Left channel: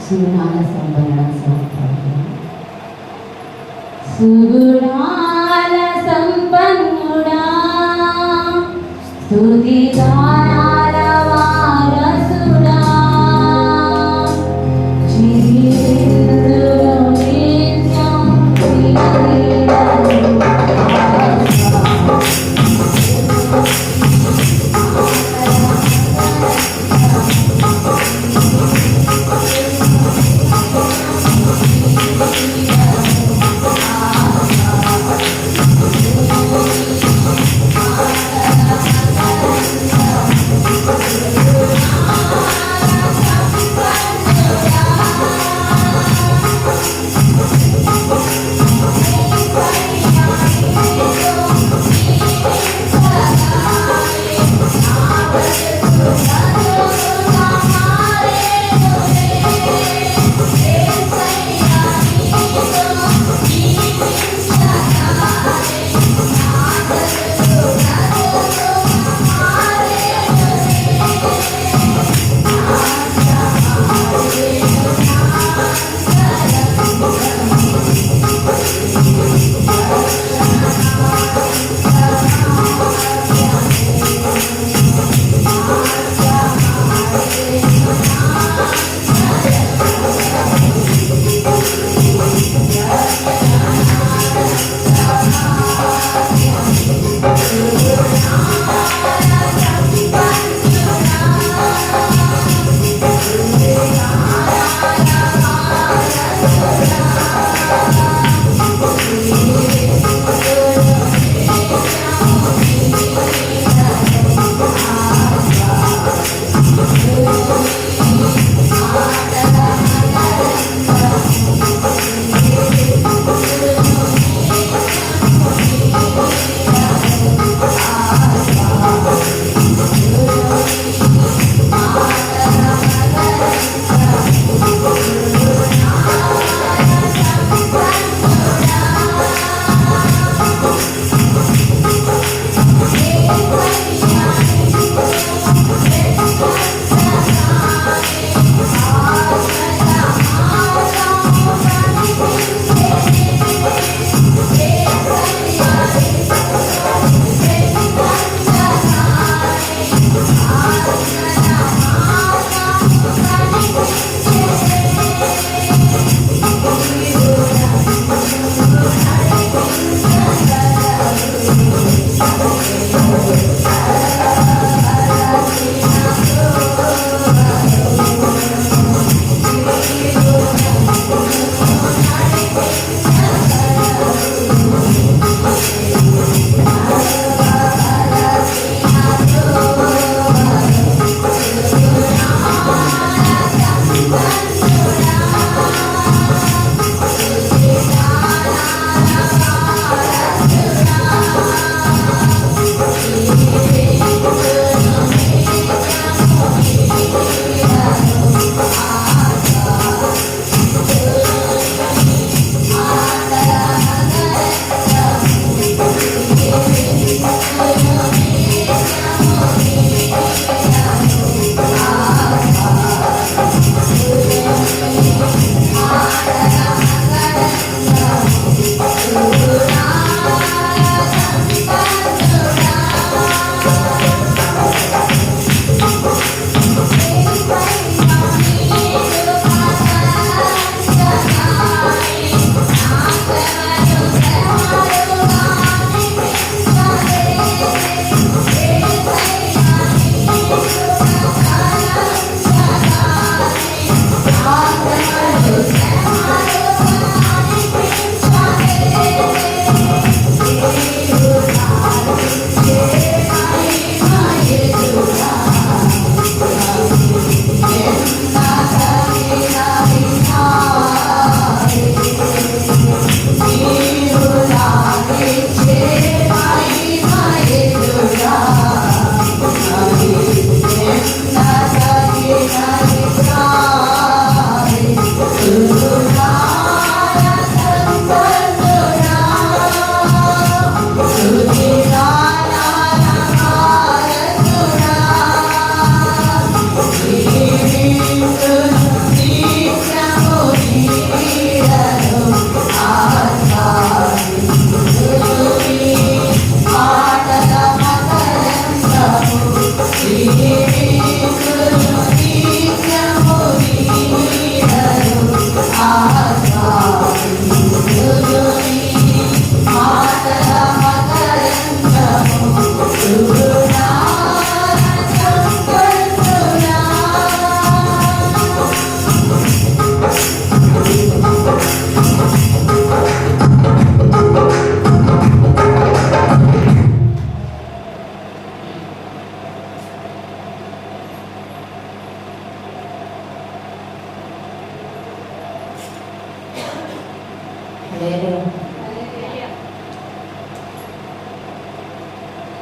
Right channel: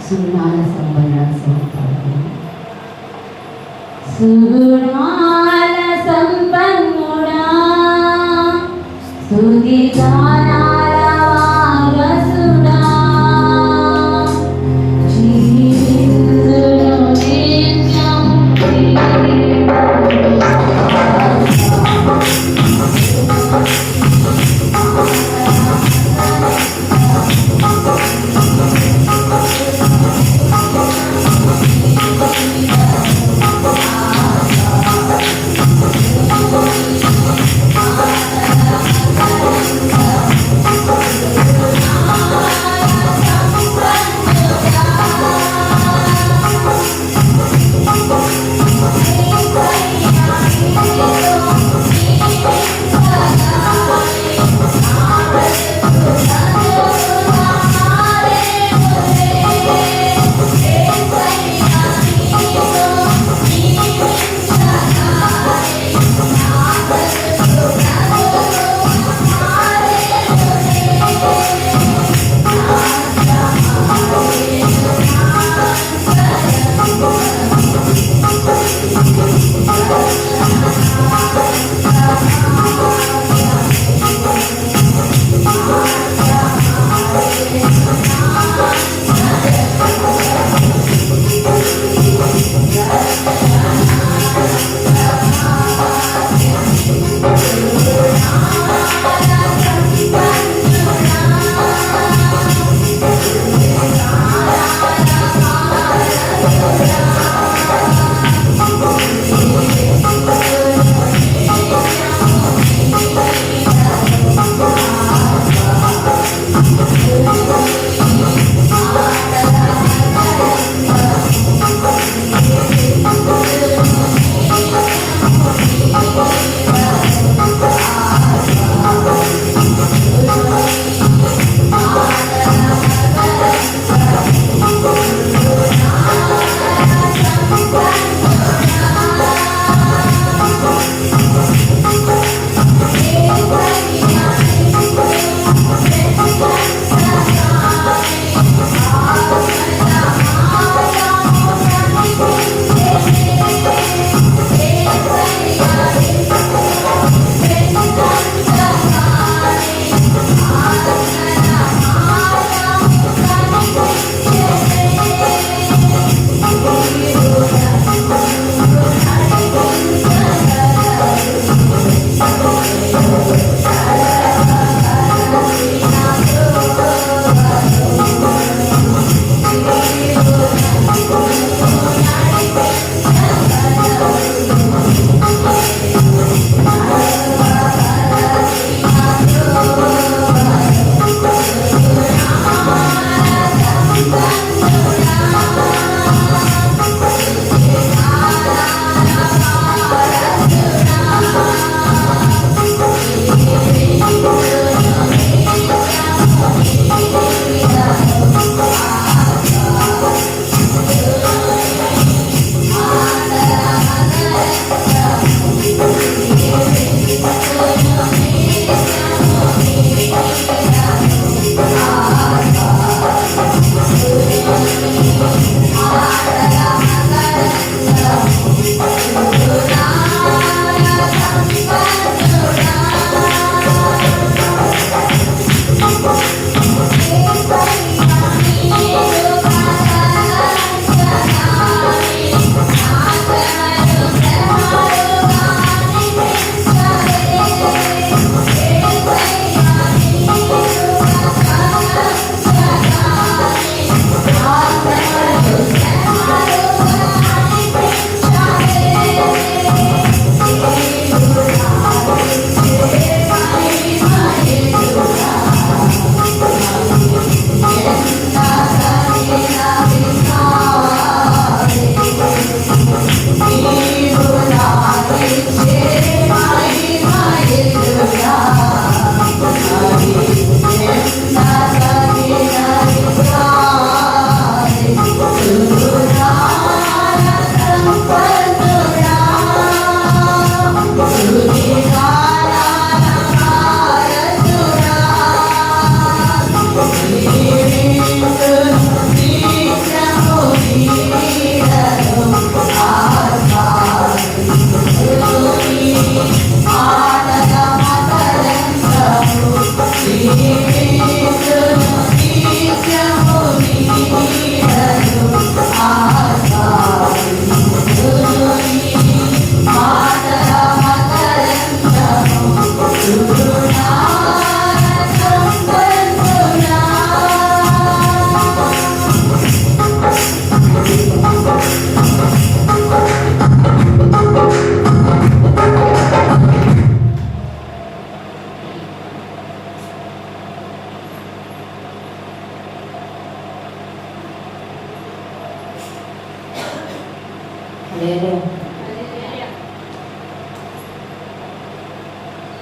సుగుణాల సంపన్న సుగుణాల సంపన్నుడా స్తుతి గానాల వారసుడా జీవించును నిత్యం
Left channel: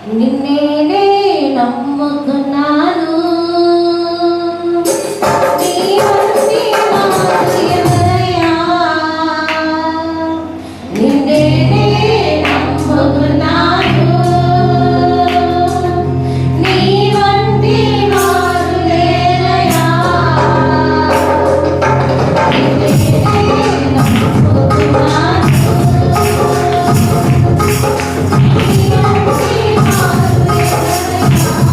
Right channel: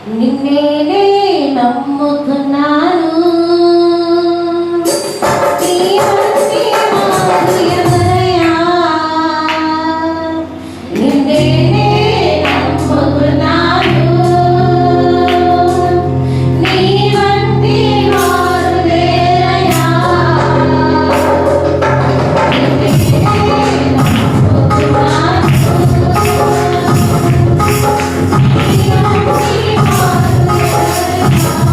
నిన్నేనే నమ్ముతున్నాను నీ వంటి వాడు ఎవరయ్యా నిన్నేనే నమ్ముతున్నాను నీ వంటి వాడు లేరయ్యా నిన్నేనే నమ్ముతున్నాను నీ వంటి వాడు లేరయ్యా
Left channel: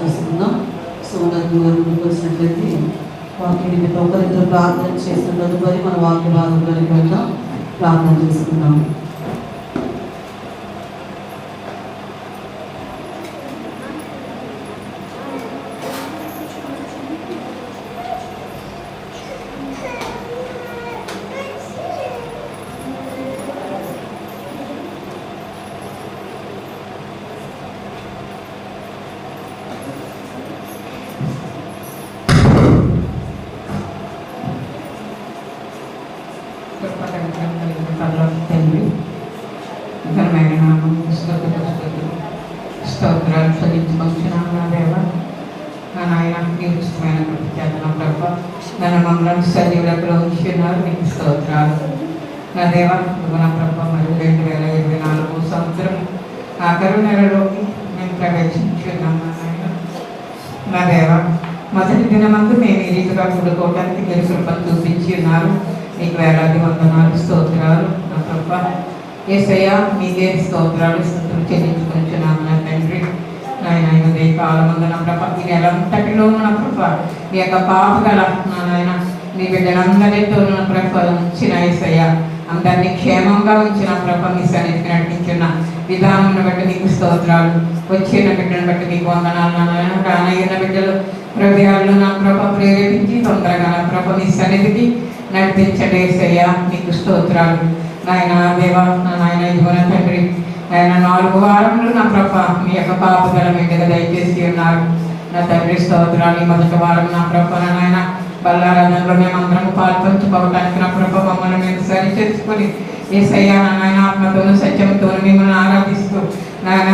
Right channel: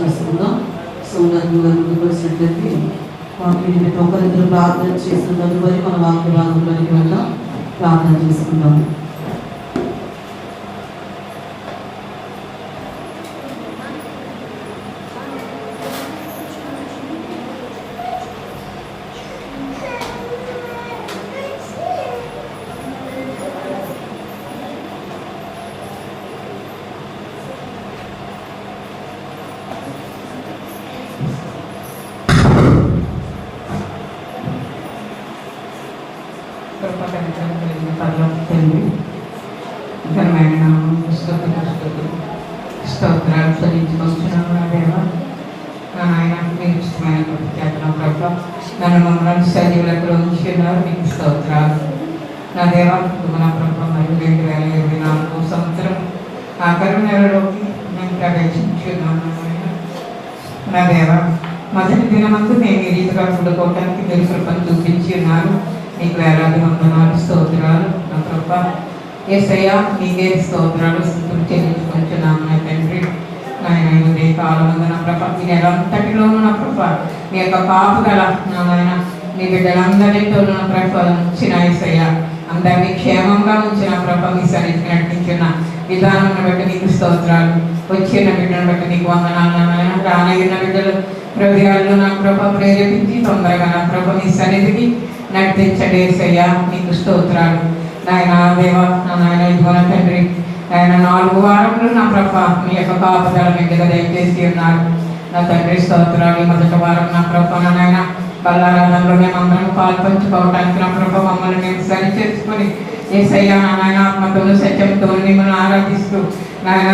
చేసుకుందాం. సోదరులు గారు ముందుకు వచ్చినట్లయితే వాక్యం ఒకరిద్దరు ప్రార్థన చేస్తున్న తదుపరి మన వాక్య భాగంలోకి వెళ్దాం. ప్రార్థన చేసుకుందాం. తండ్రి ఘనమైన నామం స్తోత్రాలు చెల్లించుకొస్తున్నాను. నా దేవ, నా నాయన మీకు ఇష్టమైన ప్రత్యేకం ప్రభావ నన్ను మమ్మల్ని సజీవులకు ఉంచి ఉన్నారు. మీకు స్తోత్రాలు. నా దేవ, నా ప్రభావ మరి 2024 సంవత్సరం ఆఖరి నెలలోకి మేము ప్రవేశించున్నాము. నా దేవ, మొదటి దినమందు మేము ఈ రీతిగా కూడుకోవడానికి మీరు కృపను చూపించి ఉన్నారు. మీకు వేలాది వందనాలు, స్తోత్రాలు. నా ప్రభా యేసయ్య, మీకే స్తోత్రాలు చెల్లించుకుంటున్నాను. నా తండ్రి నాయన, ఇదే కాలమందు నా ప్రభా ఈ నెల అంతటిలోనూ నా ప్రభా మీ యొక్క కాపుదల నా నాయన మీ బిడ్డలందరితో నా ప్రభా ఉంచిన యేసయ్య, అందరినీ క్షేమంగా ఉంచిన ప్రభా మీ సన్నిధికి నడిపించిన విధానం బట్టి మీకు స్తోత్రాలు. వచ్చిన బిడ్డను బట్టి మీకు వందనాలు. నా నాయన రానయ్యిన బిడ్డలు హృదయాల్లో నా ప్రభా ప్రేరేపించి తొందరగా నా ప్రభా మీ సన్నిధికి నడిపించండి యేసయ్య, మీకు స్తోత్రాలు. నాయన దేవ, నా నాయన ఇదిగో నా తండ్రి, ఆయన 4 వారములు నా ప్రభా మీ యొక్క కాపుదల మీ మీద దయచేసి ఉన్నారు. నా తండ్రి స్తోత్రాలు. మొదటి వారం నా ప్రభా నా నాయన బల్లారాధనలో మేమందరం పాల్పంచుకోవడానికి నా ప్రభా మమ్మల్ని మేము సరి చేసుకుని యేసయ్య నా నాయన ఆత్మతోను సత్యంతో మిమ్మల్ని ఆరాధిస్తూ నాయన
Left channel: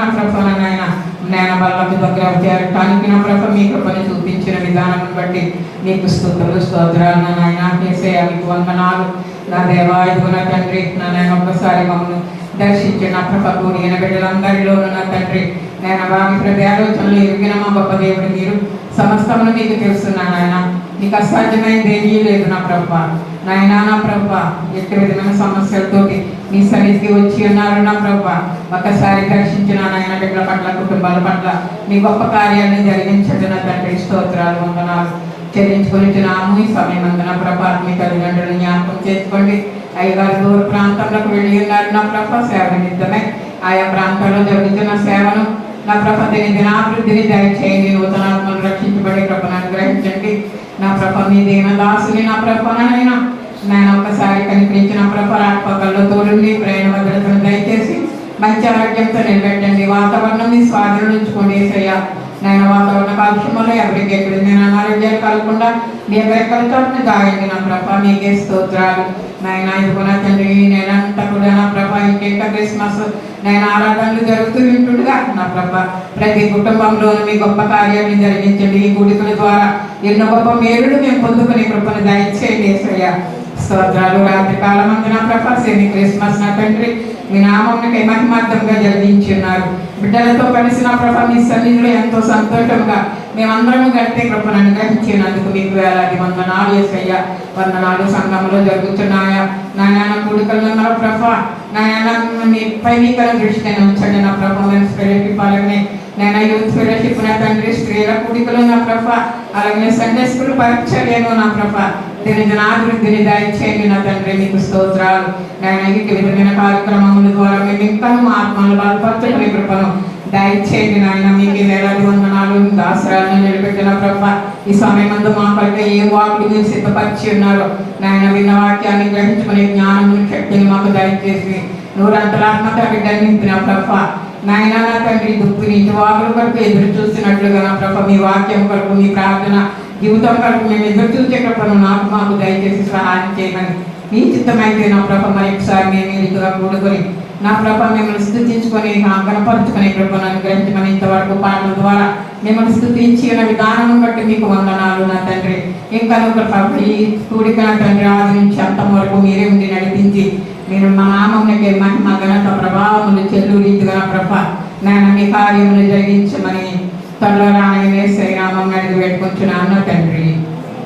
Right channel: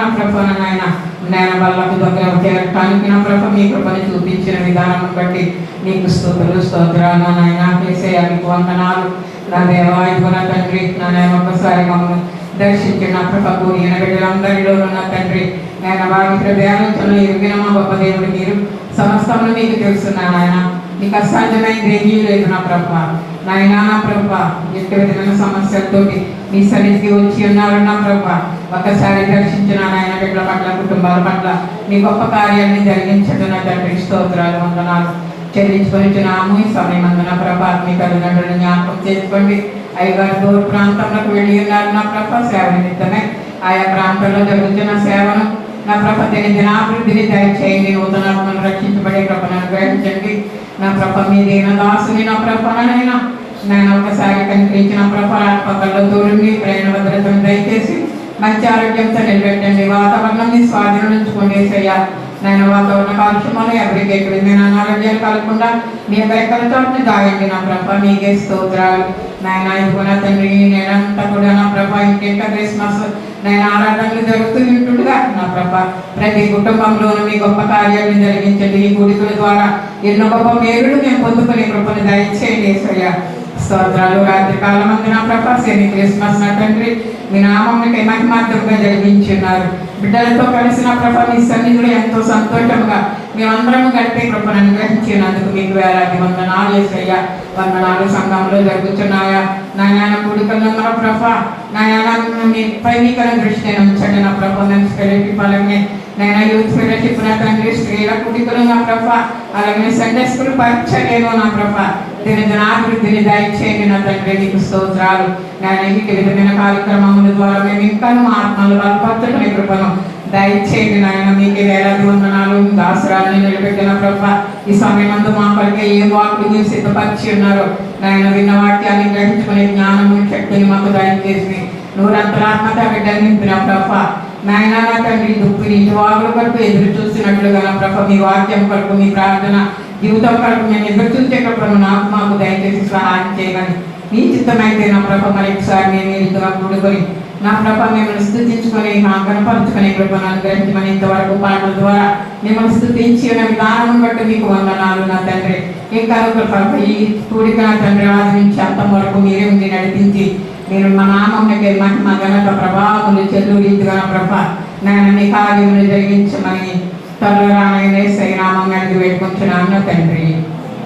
నా ప్రభా నాయన నేను వాళ్ళకు దగ్గర చేరటానికి నా ప్రభా మీ కృపను చూపించిన విధానం బట్టి మీకు స్తుతులు, స్తోత్రాలు. నా నాయన యేసయ్య, మీకు వందనాలు. నా దేవా, ఇదిగో నా తండ్రి, నా నాయన ఒక్కసారి మమ్మల్ని దర్శించిన నా ప్రభా కూడిన బిడ్డలందరిలోనూ నా తండ్రి నేను వారి హృదయాలోచనలు ఎరిగిన మా గొప్ప దేవుడు మీరు. సమస్తమును మీకు తెలుస్తున్నాను ఆయన. మీకు అసాధ్యమైనది ఏమీ లేదు నా ప్రభా. నాయన నా ప్రభా, ఎట్టి విధమైన సమస్యలతోటి మీ సన్నిధికి వచ్చి ఉన్నారు నా ప్రభా. ఒకసారి దర్శించిన నాయన బిడ్డల పట్ల, కుటుంబాల పట్ల మీ గొప్ప కార్యాలను జరిగించండి. నా తండ్రి స్తోత్రాలు, వందనాలు చెల్లించుకొనిచున్నాము. ఈ సమయం నా ప్రభా మీ తల్లిదండ్రులను జ్ఞాపకం చేసుకోండి. అయ్యగారు దూర ప్రాంతంలోకి వెళ్ళి ఉన్నారు నా ప్రభా సేవ నిమిత్తమే. ఆయా ప్రాంతాల్లో జరుగుతున్న సేవను నా ప్రభా దినాభివృద్ధిని దయచేయండి. నూతనాత్మను రక్షించబడే కృపను అనుగ్రహించండి. నా ప్రభా మీ దీనదాసుని నా ప్రభానైనా నేను ఒకసారి కనిపించిన ప్రభా ఆత్మకల్లో తోడుని ప్రేమ భద్రతను దయచేసి మంచి ఆరోగ్యంతో నిలబెట్టండి. వాతావరణం మీ స్వాధీనం ఉంచుకోండి యేసయ్య. నేను వాతావరణ కాలుష్యములు ఎవరికి ఎక్కడైనా అనారోగ్యాలు కలగకుండా మీ యొక్క చోటుని దాయండి నా ప్రభా. మీకే స్తోత్రాలు. నాయన ఇదిగో నా తండ్రి, నేనంతా కూడా నా ప్రభా ఇంకెంత క్రిస్మస్ నేను ఆరాధనలు జరుగుతూ ఉంటుండగా నా ప్రభా ప్రతి కుటుంబంలోనూ మీ గొప్ప కార్యాలను జరిగించండి. ఈ కూడికల ద్వారా ఎన్నో గొప్ప మేలులు మేము పొందుకునే కృపను దయచేయండి యేసయ్య. స్తోత్రాలు. రాత్రి కాలం అందు నా ప్రభా శని క్రిస్మస్ నా తండ్రి మీ నామానికి మహిమార్థంగా జరిగించున్నారు. బిడ్డలతో కలిసి నా ప్రభా మీ సన్నిధిలో ఎంతో సంతోషంగా మేమందరం గట్టే కృపను అనుగ్రహించినందుకు మీకు వేలాది వందనాలు యేసయ్య. వందనాలు. సంఘంలో జరుగుతున్నాయా నాయన కూడికల్లో నా ప్రభా నాయన మీ పైనికల దృష్టి ఉంచండి నా ప్రభా. మెన్స్ ఫెలోషిప్ అలాగే నేను యూత్ ఫెలోషిప్ నా తండ్రి, స్త్రీల కూడికలు నా ప్రభా అలాగే సండే స్కూల్ పరిచర్యను నా ప్రభా దినాభివృద్ధిని దయచేయండి నా తండ్రి. మీకు స్తోత్రాలు. నేను ఇంటి విధమైన కార్యక్రమముల ద్వారా మేము ఇంకా మా ఆత్మలు బలపరచండి. మీ కృపను దయచేయండి నాయన. మీకు వేలాది వందనాలు. దాసరాన్ని నిలబెట్టిన ప్రభా ఈ సమయమందు మా కొరకే ఏ వాకులు మీరు సిద్ధపరిచి ఉన్నారు నాయన. విన్న వాక్యాన్ని గ్రహించుకునే జ్ఞానము శక్తిని మాకు దయచేసి నూరంతరాత్మక బిడ్డని నింపిన ప్రభా నాయన నా తండ్రి దుఃఖి నీటి వాకుల కొరకు ఎదురు చూసినట్లుగా నా ప్రభా మీ వాక్యం కొరకు మీ ప్రార్థన జీవితం కొరకు మేము ఎదురు చూసే కృపను నాకు మాకు దయచేసి సహాయం చేయమని మీ చిత్తమైతే నా ప్రభా మరొకసారి మేము ఇదిగా కూడుకొని నా ప్రభా మిమ్మల్ని స్థుతించుకొని కనపరుచుకునే కృపను అనుగ్రహించమని ఇంతవరకు పాటల ద్వారా మిమ్మల్ని స్థుతించిన విధానం బట్టి మీకు వందనాలు నా తండ్రి. ఇంకా ప్రభా ఈ కూడిక నా తండ్రి ఆదరించి అంతం వరకు మీరే ఉండి నడిపించి మీరు మా నామమునకే మహిమ ఘనత ప్రభావములు చెల్లు రీతిగా ప్రభా నేను మీ కార్యములు జరిగించమని త్వరలో ఆయన యేసయ్య నామం అడిగి పెట్టుకుంటున్నాను నా తండ్రి.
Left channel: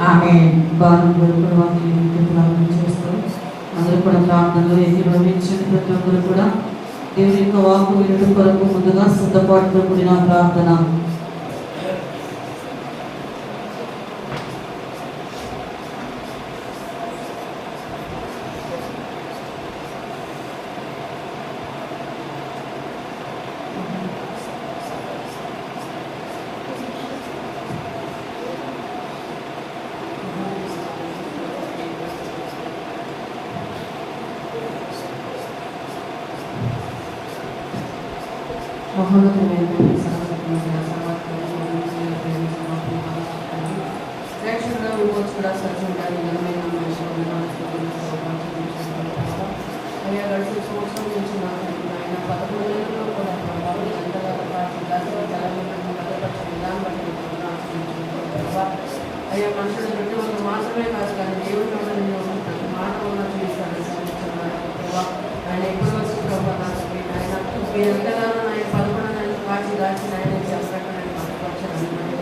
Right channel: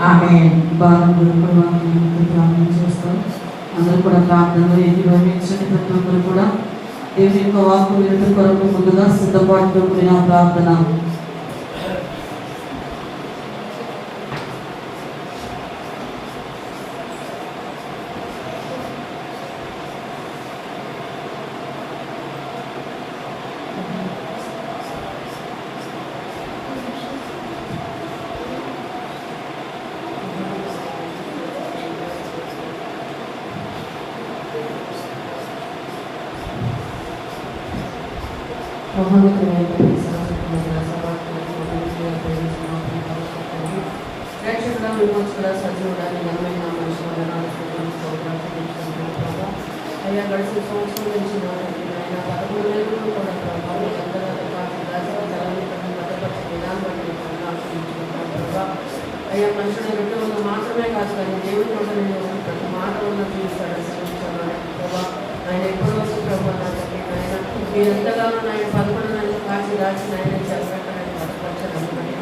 ఆమేన్. ప్రార్థన చేస్తాం. అందరూ కూడా ప్రార్థనలో ఏకీభవించండి. ప్రతి ఒక్కరు కూడా దేవుని యొక్క వాక్కు వినడం కొరకు ముందుగా సిద్ధపాటుతో కూడిన ప్రార్థన మహోన్నతమైనటువంటి సర్వశక్తిమంతుడ, ప్రేక్షకుల విమోచకుడ, సజీవుడాన్ని ఘనమైన మనిషి వందనాలు అయ్యా. గడిచిన సంవత్సరం నుంచి ఆయన 11 నెలలు కూడా ప్రభావం ఎంతగా దాచిన జలాన్ని బట్టి భద్రపరిచిన విధానం బట్టి ప్రభావ అయ్యా. మనుషులు గట్టి వల్ల మాత్రమే కాదు కానీ దేవుడి నోట నేను ప్రతి మాట వల్ల తీస్తాడని సరిస్తున్నాను ప్రభావ. ఆయన ఎప్పటివరకు ప్రభావ నాకండి ఆయన మీరెంతగానో ఆయన 11 నెలలు కాచి దాచి ఆయన చెప్పబెట్టడానికి భద్రపరచడానికి మరి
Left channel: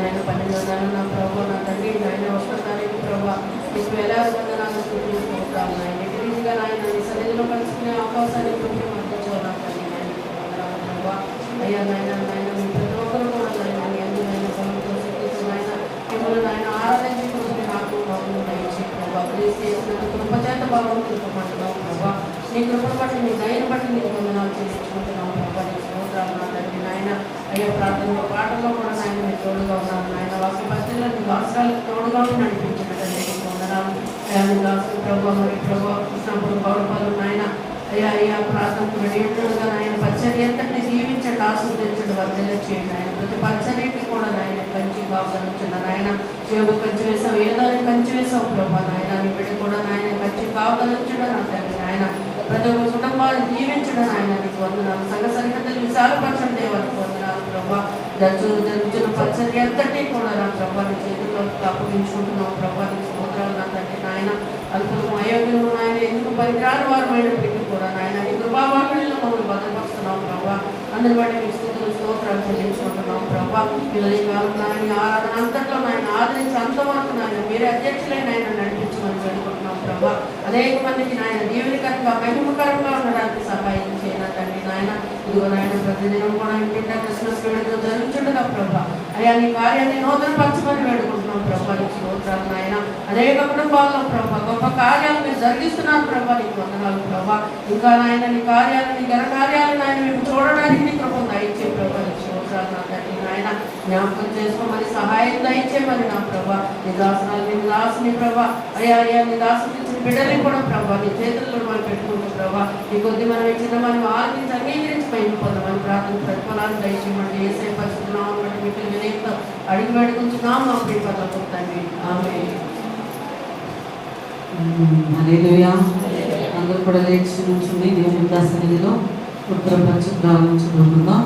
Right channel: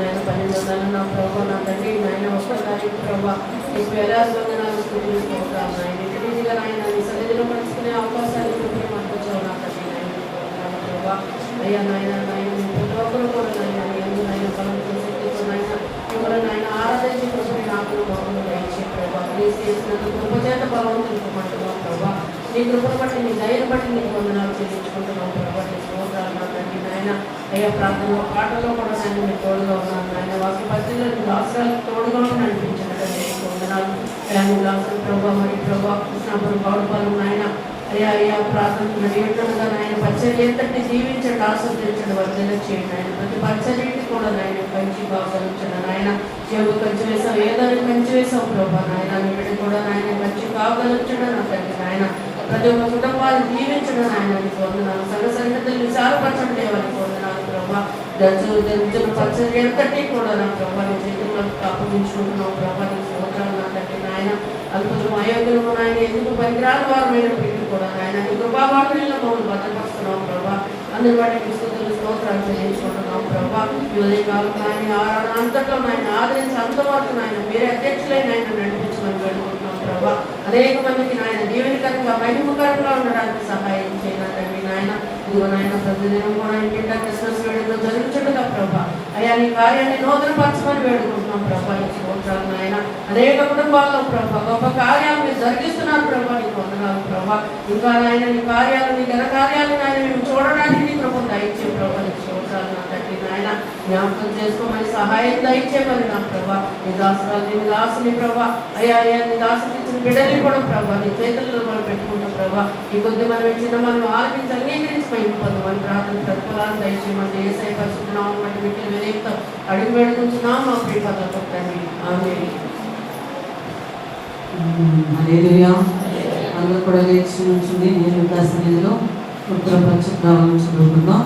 నేను 12వ నెల నా ప్రభావ నా తండ్రి నాయన 1వ తారీఖు ప్రభావ ఇప్పుడు ఎలా వందనాలు స్థుతిస్తున్నాను ఆయన ఇంటిగా ఆయన నీ సన్నిధిలో కలుసుకునే అవకాశాన్ని ప్రతి మనకొచ్చావు నా తండ్రి నాయన వందనాలు ప్రభావ. అయ్యా నాయన నాయన మీ ప్రతి ఒక్కరు కూడా నాయన నాయన బలంతో శక్తితో నాయన మిమ్మల్ని ఆయన ఆరాధించుకుంటే నాకు బాగుండు దయచే ప్రభావ. చేసినంత కృప చేత బాగుంది తెలుపుకుంటున్నావు ప్రభావ. నీ కృపను బట్టి నీ ధైర్యం బట్టి నీకు వందనాలు చెల్లించుకుంటున్నావు ప్రభావ. నీ స్తోత్రాలు నా తండ్రి నాయన. అయ్యా ప్రార్థనలో పాటల్లో కూడా నాయన మీరు తోడుగా ఉన్నాను నాయన. వాక్య పరిస్థితులకు అవసరాలకు తోడుగా ఉండి నడిపించినట్టు నీకు వందనాలు అయ్యా. నీ దాసులు ప్రభావ మరి ప్రభావ కృష్ణాపురం గౌడపాలెం నాయన అయ్యా అయ్యా ప్రార్థనకు మరి ఏంటగా నాయన పరిచర్య ఎంతటి జీవించండి, ఆస్వాదించండి, వర్ధన చేయండి ఆయన. ప్రతి పరిచర్యకి కూడా నాయన కంచి కావగలించండి నాయన. యోగు కంచి వేసావు, ఏదానికి కంచి వేసావు ప్రభా నాయన. నీ బిడ్డ కూడా నాయన కంచి కావగలించడం నా తండ్రి నాయన. ప్రతి ఒక్క కుటుంబాన్ని దీవించడం ఆయన నీకు వందనాలు. సంఘ సన్నిహితులు విశాలపరచండి దేవానికి వందనాలు ప్రభా. జరుగుతున్న పరిచర్య ఎంతటి కూడా నా ప్రభా నీ చేతుల్లో అప్పగించుకుంటున్నావు ప్రభా. నీకు స్తోత్రాలు నా తండ్రి నాయన. అద్భుతం అయోగ్యము నాయన ఎందుకు పనికిరాని వారమైనప్పటికీ కూడా నాయన నీ కృపావాకుల్లో మమ్మల్ని భద్రపరుస్తున్నావు ప్రభా. అందరి బట్టి నీకు స్తోత్రాలు చెల్లించుకుంటున్నాం ప్రభా. ఈ ఉదయకాలం నాయన ఆరాధన అంతట్లో నాయన ఆదరించి అంతవరకు నాయన మీరే అధ్యక్షులైన ఆయన నడిపించమని వేడుకుంటున్నాం ప్రభా. అనేక మందికి నాయన దీవెనకరంగా మహిమకరంగా ఉండడానికి సహాయం చేయనండి నాయన. ఇదిగో నాయన ప్రతిదినం కూడా ఇంటింటా క్రిస్మస్ వేడుకలు జరుగుతుండగా ప్రభా. అయ్యా నీ కార్యాన్ని నూతనపరచమని వేడుకుంటున్నాం ప్రభా. నీకు స్తోత్రాలు నాయన. అనేక కుటుంబాల్లో ప్రభా గొప్ప కార్యాలు మీరు జరిగిస్తున్నారు ప్రభా. నీకు వందనాలు ప్రభా. ఇంకా నాయన నీ కార్యాలు నీ ఘన కార్యాలు నాయన మేము చూడడానికి నీ కృప దయచే ప్రభా. నీకు స్తోత్రాలు నా తండ్రి నాయన. జ్ఞాపకం చేసుకోమని సహాయం దయచేమని నా ప్రభా. నీ దాసరాలు నీ దాసుని ప్రభా. అయ్యా అయ్యా నీ దాసుని ఇచ్చిన బిడ్డని కూడా ప్రభా నీ చేతుల్లో మనం పెట్టుకుంటాం ప్రభా. ఈ కొద్ది మనం ఇచ్చిన మనం ఆలకించి అంగీకరించి పైన పొందమని ప్రార్థన ప్రతిఫలాన్ని దయచేయమంటే ఏసై పరిశుద్ధనామం వంటి మిక్కలు వినయంతో అడిగి వేడుకుంటున్నాం మా ప్రియపదంతో తండ్రి ఆమేన్. హల్లెలూయా. అందరూ కూడా లేచి నుంచుని దేవుని సన్నిధిలో ఉత్తర పక్షాలను చదువుకుందాం.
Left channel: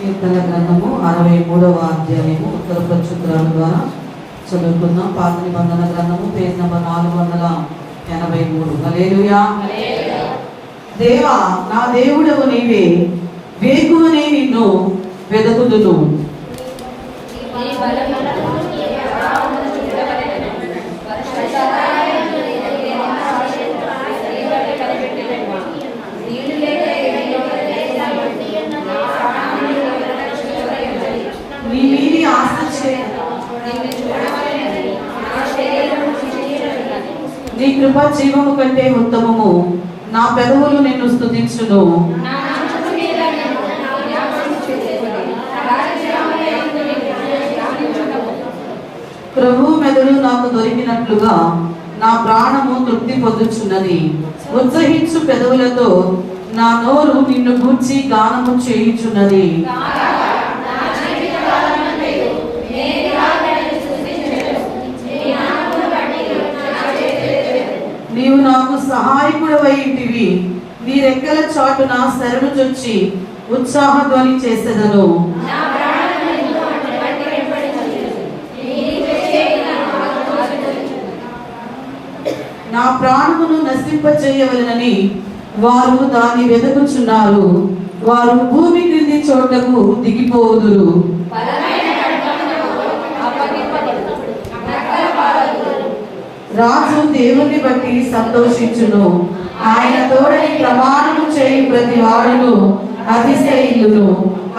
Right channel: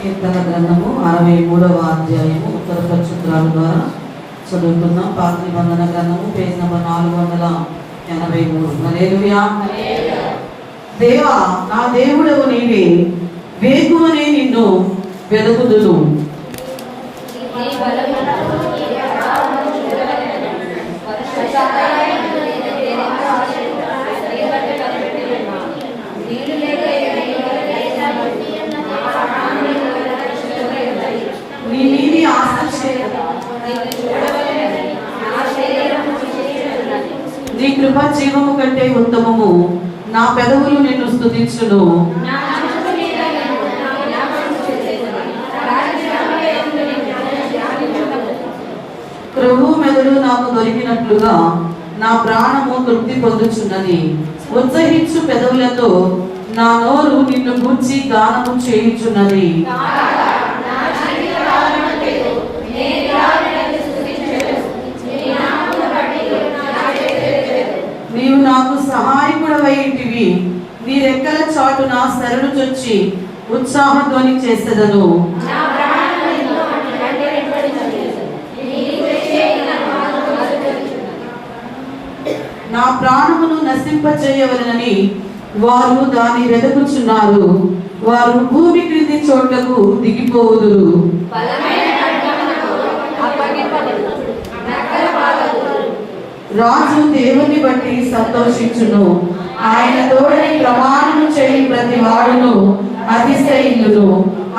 కీర్తన గ్రంథము 63వ అధ్యాయము ఉత్తర పక్షాల ద్వారా చదువుకుందాం. పాత నిబంధన గ్రంథము పేజ్ నంబర్ 483. హల్లెలూయా. దేవా నా దేవుడవు నీవే, వేకువనే నిన్ను వెదకుదును. నీ మీది ఆశ నీ కృప జీవము కంటే ఉత్తమము. నా పెదవులు నిన్ను స్తుతించును. ప్రభువు మెదడు నాకు దొరికినట్లుగా నా ప్రాణము తృప్తి పొందుచున్నది. ఉత్సహించు పెదవులతో నా నోరు నిన్ను గూర్చి గానము చేయుచున్నది. నీవు నాకు సహాయకుడవై ఉంటివి. నీ రెక్కల చాటున శరణు చొచ్చి ఉత్సాహధ్వని చేసేదను. నా ప్రాణమును నశింపచేయవలనని వారు దాన్ని వెతుకుచున్నారు. వారు భూమి క్రింది చోట్లకు దిగిపోవుదురు. రాజు దేవుని బట్టి సంతోషించును. ఆయన తోడని ప్రమాణము చేయి ప్రతి వాడును అతిశయిల్లును.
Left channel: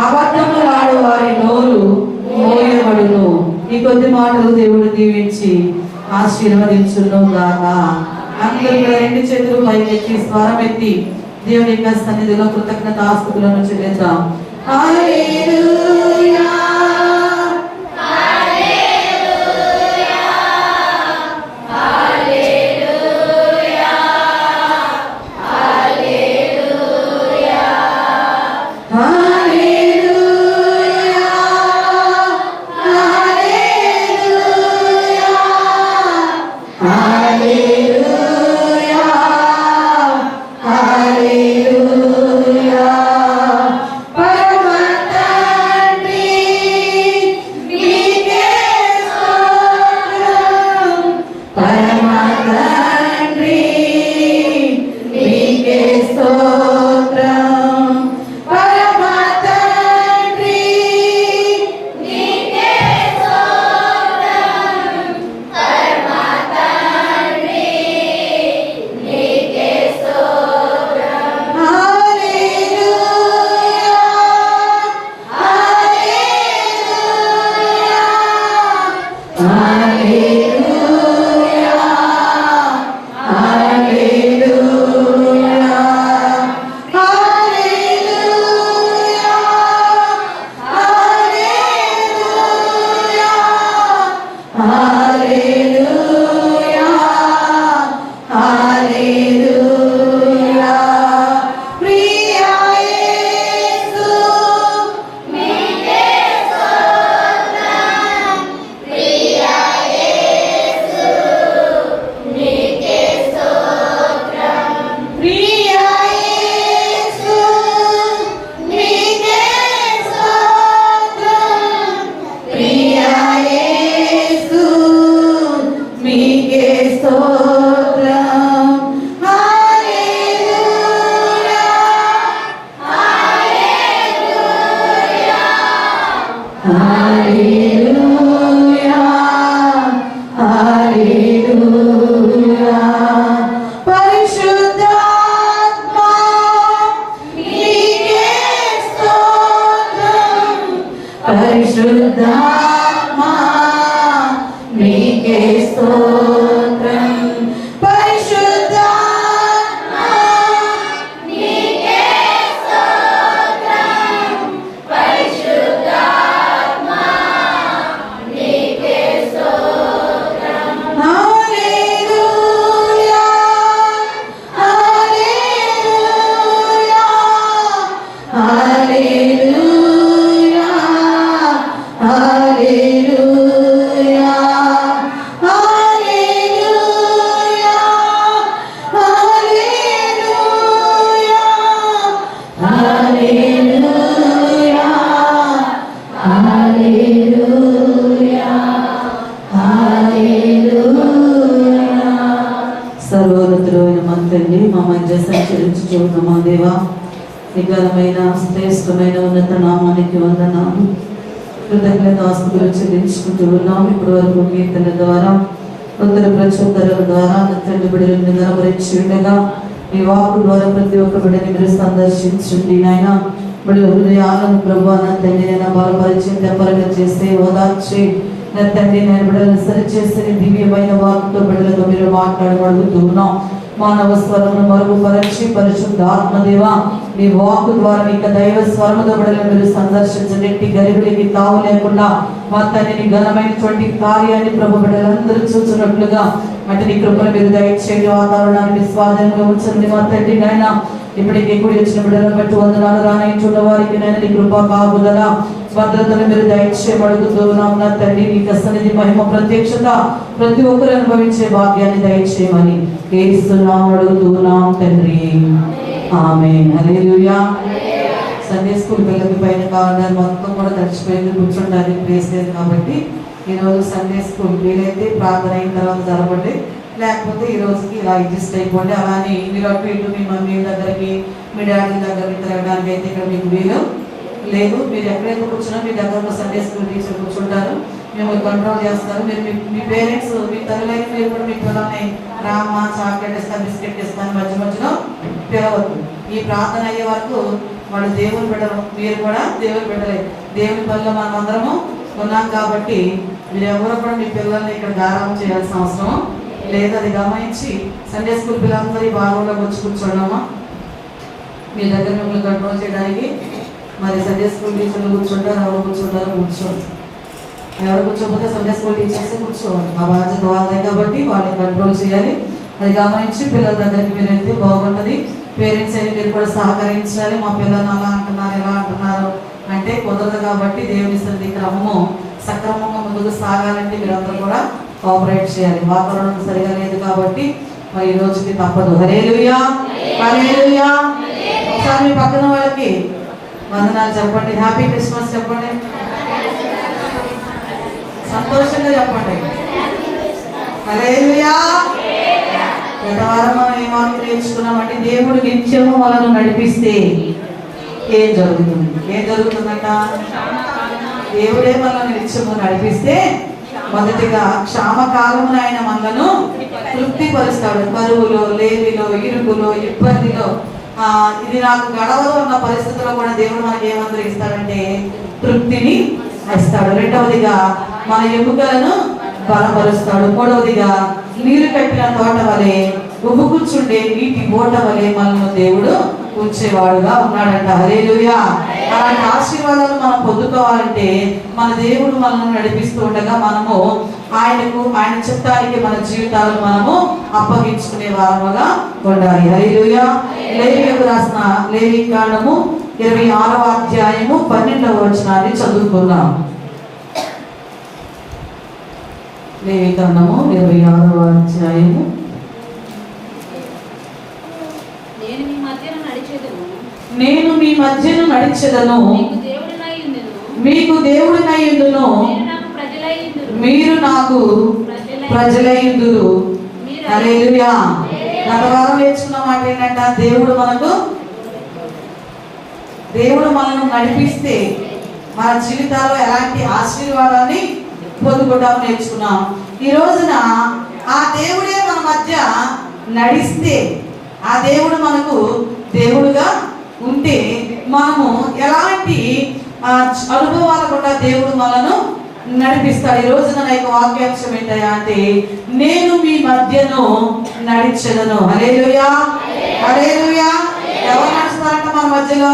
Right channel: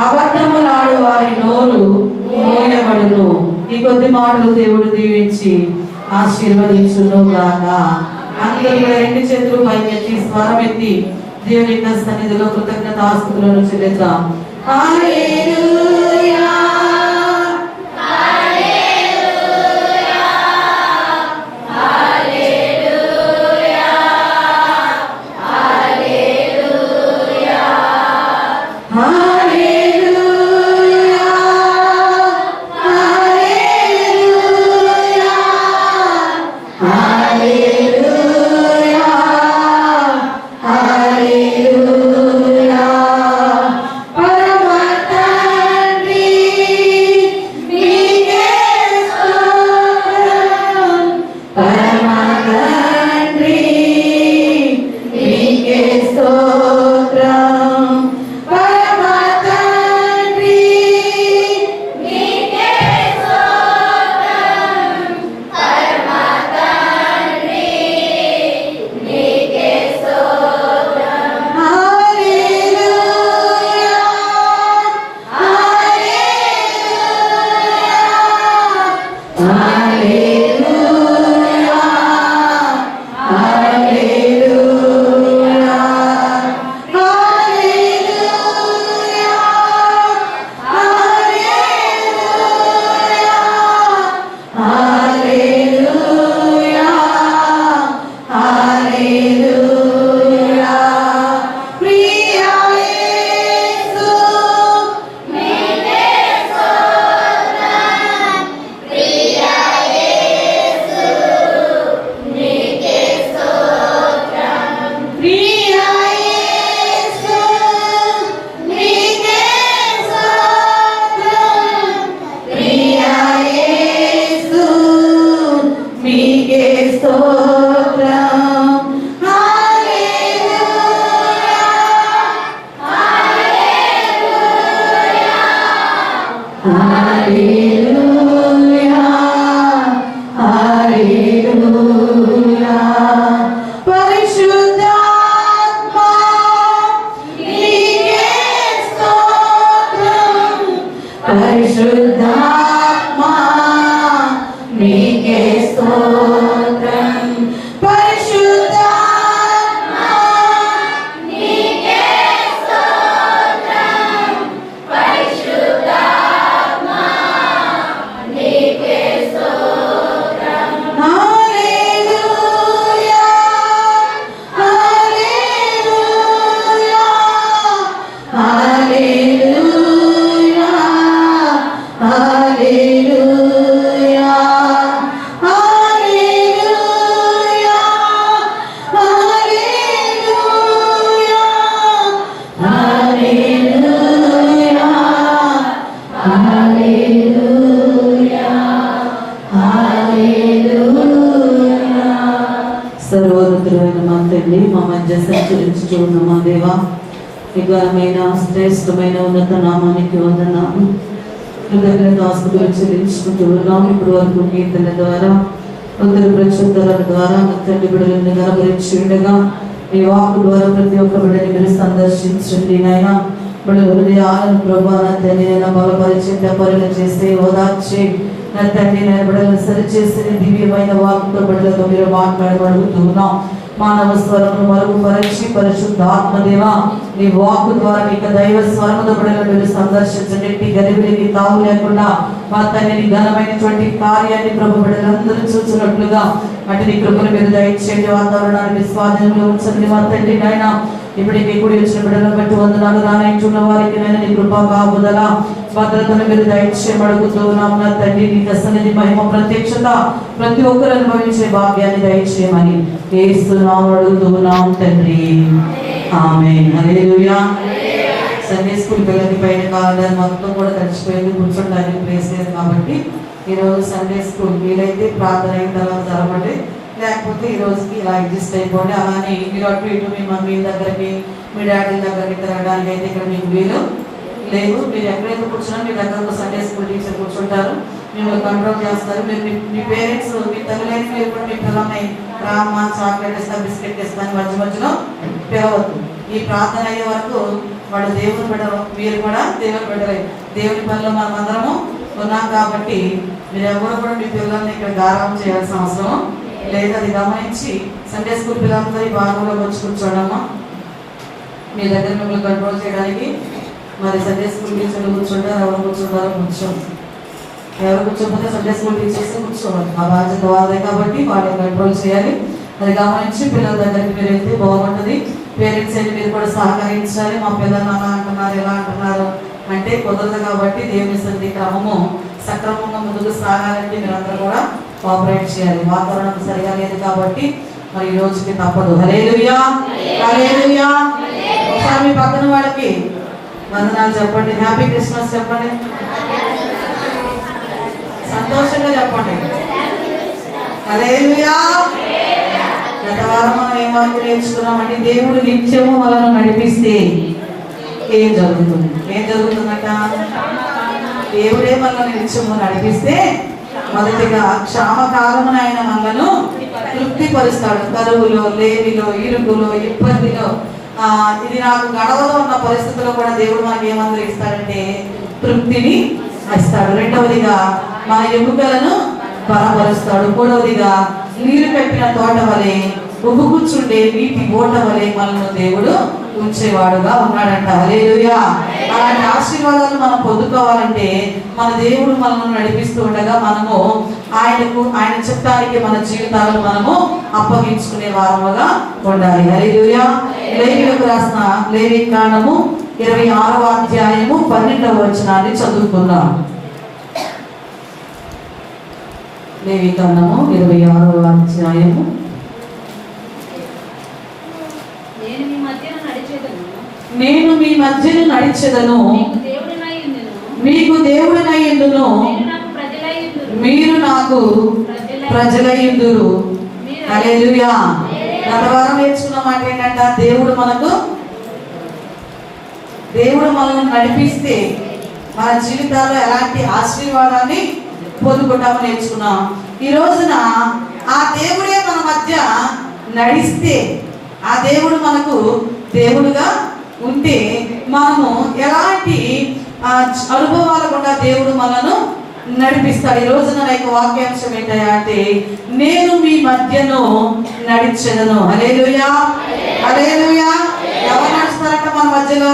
అబద్ధములాడు వారి నోరు మోయబడును. ఈ కొద్ది మాటలు దేవుడు దీవించి ఆశీర్వదించును గాక. అందరూ రెండు చేతులు పైకెత్తి స్వరం ఎత్తి దేవుని యొక్క సన్నిధిలో కృతజ్ఞతాస్తుతులను చెల్లిద్దాం. హల్లెలూయా హల్లెలూయా హల్లెలూయా హల్లెలూయా పరమ తండ్రి నీకే స్తోత్రం పరమ తండ్రి నీకే స్తోత్రం పరమ తండ్రి నీకే స్తోత్రం పరమ తండ్రి నీకే స్తోత్రం హల్లెలూయా హల్లెలూయా హల్లెలూయా హల్లెలూయా హల్లెలూయా హల్లెలూయా ప్రియ యేసు నీకే స్తోత్రం ప్రియ యేసు నీకే స్తోత్రం ప్రియ యేసు నీకే స్తోత్రం ప్రియ యేసు నీకే స్తోత్రం హల్లెలూయా హల్లెలూయా హల్లెలూయా పరిశుద్ధాత్మా నీకే స్తోత్రం పరిశుద్ధాత్మా నీకే స్తోత్రం పరిశుద్ధాత్మా నీకే స్తోత్రం పరిశుద్ధాత్మా నీకే స్తోత్రం హల్లెలూయా హల్లెలూయా హల్లెలూయా హల్లెలూయా హల్లెలూయా హల్లెలూయా హల్లెలూయా హల్లెలూయా హల్లెలూయా సర్వోన్నతుడైన మా తండ్రి మా మధ్య సంచరించుచు ఉన్న మా దేవా నిఘనమైన శ్రేష్టమైన ఉన్నత నామానికి వందనాలు కృతజ్ఞతాస్తుతులు చెల్లించుకుంటూ ఉన్నాం ఇప్పటి వరకు కీర్తన ద్వారా కొందరు ప్రచురణల ద్వారా నా తండ్రి బిడ్డలను నిలబరించి ఉండగా నీ వాకు ద్వారా ప్రతి ఒక్క బిడ్డని మీరు సందర్శించండి నాయన బిడ్డల హృదయాలను ప్రభు నా తండ్రి నేను బలపరిచి పరిణ చేసి ఓదార్చి నా తండ్రి నేను బిడ్డలను సరిచేసి దివ్యమైన వాకుతో బిడ్డలతో మీరు మాట్లాడబడుతూ ఉన్నాం మానవ స్వరమును మరుగుపరచి పరిశుద్ధాత్మదేవా నీ వాకు ద్వారా ఇక దైవ స్వరముతో బిడ్డలను మీరు సందర్శించండి ఎట్టి గరిబిలికి తావు లేకుండా మా తండ్రిని ఘనమైనటువంటి కార్యాన్ని ప్రభు బిడ్డలందరూ చూస్తున్నట్లుగా అంటే నీ కృపను మీరు దయచేయండి వాతావరణాన్ని స్వాధీనంలో ఉంచండి మా తండ్రి నాయన ఇప్పటికి కూడి వచ్చిన బిడ్డలను బట్టి వందనాలు రానైతున్న వారికి నేను నీ కృప కాపుదల భద్రతను మీరు దయచేయబడుతూ ఉన్నాం నా తండ్రి నీ సన్నిధి మహిమ ప్రత్యక్షత ప్రతి ఒక్కరు అనుభవించే భాగ్యాన్ని దయచేయమని యేసునామములో అడుగుతున్నాం తండ్రి ఆమేన్ హల్లెలూయా సండే స్కూల్ పిల్లలకి పైన కాలర్ మొత్తం కూడా తడిచిపోయింది కూర్చోడానికి ప్లేస్ లేదు కాబట్టి ఈరోజు సండే స్కూల్ వీలైతే ప్రార్థన అయిన తర్వాత జరగండి లేకపోతే ఈ రోజుకి ఇలా అడ్జస్ట్ అయిపోండి అలానే మీరు అటు ఇటు మీ మమ్మీ దగ్గరికి మీ డాడీ దగ్గరికి తిరగడానికి అయితే ఇక్కడ మీకు వీలు లేదు మీరు ఎక్కడైతే కూర్చున్నా మీ దగ్గర సండే స్కూల్ టీచర్ కూర్చుంటారు మిమ్మల్ని కంట్రోల్ చేస్తారు మీరు మీ పేరెంట్స్ మీ తల్లి మీరు కూడా మీ పిల్లల్ని రామ్మ చాక్లెట్ ఇస్తాను బిస్కెట్ ఇస్తాను మధ్య మధ్యలో పిలవద్దు ఈ ప్రార్థన అయ్యే వరకు వాడు దేవుని బిడ్డలు మీరు కూడా దేవుని బిడ్డలే దేవుని పనిలో మనం అందరము ఉన్నాం కాబట్టి మీరు ఎవరు కూడా మీ పిల్లల్ని ఇక్కడ గారం చేయాల్సిన అవసరం లేదు అది గమనించి సండే స్కూల్ పిల్లలందరూ ఈ బాగులో వచ్చి కూర్చోవడము మీ దగ్గర మిమ్మల్ని కంట్రోల్ చేయడానికి మరి సండే స్కూల్ టీచర్లు కూర్చుంటారు, ఎవరు కూర్చుంటారో కూర్చోండి. ఎవరు కూర్చోకపోతే సండే స్కూల్ టీచర్స్ కూర్చోవాలి. ఆ బాధ్యత వాళ్ళే కాబట్టి వాళ్ళని కంట్రోల్ చేయాలి. అది గమనించి పిల్లల దగ్గరికి మీరు వెళ్తే బాగుంటుంది. పేరెంట్స్ అయితే మీరు కూడా సహకరించాలి. మా పిల్లలు అలా అంటున్నారు, ఎలా అంటున్నారు అంటే కుదరదు కాబట్టి దేవుని సన్నిధి క్రమము సక్రమంగా ముందుకు సాగాలంటే మీరందరూ కూడా కోఆపరేట్ చేయాలి. వాతావరణం సరిగా లేదు కాబట్టి మరి ఈ రోజుకి తప్పదు. హల్లెలూయా, హల్లెలూయా. ఒకసారి మీ పక్కన వాళ్ళకి వందనాలు చెప్పండి, హ్యాపీ క్రిస్మస్ చెప్పండి, సంతోషంగా చెప్పండి. హల్లెలూయా. గత వారం మనం ఏం వాక్యం నేర్చుకున్నామంటే దేవుడు నిత్యము మనల్ని నడిపిస్తే ఏం జరుగుతుంది? ఏం జరుగుతుందట? దేవుడే మనల్ని నిత్యము నడిపిస్తే మొదటిగా క్షామకాలమున ఆయన మనలను తృప్తిపరుస్తాడు. కరువులో, లేమిలో, ఇరుకులో, ఇబ్బందిలో, ఇది నాకు గడవదు అన్న పరిస్థితుల్లో కూడా దేవుడు మనకి ఏమందరూ ఇస్తాడంటే తృప్తిని ఇస్తాడు. రెండవదిగా మన ఎముకలను బలపరుస్తాడు. మూడవదిగా నీరు కట్టిన తోట వలె ఉబ్బుకూర్చుండే నీటి ఓట వలె మనల్ని దేవుడు ఉంచేవాడుగా ఉన్నాడంట. హల్లెలూయా. అలాంటి ఆశీర్వాదాలు మనం పొందుకోవాలంటే మన దేవుడు మనల్ని నడిపిస్తూ ఉండగా మనము ఆయన చిత్తానికి మన జీవితాలను మనము అప్పగించుకునే వారముగా ఉండాలి. హల్లెలూయా. లేవీయులకు రాసిన లేవీ కాండము 26వ అధ్యాయము 12వ వచనాన్ని చదువుకుందాం. లేవీ కాండము 26వ అధ్యాయము. నేను మీ మధ్యను నడిచెదను, మీకు దేవుడినయ్యుందును, మీరు నాకు ప్రజలయ్యుందురు. హల్లెలూయా. గత వారం నేర్చుకున్న మాట ఏంటంటే దేవుడు మనల్ని నడిపిస్తే మన జీవితాల్లో ఎలాంటి ఆశీర్వాదాన్ని పొందుకుంటామని నేర్చుకున్నాం. ఈ రోజున ఆ దేవుడే మన మధ్య నడిస్తే, ఆ దేవుడు మనకు దేవుడుగా ఉంటే మనము ఎలాంటి అనుభవాల కూడా దేవుడు మనను నడిపిస్తాడు. ఈ రోజున నా యొక్క వాక్యాంశం ఏంటయ్యా అంటే నేను మీ మధ్యను నడిచెదను. హల్లెలూయా, హల్లెలూయా. ఎవరు నడుస్తారంట మన మధ్యలో?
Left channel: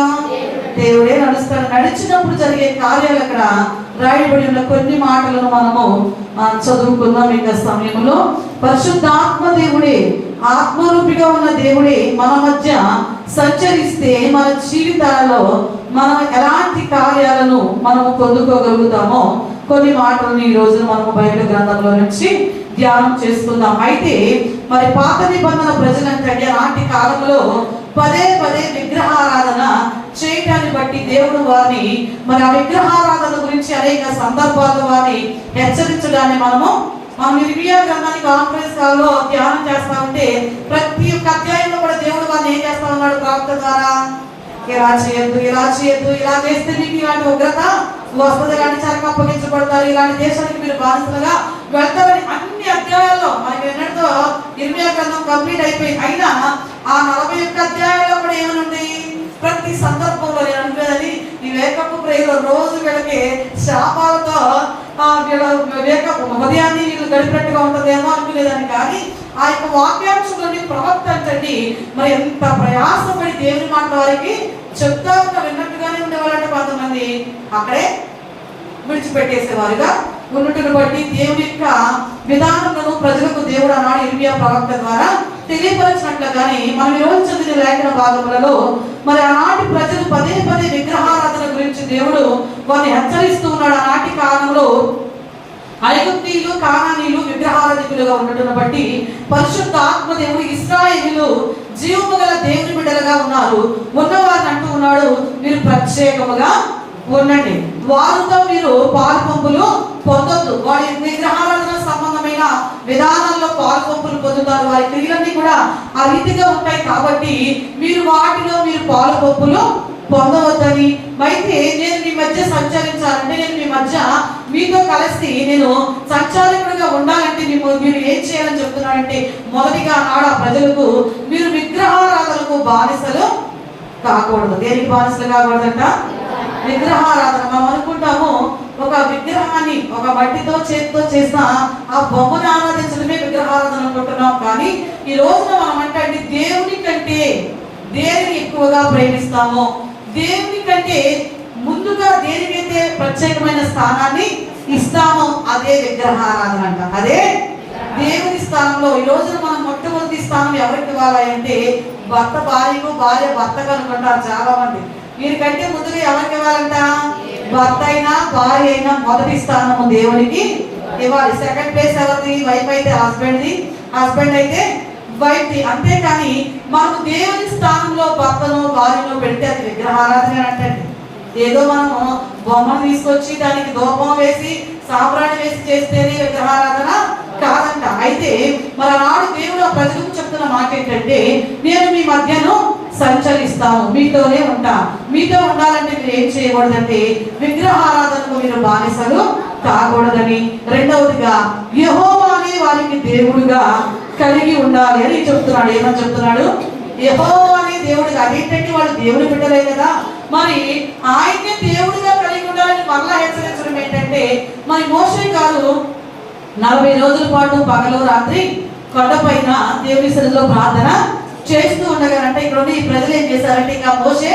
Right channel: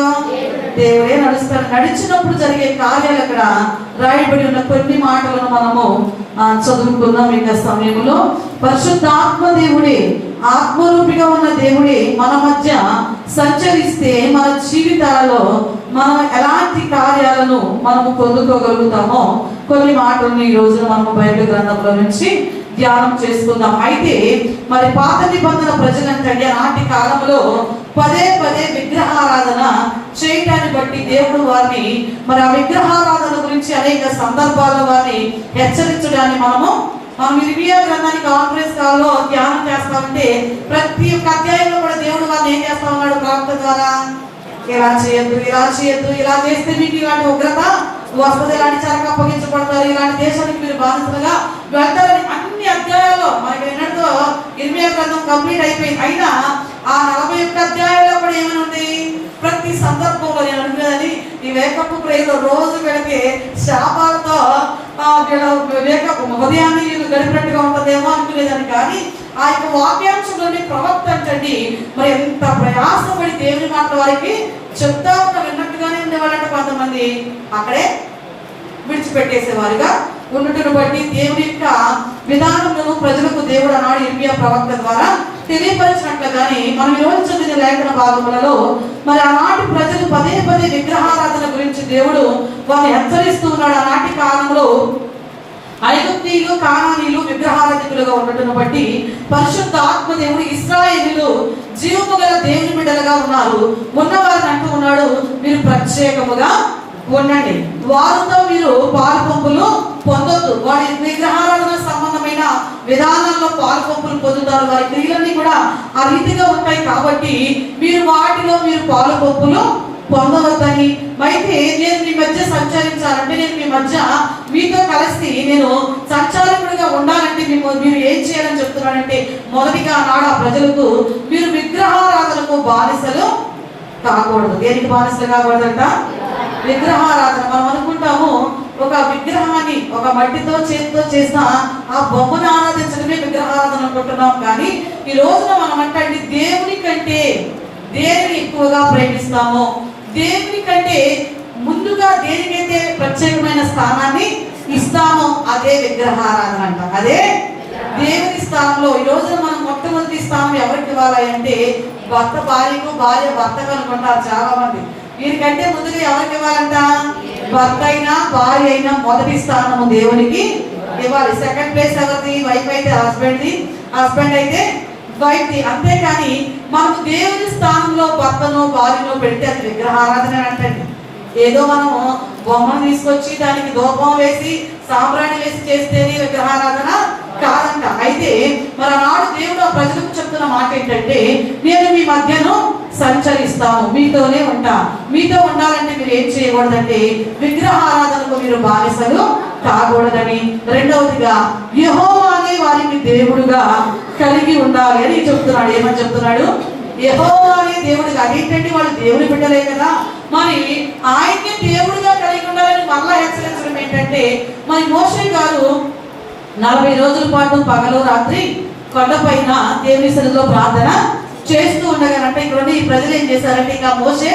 దేవుడే నడుస్తాడు. నడిచినప్పుడు జరిగే కార్యాలు అక్కడ రాయబడి ఉన్న కొన్ని మాటలను మనము చదువుకున్నాం. ఈ సమయంలో పరిశుద్ధాత్మ దేవుడే, ఆత్మరూపిగా ఉన్న దేవుడే మన మధ్య సంచరిస్తే మన జీవితాలలో మనం ఎలాంటి కార్యాలను మనము పొందుకోగలుగుతామో కొన్ని మాటలను ఈ రోజున మనము బైబిల్ గ్రంథంలో నుంచి ధ్యానం చేసుకుందాం. అయితే మరి పాత నిబంధన ప్రజలంటే నాటి కాలంలో పదే పదే విగ్రహారాధన చేయటాన్ని బట్టి దేవుడు వారిని మరి ఆ విగ్రహారాధన గురించి అనేక సందర్భాల్లో వారిని హెచ్చరించడాన్ని మనం ఇర్మియా గ్రంథాన్ని కాన్ఫరెన్స్ కాల్లో ధ్యానం చేస్తామంటే ప్రతి ఒక్క అధ్యాయంలో కూడా దేవుడు వారిని ఏం చేస్తా ఉన్నాడు? ప్రవక్త ద్వారా ఇలా చేయొద్దు, ఇలా చేయొద్దు, ఇలా చేస్తే మీకు ఇలాంటి ఉగ్రత వస్తుంది, ఇలాంటి చెరకు అప్పగించబడతారు, ఇలాంటి దేశానికి మీరు బాధితులుగా వెళ్తారని అన్ని అధ్యాయాల్లో మనకి ఎన్నటితో ఇర్మియా గ్రంథం కంప్లీట్ అయిపోయింది. అయినా ఆ 41 అధ్యాయాల్లో కూడా ఏమనుంది? ప్రతి సందర్భంలో నేను అనుకునేదని ఈ వేకప్పు ప్రేయర్లో రోజు వీళ్ళకి శాపాలతో ఉదయాన్ని వీళ్ళు గడిపినట్టుగా ఉంటుందేమో అనుకునేదాన్ని. కానీ ఆ యొక్క వాక్యాంశంలోని ప్రవక్త అంటండి మరి ఎంత ప్రయాసపడి దేవుని మాట వారికి చెప్తా ఉన్న విన్నట్టుగానే ఉండేవాళ్ళంటే కొంతమంది అక్కడే విడిచిపెట్టేసేవారుగా ఉన్నట్టును బట్టి దేవుని యొక్క విధానములను ప్రజలకు దేవుడు అన్నాడు ఇర్మియా ప్రవక్త ద్వారా తెలియపరిచినట్లుగానే మనం ఈరోజు చదివిన లేఖన భాగములలో మరి ఆనాటి ప్రజలు పదే పదే విగ్రహారాధన గురించి దేవుడు వారిని హెచ్చరిస్తూ ఉన్నాడు. ఆనాటి కాలంలో ఐగుప్తీయులు, కానానీయులు విగ్రహారాధికులుగా ఉండటం బట్టి పరిశుద్ధ ఆత్మ దేవుడు ఇశ్రాయేలీయులు జీవము గల దేవుని బిడ్డలుగా ఉన్నారు. ఉన్నవారిని అంటూ ఉన్నాడు, మీరు ప్రత్యేకముగా ఉండండి, వారితో మీరు పాలు పంపులు పొందొద్దు. వారి విగ్రహారాధన సంబంధమైన విధానాల్లో పాలు పంపులు పొందుతారు. వారి క్రియలన్నీ కూడా ఆ రీతిగా ఉంటాయి కాబట్టి మీరు వాటిలో మీరు పాలు పంపులు పొందవద్దని. అయితే నేను మీ మధ్య సంచరించాలంటే, నేను మీ మధ్య మీతో కలిసి నేను సంచారకుడిగా ఉండాలంటే మీరు ఏం చేయాలని చెప్తున్నాడంటే, మొదటిగా నాడు ఆ ప్రజలకు మీరు విగ్రహారాధనకు బానిసలు కాకూడదు. దేనికి బానిసలు కాకూడదంట? విగ్రహారాధన. మనం అనుకుంటాము ఒక విగ్రహాన్ని ఒక మట్టితో చేతితో చేసిన ఆ బొమ్మను ఆరాధించడమే విగ్రహారాధన అనుకుంటున్నాం. కానీ ఈ రోజున మనం అంటే దేవుని కంటే దేనిని ఎక్కువగా ప్రేమిస్తామో, దేవుని కంటే ముందుగా దేనికైతే ప్రత్యేకమైన స్థానాన్ని ఇస్తామో అదే విగ్రహారాధన అంట. అదే దేవుని స్థానంలో ఈ రోజు మనం మొట్టమొదటి స్థానం ఎవరికి ఇవ్వాలి అంటే భర్త భార్యకు, భార్య భర్తకు అనుకుంటారు చాలా మంది. వీరికంటే ముందుగా ఎవరికి ఇవ్వాలంట? భర్త అయినా భార్య అయినా మొదటి స్థానము దేవునికి ఇవ్వాలి. సెకండ్ ప్లేస్ ఎవరిది? వైఫ్ అయితే హస్బెండ్ది, హస్బెండ్ అయితే వైఫ్ది. అంతేకాని మనము దేవుని స్థానంలో భర్తను భార్యను పెడితే అది విగ్రహారాధన అంటే ఏదో మనము బొమ్మను తీసుకొచ్చి దానికి ధూపం వేసి సాంబ్రాణి వేసి చేస్తేనే విగ్రహారాధన కాదంట. అయితే మరి నాడు దేవుడు ప్రజలకు చెప్తున్న మాట ఏంటంటే, నేను మీ మధ్యను సంచరిస్తాను, మీతోనే ఉంటా. మీతో ఉండాలంటే మీరు ఏం చేయకూడదంటే విగ్రహారాధనకు మీరు బానిసలు కాకూడదని, రెండవదిగా యెహోవానే వారికి దేవుడుగా కలిగి ఉండాలి అని చెప్తున్నాడు. ఏమని చెప్తున్నాడు? యెహోవానే దేవుడిగా. అదేంటంటే వాళ్ళు దేవుడి బిడ్డలే కదా, మరి ఆయన్ని దేవుడిగా కలిగి ఉండాలని మళ్ళా హెచ్చరించడం ఏంటంటే, మరి మోషే గారు 40 రోజుల పాటు పగలు రాత్రి కొండపైన దేవుని సన్నిధిలో ప్రార్థన చేస్తూ ఉండగానంటే ఇక్కడ ఈ ప్రజలు ఏం చేశారంటే, ఇంకా మోషే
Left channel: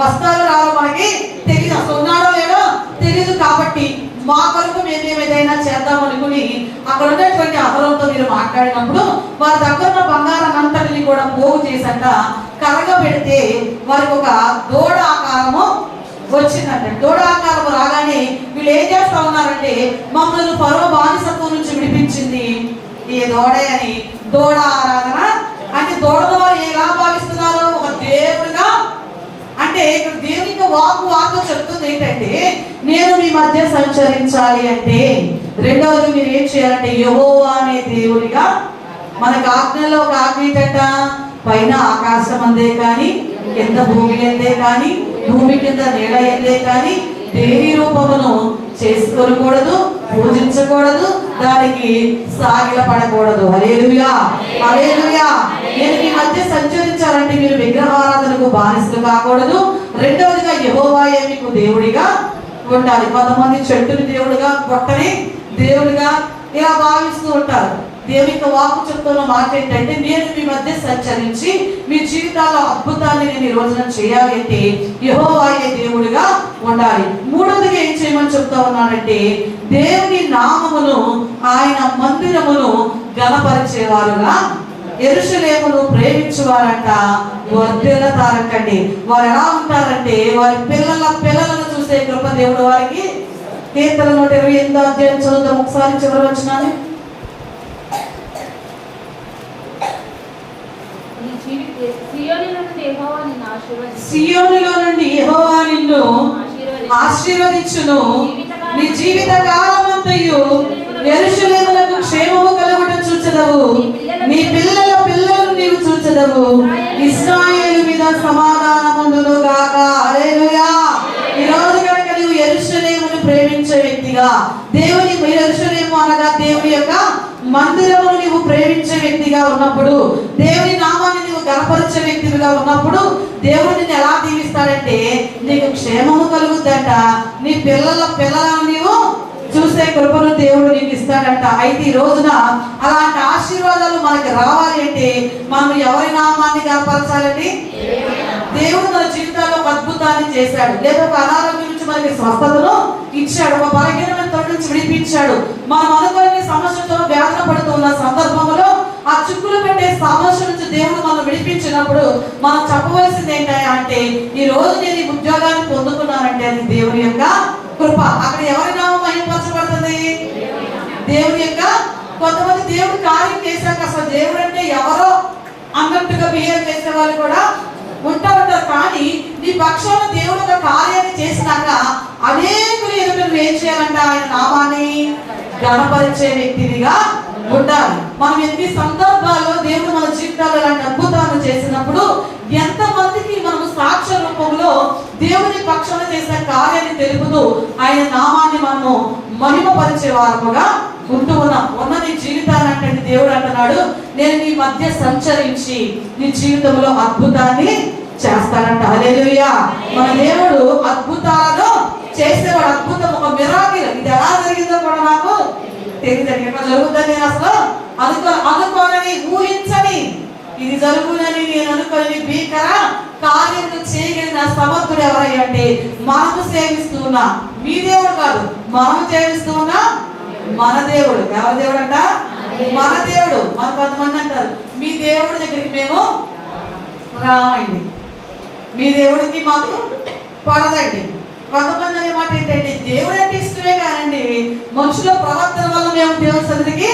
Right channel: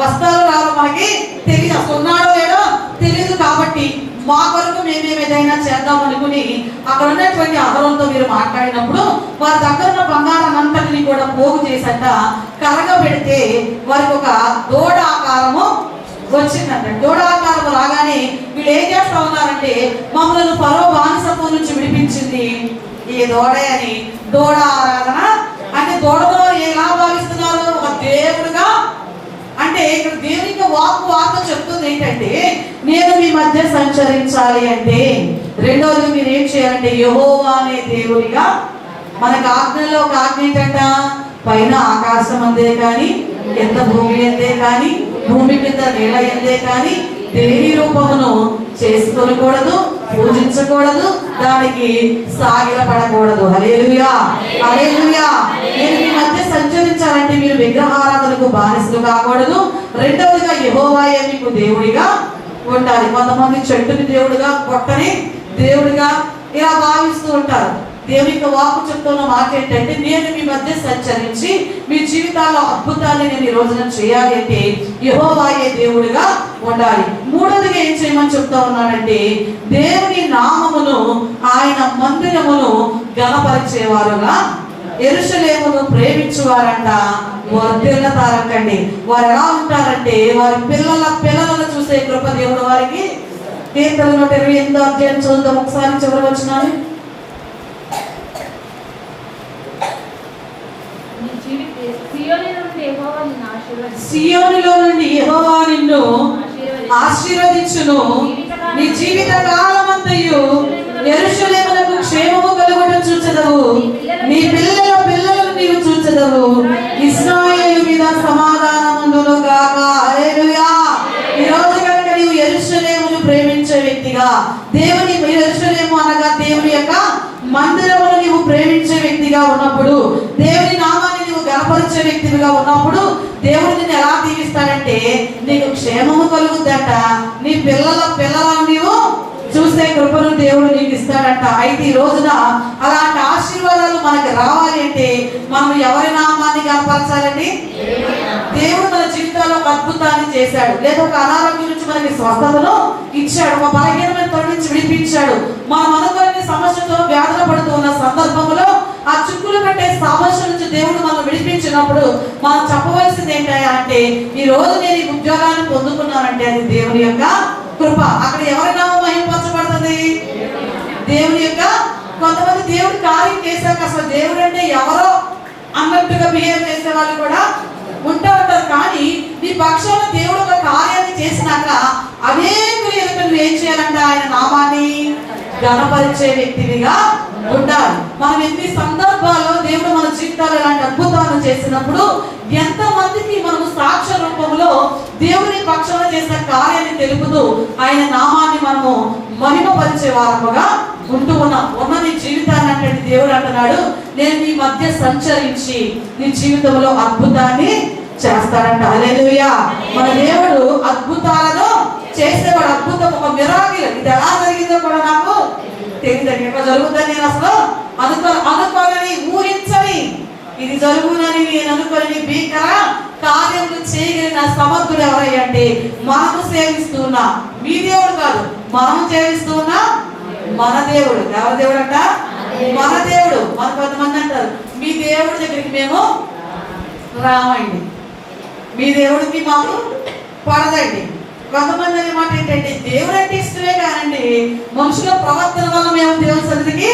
వస్తారో రావో మనకి తెలియదు, అసలు ఉన్నాడో లేదో తెలియదు, కాబట్టి మా కొరకు మేము ఏదైనా చేద్దాం అనుకుని అక్కడ ఉన్నటువంటి అహరోనుతో మీరు మాట్లాడినప్పుడు వారి దగ్గర ఉన్న బంగారం అంతటిని కూడా పోగు చేసట కరగబెడితే వారికి ఒక దూడ ఆకారము వచ్చిందంట. దూడ ఆకారం రాగానే వీళ్ళు ఏం చేస్తా ఉన్నారంటే, మమ్మల్ని ఫరో బానిసత్వం నుంచి విడిపించింది ఈ దూడే అని దూడ ఆరాధన అంటే దూడలో ఎలా భావిస్తున్నారు? ఒక దేవుడుగా. అంటే ఇక్కడ దేవునికి వాక్కు చెప్తుంది ఏంటంటే, నేను మీ మధ్య సంచరించాలి అంటే రెండవది మీరు ఏం చేయాలంటే యెహోవా అనే దేవుడిగా. మనకు ఆజ్ఞలో ఒక ఆజ్ఞ ఏంటంట, పైన ఆకాశం అందే కానీ కింద భూమి అందే కానీ భూమి కింద నేల ఎందే కానీ దేవి రూపమును చేసుకోకూడదు, పూజించకూడదు, దానికి సాగిలపడకూడదు. హల్లెలూయా, హల్లెలూయా. నేను మీ మధ్య సంచరించాలంటే మీరు విగ్రహారాధనకు బానిసలు కాకూడదు. రెండవదిగా యెహోవాయే మీకు దేవుడిగా ఉండాలి. కొంతమంది చెట్టుని దేవుడిగా, కొట్టని దేవుడిగా ఇలా భావిస్తూ ఉంటారు. దేవునికి వాక్కు చెప్తున్న మాట ఏంటంటే, నేను మీ మధ్య సంచరించి మీ జీవితాల్లో అద్భుతాన్ని నేను ఈ రోజున చేయాలి అంటే యెహోవాయే దేవుడిగా ఉండాలి. మూడవదిగా ఏం చేయమని చెప్తా ఉన్నానంటే, దేవుని నామమును ఆయన మందిరమును ఘనపరిచేవారుగా యెరూషలేమును ప్రేమించువారంట వర్ధిల్లుతారంటండి. వారు ఎలా ఉంటారంటే, వారి పిల్లలను చూసే కృప దేవుడు వారికి. కీర్తనలు 128 అధ్యాయం చదువుతాం ఒకసారి చివరి వచనాలు. సియోనులో నుండి యెహోవా నిన్ను ఆశీర్వదించును, నీ జీవిత కాలమంతయు యెరూషలేమునకు క్షేమము కలుగుట చూచెదవు, నీ పిల్లల పిల్లలను నీవు చూచెదవు, ఇశ్రాయేలు మీద సమాధానముందును గాక. హల్లెలూయా. ఈ రోజు కనుక నీవు యెరూషలేమును ప్రేమించే వ్యక్తిగా, దేవుని యెరూషలేము అనగా దేవుని యొక్క మందిరమును నీవు ప్రేమించే వ్యక్తిగా ఉన్నప్పుడు, దేవుని నామాన్ని నీవు గణపరిచే వ్యక్తిగా ఉన్నప్పుడు దేవుడు నిన్ను ఎలా దీవిస్తాడంటే, నీకు క్షేమము కలుగుద్దట, నీ పిల్లలను నీవు చూసే కృపను దేవుడు నీకు ఇస్తాడంట. అయితే ఈ రోజున అలాంటి ఆశీర్వాదాలు మనకి రావాలి అంటే మనం ఎవరి నామాన్ని గణపరచాలండి? దేవుడు మన జీవితాల్లో ఒక అద్భుతాన్ని చేశాడు, లేదా ఒక అనారోగ్యం నుంచి మనకి స్వస్థతను ఇచ్చాడు, ఒక బలహీనమైన తోటి నుంచి విడిపించాడు. మనం అనుకోని సమస్యతో వేదన పడుతున్న సందర్భంలో ఆ చుక్కులు పెట్టే సమస్య నుంచి దేవుడు మనం విడిపించినప్పుడు మనం చెప్పవలసింది ఏంటంటే, అంటే ఈ రోజు నేను ఈ ఉద్యోగాన్ని పొందుకున్నానంటే అది దేవుని యొక్క కృప. అక్కడ ఎవరి నామం మహిమపరచబడుతుంది? దేవుని యొక్క. కొంతమంది దేవుడు కార్యం చేశాక అసలు దేవుడు అంటే ఎవరో అన్నట్టుగా బిహేవ్ చేసే వాళ్ళు కూడా ఉంటారు. కానీ నీ పక్షాన దేవుడు ఒక కార్యాన్ని చేసినాక అనేకులు ఎదుట నువ్వు ఏం చేయాలంట? ఆయన నామాన్ని ఘనపరిచే వ్యక్తినిగా ఉండాలి. మనం ఎన్ని సందర్భాల్లో దేవుడు మన జీవితాలు ఇలాంటి అద్భుతాలు చేసినప్పుడు ఎంతమందికి మనము సాక్ష్య రూపంలో దేవుని పక్షాన చేసిన కార్యాన్ని తెలుపుతూ ఆయన నామాన్ని మనము మహిమపరిచే వారముగా ఉంటూ ఉన్నాం. ఉన్న నీ జీవితాన్ని అంటే దేవుడు అంటున్నాడు, నేను నీ మధ్య సంచరించి నీ జీవితంలో అద్భుతాన్ని చేస్తాడంట. హల్లెలూయా. మన దేవుడు అద్భుతాలను చేసేవాడు. అద్భుతం ఒక మిరాకిల్. ఇది ఎలా జరిగిందో కూడా నాకు తెలియదు, ఎట్లా జరుగుతుంది నేను అసలు అనుకోని ఊహించని ఇది జరుగునని నేను అనుకొని భీకర కార్యములు చేయగలిగిన సమర్థుడు ఎవరయ్యా అంటే మనము సేవిస్తున్నా మీ దేవుడు కాదు, మనం సేవిస్తున్నా మన దేవుడు. ఎవరి దేవుడు అంట? మన దేవుడు. మన కొంతమంది అంటారు మీ దేవుడి దగ్గరికి మేము రామండి, మీ దేవుడికి మాకు పడదండి. కొంతమంది అనే మాట ఏంటంటే దేవుడు అంటే ఇష్టమే కానండి మనుషుల ప్రవర్తన వల్ల మేము దేవుని సన్నిధికి,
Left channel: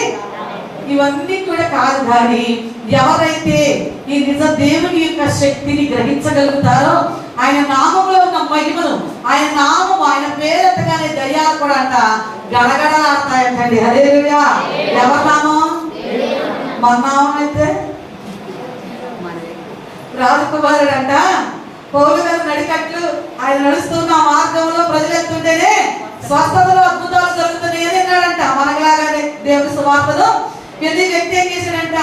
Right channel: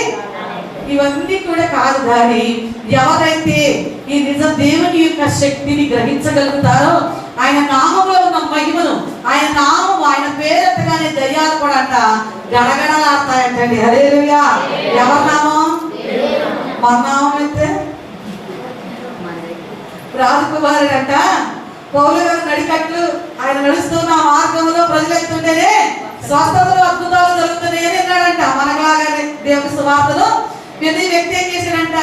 ఇవన్నీ కూడా కాదు. కానీ ఎవరైతే ఈ నిజ దేవుని యొక్క శక్తిని గ్రహించగలుగుతారో, ఆయన నామంలో ఉన్న మహిమను, ఆయన నామం, ఆయన పేరెత్తగానే దయ్యాలు కూడా అంట గడగడలాడతాయంటండి. హల్లెలూయా. ఎవరి నామం? మన నామం అయితే రాజకుమారుడు అంట పౌలు గారు నడికట్లు ఆయన నడుస్తున్న మార్గంలో ప్రజలు ఎత్తుంటేనే స్వస్థతలు అద్భుతాలు జరుగుతున్నాయి అని అన్నాడంట. మనలాగానే దేవుని సువార్తలు ప్రతి వ్యక్తి ఏం చేశాడంట,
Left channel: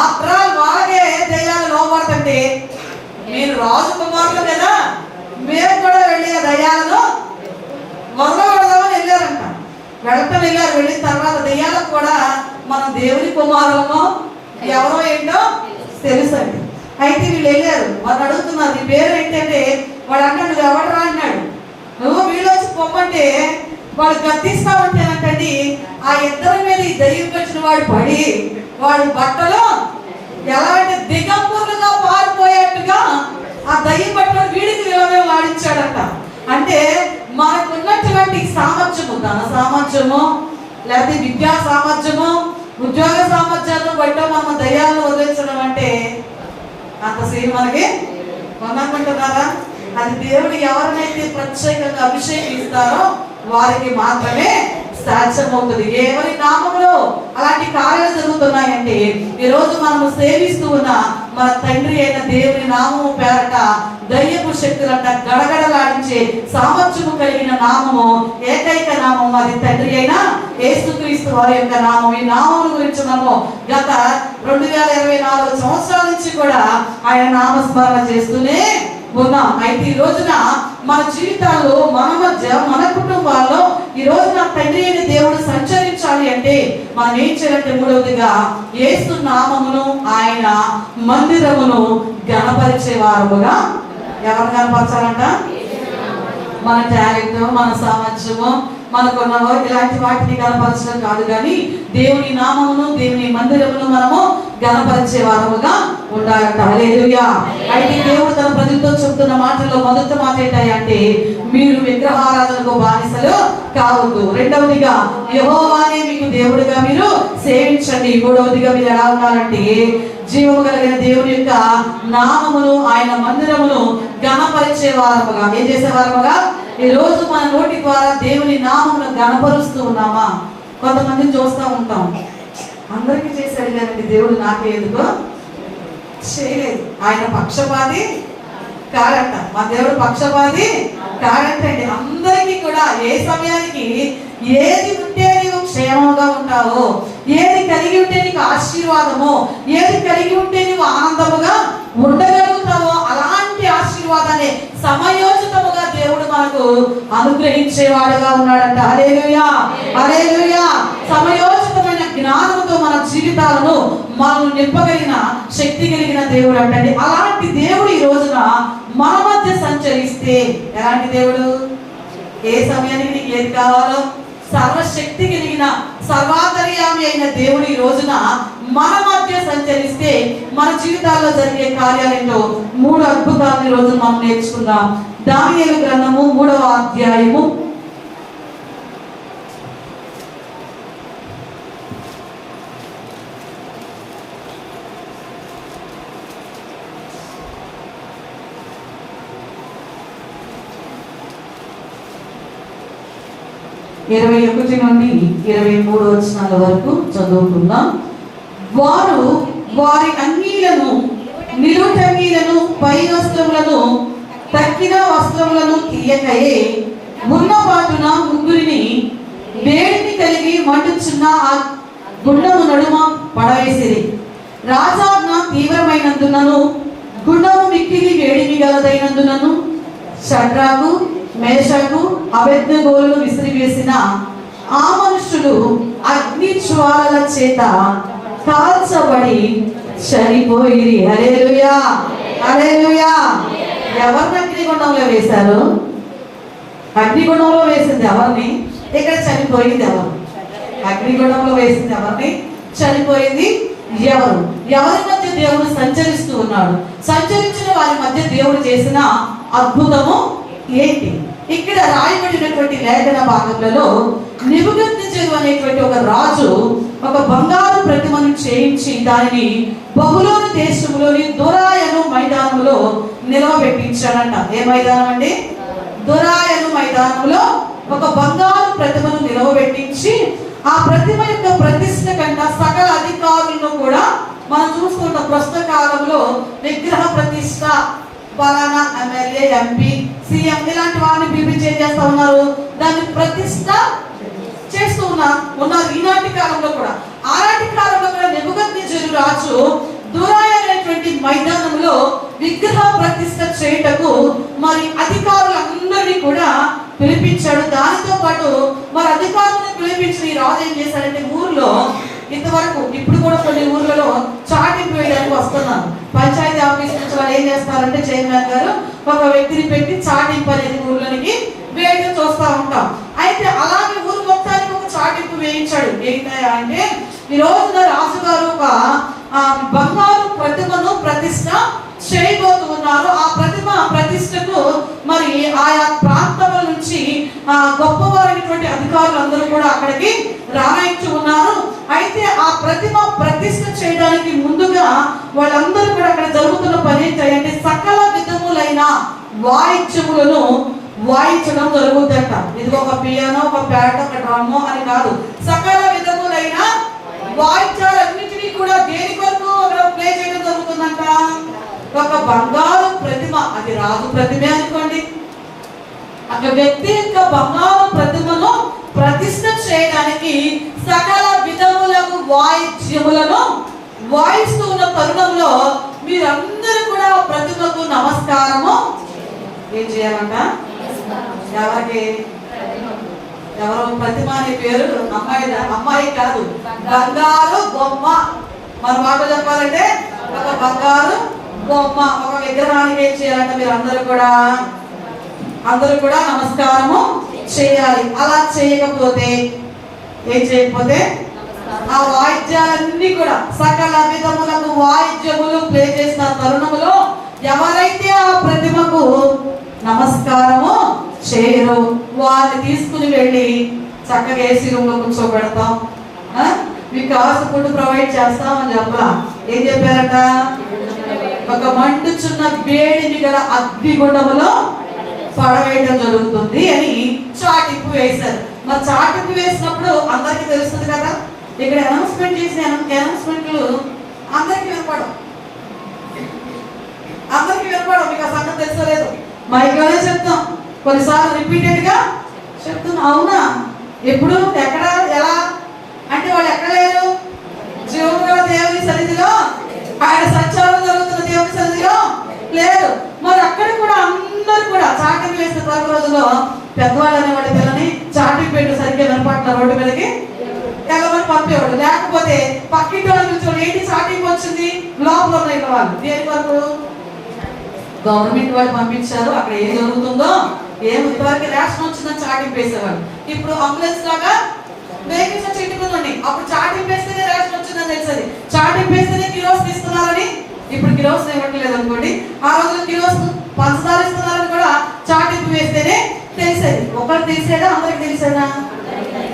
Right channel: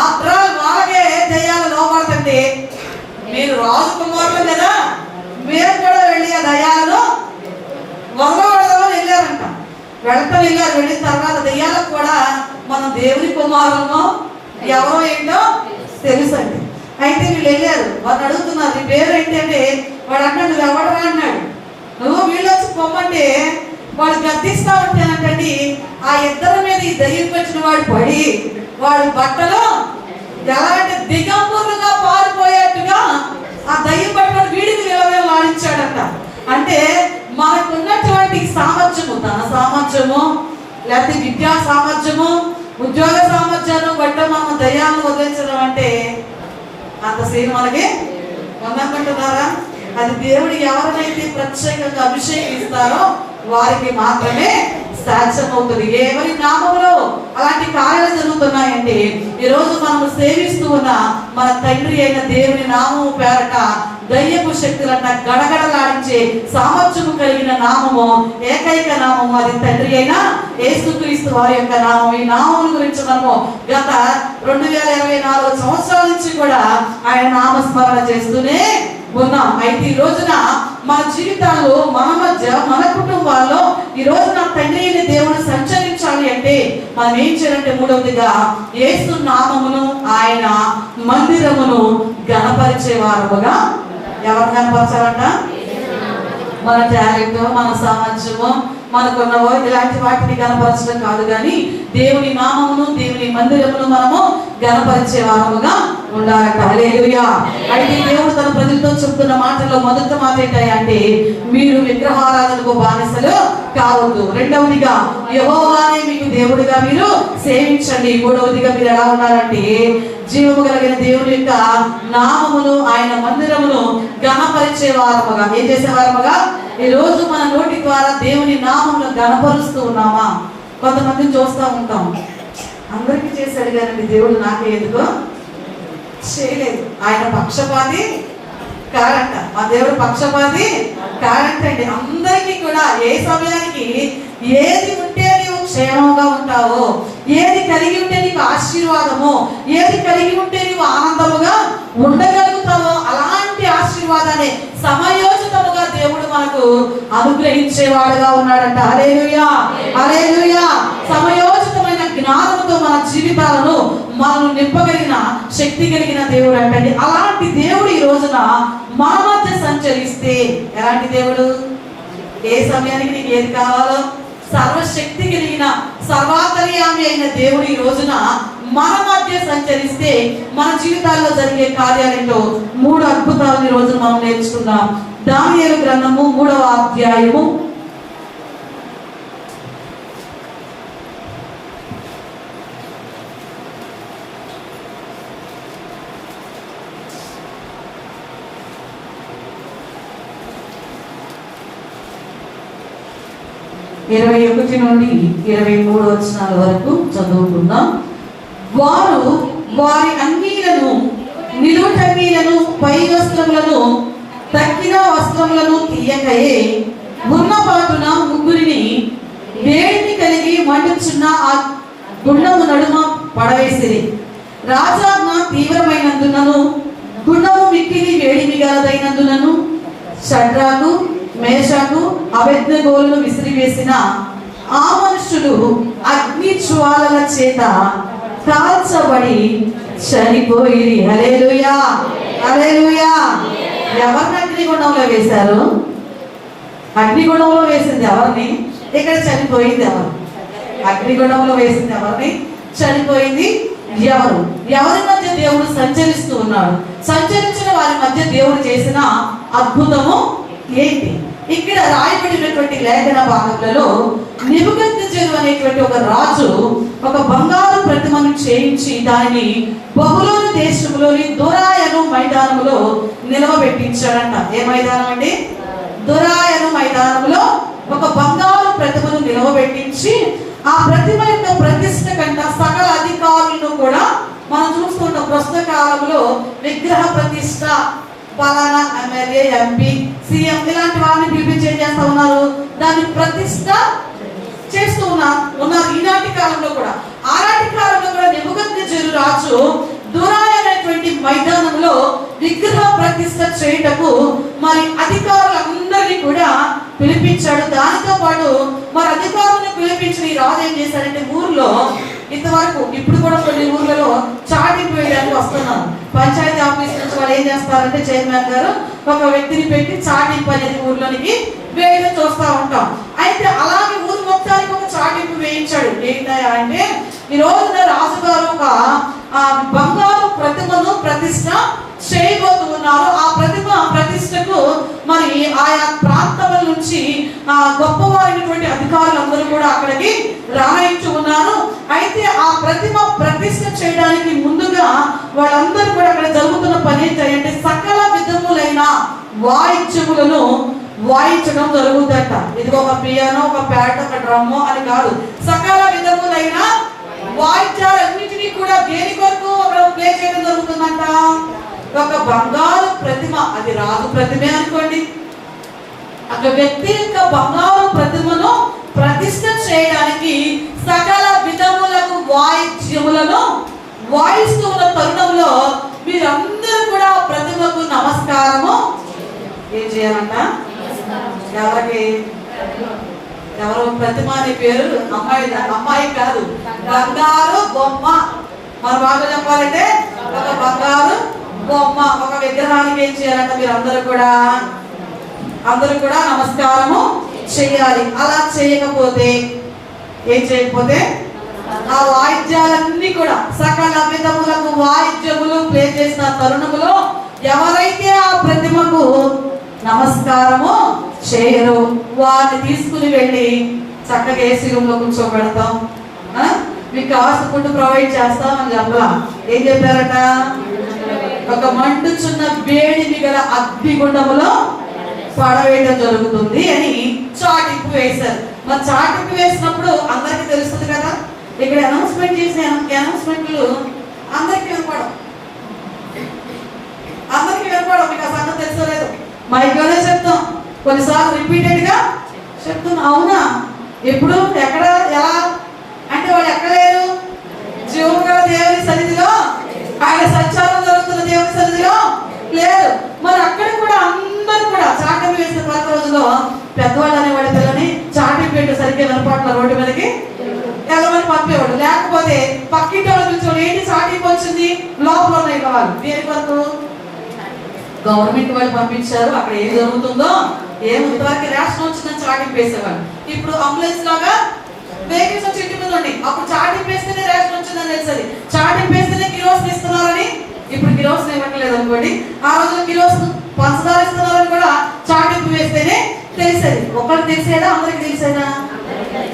ఆఫ్టర్ ఆల్ వాళ్ళకే దయ్యాలు లోపడుతుంటే మీరు రాజకుమారులు కదా, మేము కూడా వెళ్ళి ఆ దయ్యాలను మొదలుపెడదామని వెళ్ళారంట. వెళ్ళారు. వెళ్ళిన తర్వాత దయ్యాలకు కూడా మనం దేవుని కుమారులను ఎవరో ఏంటో తెలుసండి. అయితే వీళ్ళు వెళ్ళారు, వాళ్ళు అడుగుతున్నారు నీ పేరు ఏంటంటే వాడు అన్నాడు నువ్వు ఎవడరా అన్నాడు. నువ్వు వీళ్ళు వచ్చి పొమ్మంటే వాడు గద్దిస్తా ఉంటానంటండి. ఆ ఇద్దరి మీద ఈ దయ్యం వచ్చిన వాడు పడి వాడి బట్టలు ఎలా అంటే దిగంబరులుగా పారిపోయేట్టుగా ఆ దయ్యం పట్టుకొని వీడికి ఏమేమి వాడించాడంట. అంటే మనకున్నటువంటి సామర్థ్యము, ధన సామర్థ్యము, లేకపోతే విద్యా సామర్థ్యము, ఉద్యోగ సామర్థ్యాలను బట్టి మనం దయ్యాలను వదిలించడం అంటే అంత సేమ్ మనకి ఉందనుకుంటున్నారా? అది దేవుడు ఎవరినైతే ప్రత్యేకంగా అభిషేకిస్తారో వారికి మాత్రమే సాధ్యమవుతుంది. ఎవరి నామంలో అలాంటి కార్యాలు జరుగుతున్నాయంటే ఈరోజు మనము సేవిస్తూ ఉన్న మన తండ్రి అయిన దేవుని నామము పేరట దయ్యపు శక్తులంట గడగడలాడించే సామర్థ్యము కలిగిన నామము, ఏకైక నామము, అది తండ్రి అయిన యేసుక్రీస్తు వారి యొక్క నామం. ఈ నామం గురించి మనము గత 2024 సంవత్సరాల నుంచి కూడా ఆయన నామస్మరణ చేస్తూనే ఉన్నాం. అయితే ఈ రోజున మన జీవితాల్లో, మన మధ్య, మన కుటుంబాల్లో ఈ రోజున తండ్రి అయిన దేవుడు సంచరించాలి అంటే మనం ఏం చేయాలంటే మూడవదిగా యేసు నామమును, ఆయన మందిరమును గణపరిచే వారముగా. ఎవరు గణపరచాలంట? మన టాలెంట్, మన సామర్థ్యము, మనకున్నవో ఇలాంటి వాటిని గణపరచడం కాదు, కానీ దేవుని నామమును, దేవుని మందిరమును మనము గణపరిచే వారముగా ఉండాలంట. హల్లెలూయా. అయితే దేవుడు తన ప్రజలతో చెప్తున్న మాటల్లో మొదటి మాట ఏంటంటే మీరు విగ్రహారాధనకు బానిసలు కావద్దు. రెండవదిగా యెహోవానే మీకు దేవుడిగా మీరు సేవించండి. మూడవదిగా మీరు ఎలా ఉండాలంటే జీవము కలిగిన దేవుని యొక్క నామమును, ఆయన మందిరమును గణపరిచే వారముగా. ఏం చేసే వారముగా? ఈ రోజు మన నోటి ద్వారా దేవుని నామమును గణపరుస్తూ ఉన్నామా? కొంతమందిని చూస్తూ ఉంటాం, అందరికీ చేశాడు కదండి దేవుడు, నాకే ఎందుకో చేయలేదు. ఆయన పక్షపాతి కాడంట. మా దేవుడు పక్షపాతి కాడంటండి. అందరికీ కూడా ఏ సమయానికి ఏది ఉంటే నీవు క్షేమంగా ఉంటావో, ఏది కలిగి ఉంటే నీకు ఆశీర్వాదమో, ఏది కలిగి ఉంటే నీవు ఆనందముగా ఉండగలుగుతావో అలాంటి ఆశీర్వాదాన్ని సమయోచితముగా దేవుడు మనకు అనుగ్రహించేవాడుగా ఉన్నాడంట. హల్లెలూయా. హల్లెలూయా. సమయోచితమైన జ్ఞానంతో మన జీవితాలను మనం నింపగలిగిన శక్తి కలిగిన దేవుడు అంటే అలాంటి దేవుడు ఈ రోజున మన మధ్య సంచరిస్తే, ఎలాంటి దేవుడు? ఏ సమయానికి నీకు ఏది కావాలో సర్వశక్తి కలిగిన సర్వాంతర్యామి అయిన దేవుడు ఈ రోజున మన మధ్య సంచరిస్తే మన జీవితాల్లో జరిగే కార్యాలతో 3 అద్భుతాలు ఈ రోజు మనం నేర్చుకుందాం. దానియేలు గ్రంథము 3వ అధ్యాయము 21 నుండి 23 వచనాల వరకు చదువుకుందాం. వారు వారి అంగీలను, నిలువుటంగీలను, పై వస్త్రములను, తక్కిన వస్త్రములను తీయకయే ఉన్నపాటున ముగ్గురిని వేడిని కలిగి మండుచున్న ఆ గుండము నడుమ పడవేసిరి. రాజాజ్ఞ తీవ్రమైనందునను గుండము మిక్కిలి వేడిమి గలదైనందునను షడ్రకు, మేషకు, అబేద్నెగోలను విసిరివేసిన ఆ మనుషులు అగ్ని జ్వాలల చేత కాల్చబడి చనిపోయి. హల్లెలూయా, హల్లెలూయా. ఎవరిని అగ్నిగుండంలో వేశారు? అగ్నిగుండంలో వేసింది ఎవరిని? ఇక్కడ చనిపోయింది ఎవరు? అగ్నిగుండంలో వేసింది ఎవరిని? చనిపోయింది ఎవరు? ఎవరి మధ్య దేవుడు సంచరిస్తూ ఉన్నాడు? సంచరించిన వారి మధ్య దేవుడు చేసిన అద్భుతము ఏంటి? ఇక్కడ రాయబడినటువంటి లేఖన భాగంలో నెబుకద్నెజరు అనేటువంటి ఒక రాజు ఒక బంగారు ప్రతిమను చేయించి దానిని బబులోను దేశంలోని దొరాయను మైదానంలో నిలవబెట్టించాడంట. ఏ మైదానం అండి? దొరాయను మైదానంలో ఒక బంగారు ప్రతిమను నిలవబెట్టించి ఆ ప్రతిమ యొక్క ప్రతిష్ట కంట సకల అధికారులను కూడా మనం చూస్తున్న ప్రస్తుత కాలంలో విగ్రహ ప్రతిష్ట ఫలానా ఎమ్మెల్యే, ఎంపీ, సీఎం ఇలాంటి వారిని పిలిపించి ఏం చేస్తా ఉన్నారు? దాన్ని ప్రతిష్ట చేస్తూ ఉన్నారు ఈనాటి కాలంలో కూడా. ఆనాటి కాలంలో కూడా నెబుకద్నెజరు రాజు దొరాయి అనేటువంటి మైదానంలో విగ్రహ ప్రతిష్ట చేయుటకు మరి అధికారులందరినీ కూడా పిలిపించాడు. దానితో పాటు మరి అధికారులను పిలిపించిన ఈ రాజు ఏం చేశాడంటే ఊర్లో ఇంతవరకు ఇప్పుడు కూడా కొన్ని ఊర్లలో చాటింపు వేయడానికి వస్తున్నారు. పంచాయతీ ఆఫీస్ నుంచి వాళ్ళు ఏం చేస్తారంటే చైర్మన్ గారు ఒక వ్యక్తిని పెట్టి చాటింపు అనేది ఊర్లోనికి వేయడం చూస్తూ ఉంటాం. అయితే అలాగే ఊరు మొత్తానికి ఒక చాటింపు వేయించాడు. ఏంటయ్యా అంటే ఈ రోజున రాజుగారు ఒక బంగారు ప్రతిమను ప్రతిష్ట చేయబోతూ ఉన్నారు. ఆ ప్రతిమ ప్రతిష్టకు మరి ఆయా ప్రాంతాల నుంచి గొప్పవారైనటువంటి అధికారులందరూ కూడా అక్కడికి రాయించి ఉన్నారు. అయితే ఆ ప్రతిమ ప్రతిష్ట చేయడానికి ముందుగా వాళ్ళందరూ కూడా అక్కడ జరుగుతున్న పని ఏంటంటే సకల విధములైన వాయిద్యములను వాయించడం జరుగుతుందట. ఇది ఒక పియానో, ఒక ప్యాడ్, ఒక డ్రమ్ అని కాదు. సకల విధములైన వాయిద్యాలన్నింటినీ కూడా దేని కొరకు అక్కడ ప్లే చేయడం జరుగుతుందంట. ఒక బంగారు ప్రతిమ, అది రాజు ప్రతిమే అనుకోండి, ఒక వ్యక్తి యొక్క బంగారు ప్రతిమను ప్రతిష్ట చేయడానికి సకల విధములకు వాయిద్యములను వాయిస్తూ ఉన్న తరుణంలో మీరందరూ కూడా ప్రతిమకు నమస్కారము ఏం చేయాలంట? ఎవరికి? ఎవరు? ప్రతిమ అనే పేరు అమ్మాయి కాదు, బంగారు బొమ్మ. మన మాట చెప్పాలంటే ఒక బంగారు బొమ్మ, ఒక విగ్రహానికి ఏం చేయాలంటే మీరు అందరూ కూడా నమస్కారము చేయాలి. అలా చేయకపోతే ఏం చేయకపోతే ఆ వాయిద్యాలన్నీ కూడా సకల విధములకు వాయిద్యములు ప్లే చేసిన తరుణములో ఎవరైతే ఆ ప్రతిమకు నమస్కారము చేయరు వారిని తీసుకుని వెళ్ళి చక్కగా ఏసీ రూమ్ లో కూర్చోబెడతాం, మీకు కావాల్సిన ఫుడ్ ప్రొవైడ్ చేస్తాం అని చెప్పలా. ఏం చెప్పారట? ఒక మండుచున్న వేడిని గల అగ్నిగుండములో పడవేయడం జరుగుతుంది అని చాటింపు వేశారు. మరి చాటింపు వేసినప్పుడు అందరికి తెలుస్తుంది కదా. ఇక్కడ అనౌన్స్మెంట్ చేసిన అనౌన్స్మెంట్లు అందరికి వినపడం, మీకు ఆ సంగతి తెలుసలేదు. మైక్లోనే చెప్తాం, కొన్నిసార్లు రిపీటెడ్ గా చెప్తాం. అవునా? ఎప్పుడు, ఎక్కడ, ఎలా అంటే వాళ్ళు ఎక్కడ లేరు? జీవము గల దేవుని సన్నిధిలో, ఆయన సంచారం జరుగుతున్న దేవుని సన్నిధిలో లేరు. మరి అక్కడ కూడా అందరూ కూడా చాటింపు వేసిన పాత రోజుల్లో పెద్దవాళ్ళు అనేవాడు పిల్లని చాటింపు పెట్టు సరిగ్గా వినపట్ల రోడ్డు మీదకి వెళ్ళమని పంపేవాడు. లేకపోతే పక్కింటి వాళ్ళు కూర్చొని ఏంటి చాటింపు వచ్చింది లోపల ఉన్నాయి వాళ్ళు దేని వరకు? గవర్నమెంట్ వాళ్ళు పంపించారు, అక్కడ ఏం జరుగుతుందో ఇంతవరకు రేషన్ వచ్చిందని చాటింపు వేసేవాళ్ళు. ఇప్పుడు అంబులెన్స్ లాగా వెహికల్స్ వచ్చి ఇంటి మీద ఉండి అప్పుడు చాటింపు వేస్తేనే రేషన్ వచ్చిందని తెలిసేది. చాటింపు వేస్తేనే కిలోస్ ఇస్తున్నారని, ఇప్పుడు కిలోస్ ఇవ్వట్లేదు అనుకోండి. ఆ రోజుల్లో కిలోస్ పంచదార ఇస్తున్నారని కూడా చాటింపు వేస్తేనే తెలిసేది. ఒకరికి తెలిసేదా? అందరికి తెలిసేదా?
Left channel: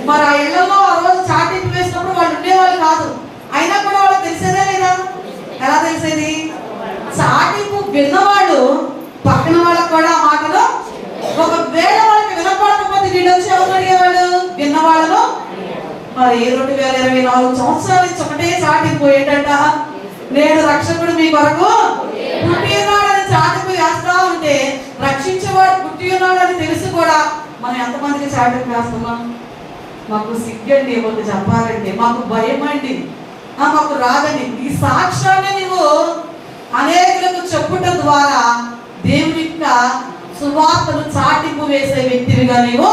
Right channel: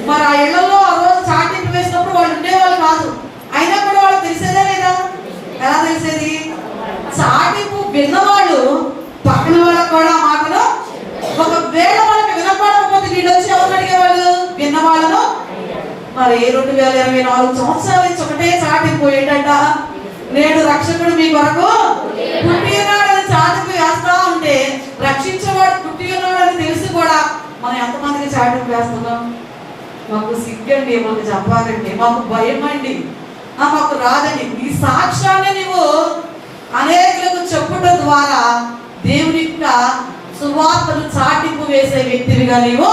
మరి ఆ ఇళ్లలో ఆ రోజు చాటింపు వేసినప్పుడు వాళ్ళు ఉండేవాళ్ళు కాదు, అయినా కూడా వాళ్ళకి తెలిసేదా లేదా? ఎలా తెలిసేది? చాటింపు విన్నవాళ్ళు పక్కన వాళ్ళకు కూడా ఆ మాటలు ఒకవేళ వాళ్ళకి వినపడకపోతే వీళ్ళు వచ్చి ఎవరు అడిగేవాళ్ళు? విన్నవాళ్ళను. మరి 2024 సంవత్సరాల నుంచి ఒకటే చాటింపు ఏంటంట, నేడు రక్షకుడు మీ కొరకు పుట్టి ఉన్నాడని చాటింపు వేస్తా ఉంటే రక్షించేవాడు పుట్టి ఉన్నాడని తెలిసి కూడా మనం ఎంతమందికి చాటింపు వేస్తున్నాం? మాకు సిగ్గండి, మాకు చెప్పాలండి, మాకు భయం అండి, మాకు రాదండి. ఈ సాక్ష్యాన్ని నీవు అనేకులకు చెప్పుట ద్వారా దేవుని యొక్క సువార్తను చాటింపు వేసే వ్యక్తివిగా నీవు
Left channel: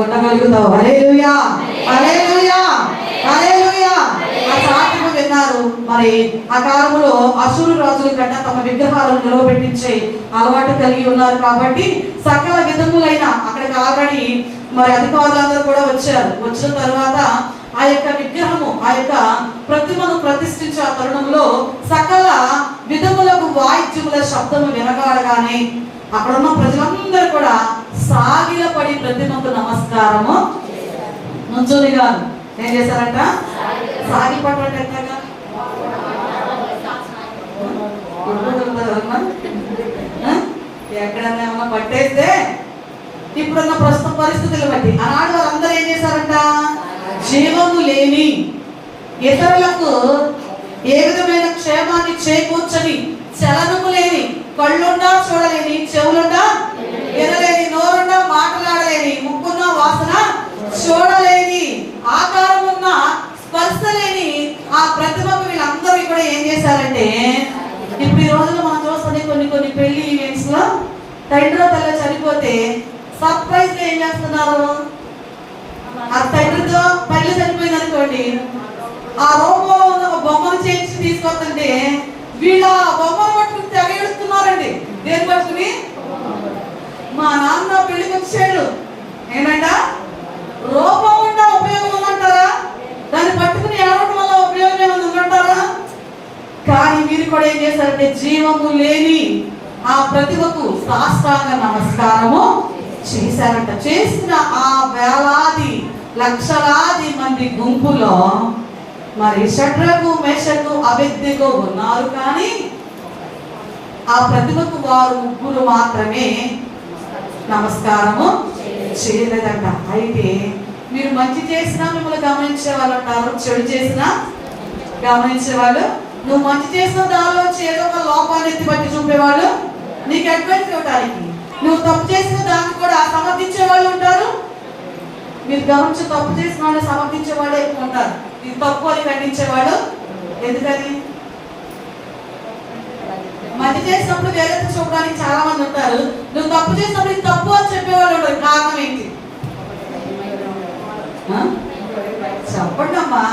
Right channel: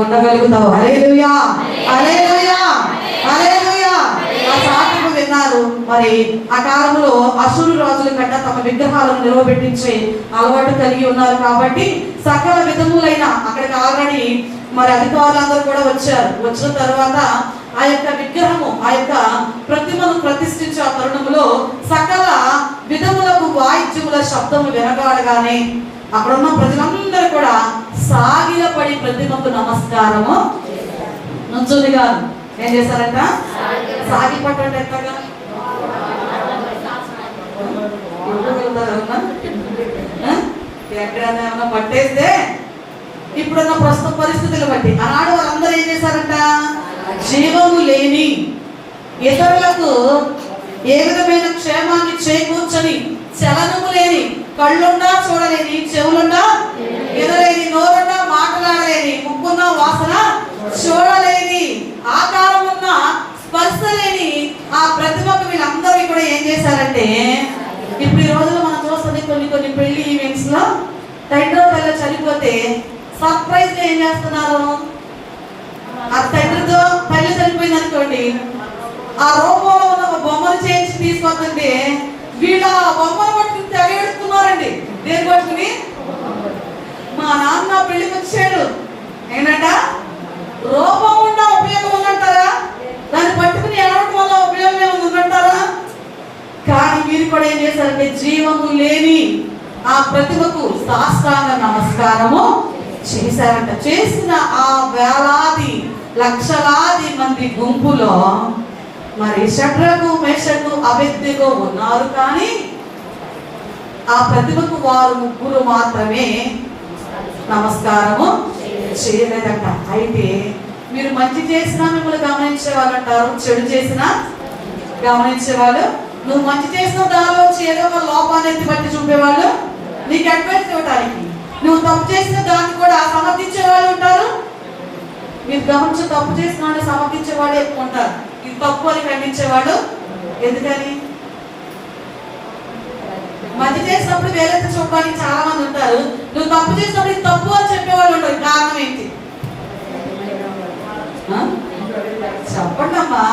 ఉండగలుగుతావు. హల్లెలూయా, హల్లెలూయా, హల్లెలూయా. ఆ చాటింపు విన్నారు, మరి ఆ కాలంలో అసురు రాజుల కంటే తమ విగ్రహాలను నిలవబెట్టించే అలవాటు కలిగి ఉన్నారు కాబట్టి సకల విధములైన అక్కడికి ఆల్రెడీ మరి అధికారులందరూ కూడా వచ్చారు. వచ్చిన తర్వాత ఆ యొక్క విగ్రహము ఆ యొక్క ప్రతిమను ప్రతిష్ఠించే ఆ తరుణంలో సకల విధములకు వాయిద్యముల శబ్దము వినగాడగానే అక్కడ ఉన్న ప్రజలందరూ కూడా సాగిలపడి ప్రతిమకు నమస్కారము నుంచుని కాదు ఏం చేశారంట, సాగి పట్టండి. ఎట్లాగా ఎక్కడైనా ఏమన్నా పట్టేస్తే ఇప్పుడున్న ప్రస్తుత పరిస్థితులు బట్టి ఆనాడు వాళ్ళందరూ ఏం చేశారంట, జీవము లేని ఇతరులకు ఏ విధమైన క్షేమాన్ని చేకూర్చని, చలనము లేని, కళ్ళుండా చూడలేని, చెవులుండా వినలేని, నోరుండా మాట్లాడలేని, ముక్కున్న వాసన చూడలేని, ఆకారం ఉన్న స్పర్శ లేని ఆ ప్రతిభకు వీళ్ళందరూ ఇక్కడ ఏం చేశారంటే, ఇప్పుడు ఈ రోజుల్లో మనం చూస్తుంది కొన్ని పెళ్లి ఈవెంట్స్ లో తండ్రి తల్లి చనిపోతే సర్ప్రైజ్ గా ఏం చేస్తున్నారు, ఆ తండ్రితో తల్లి చనిపోయింది అనుకోండి, ఆ రూపంలో ఉన్న ఒక బొమ్మను చేయించి తీసుకొస్తుంటే వీళ్ళ బొమ్మను పట్టుకుని తెగేడుతున్నారండి. దేని పట్టుకుని, మా నాన్న పెళ్లికి వచ్చాడు ఏంటంట, రూపం ఉన్న ఉపయోగం ఉందంటారా, దాన్ని పట్టుకుని ఏడవడం వల్ల ఉపయోగం ఏమైనా ఉందంటారా? కానీ వీరు కూడా ఏం చేశారంటే జీవము లేని ఆ ప్రతిభకు సాష్టాంగ నమస్కారము చేశారంట. చేసిన ఆ వేలాది లక్షలాది మంది గుంపులో మరి షడ్రకు మేషకు అబేద్నెగో ఉన్నారు, కానీ ఆ ప్రతిభకు వారు ముగ్గురు మాత్రమే నమస్కారము చేయలేదంట. అయితే మీరు మంచి చేసినా మిమ్మల్ని గమనించే వాళ్ళు అంటారు, చెడు చేసినా గమనించే వాళ్ళు. నువ్వు మంచి చేసిన దానిలోంచి ఏదో ఒక లోపాన్ని ఎత్తి పట్టి చూపేవాళ్ళు, నీకు అడ్వైస్ ఇవ్వడానికి. నువ్వు తప్పు చేసిన దాన్ని కూడా సమర్థించే వాళ్ళు ఉంటారు. మీరు గమనించి తప్పు చేసిన వాళ్ళు సమర్థించే వాళ్ళు ఎక్కువ ఉంటారు, ఇది తప్పు అని ఖండించేవాడు. ఎందుకని, మంచి చేసినప్పుడు వేలెత్తి చూపడానికి చాలా మంది ఉంటారు, నువ్వు తప్పు చేసినప్పుడు ఇది తప్పు అని చెప్పేవాళ్ళు ఉంటారు. కారణం ఏంటి చెప్పండి అమ్మా.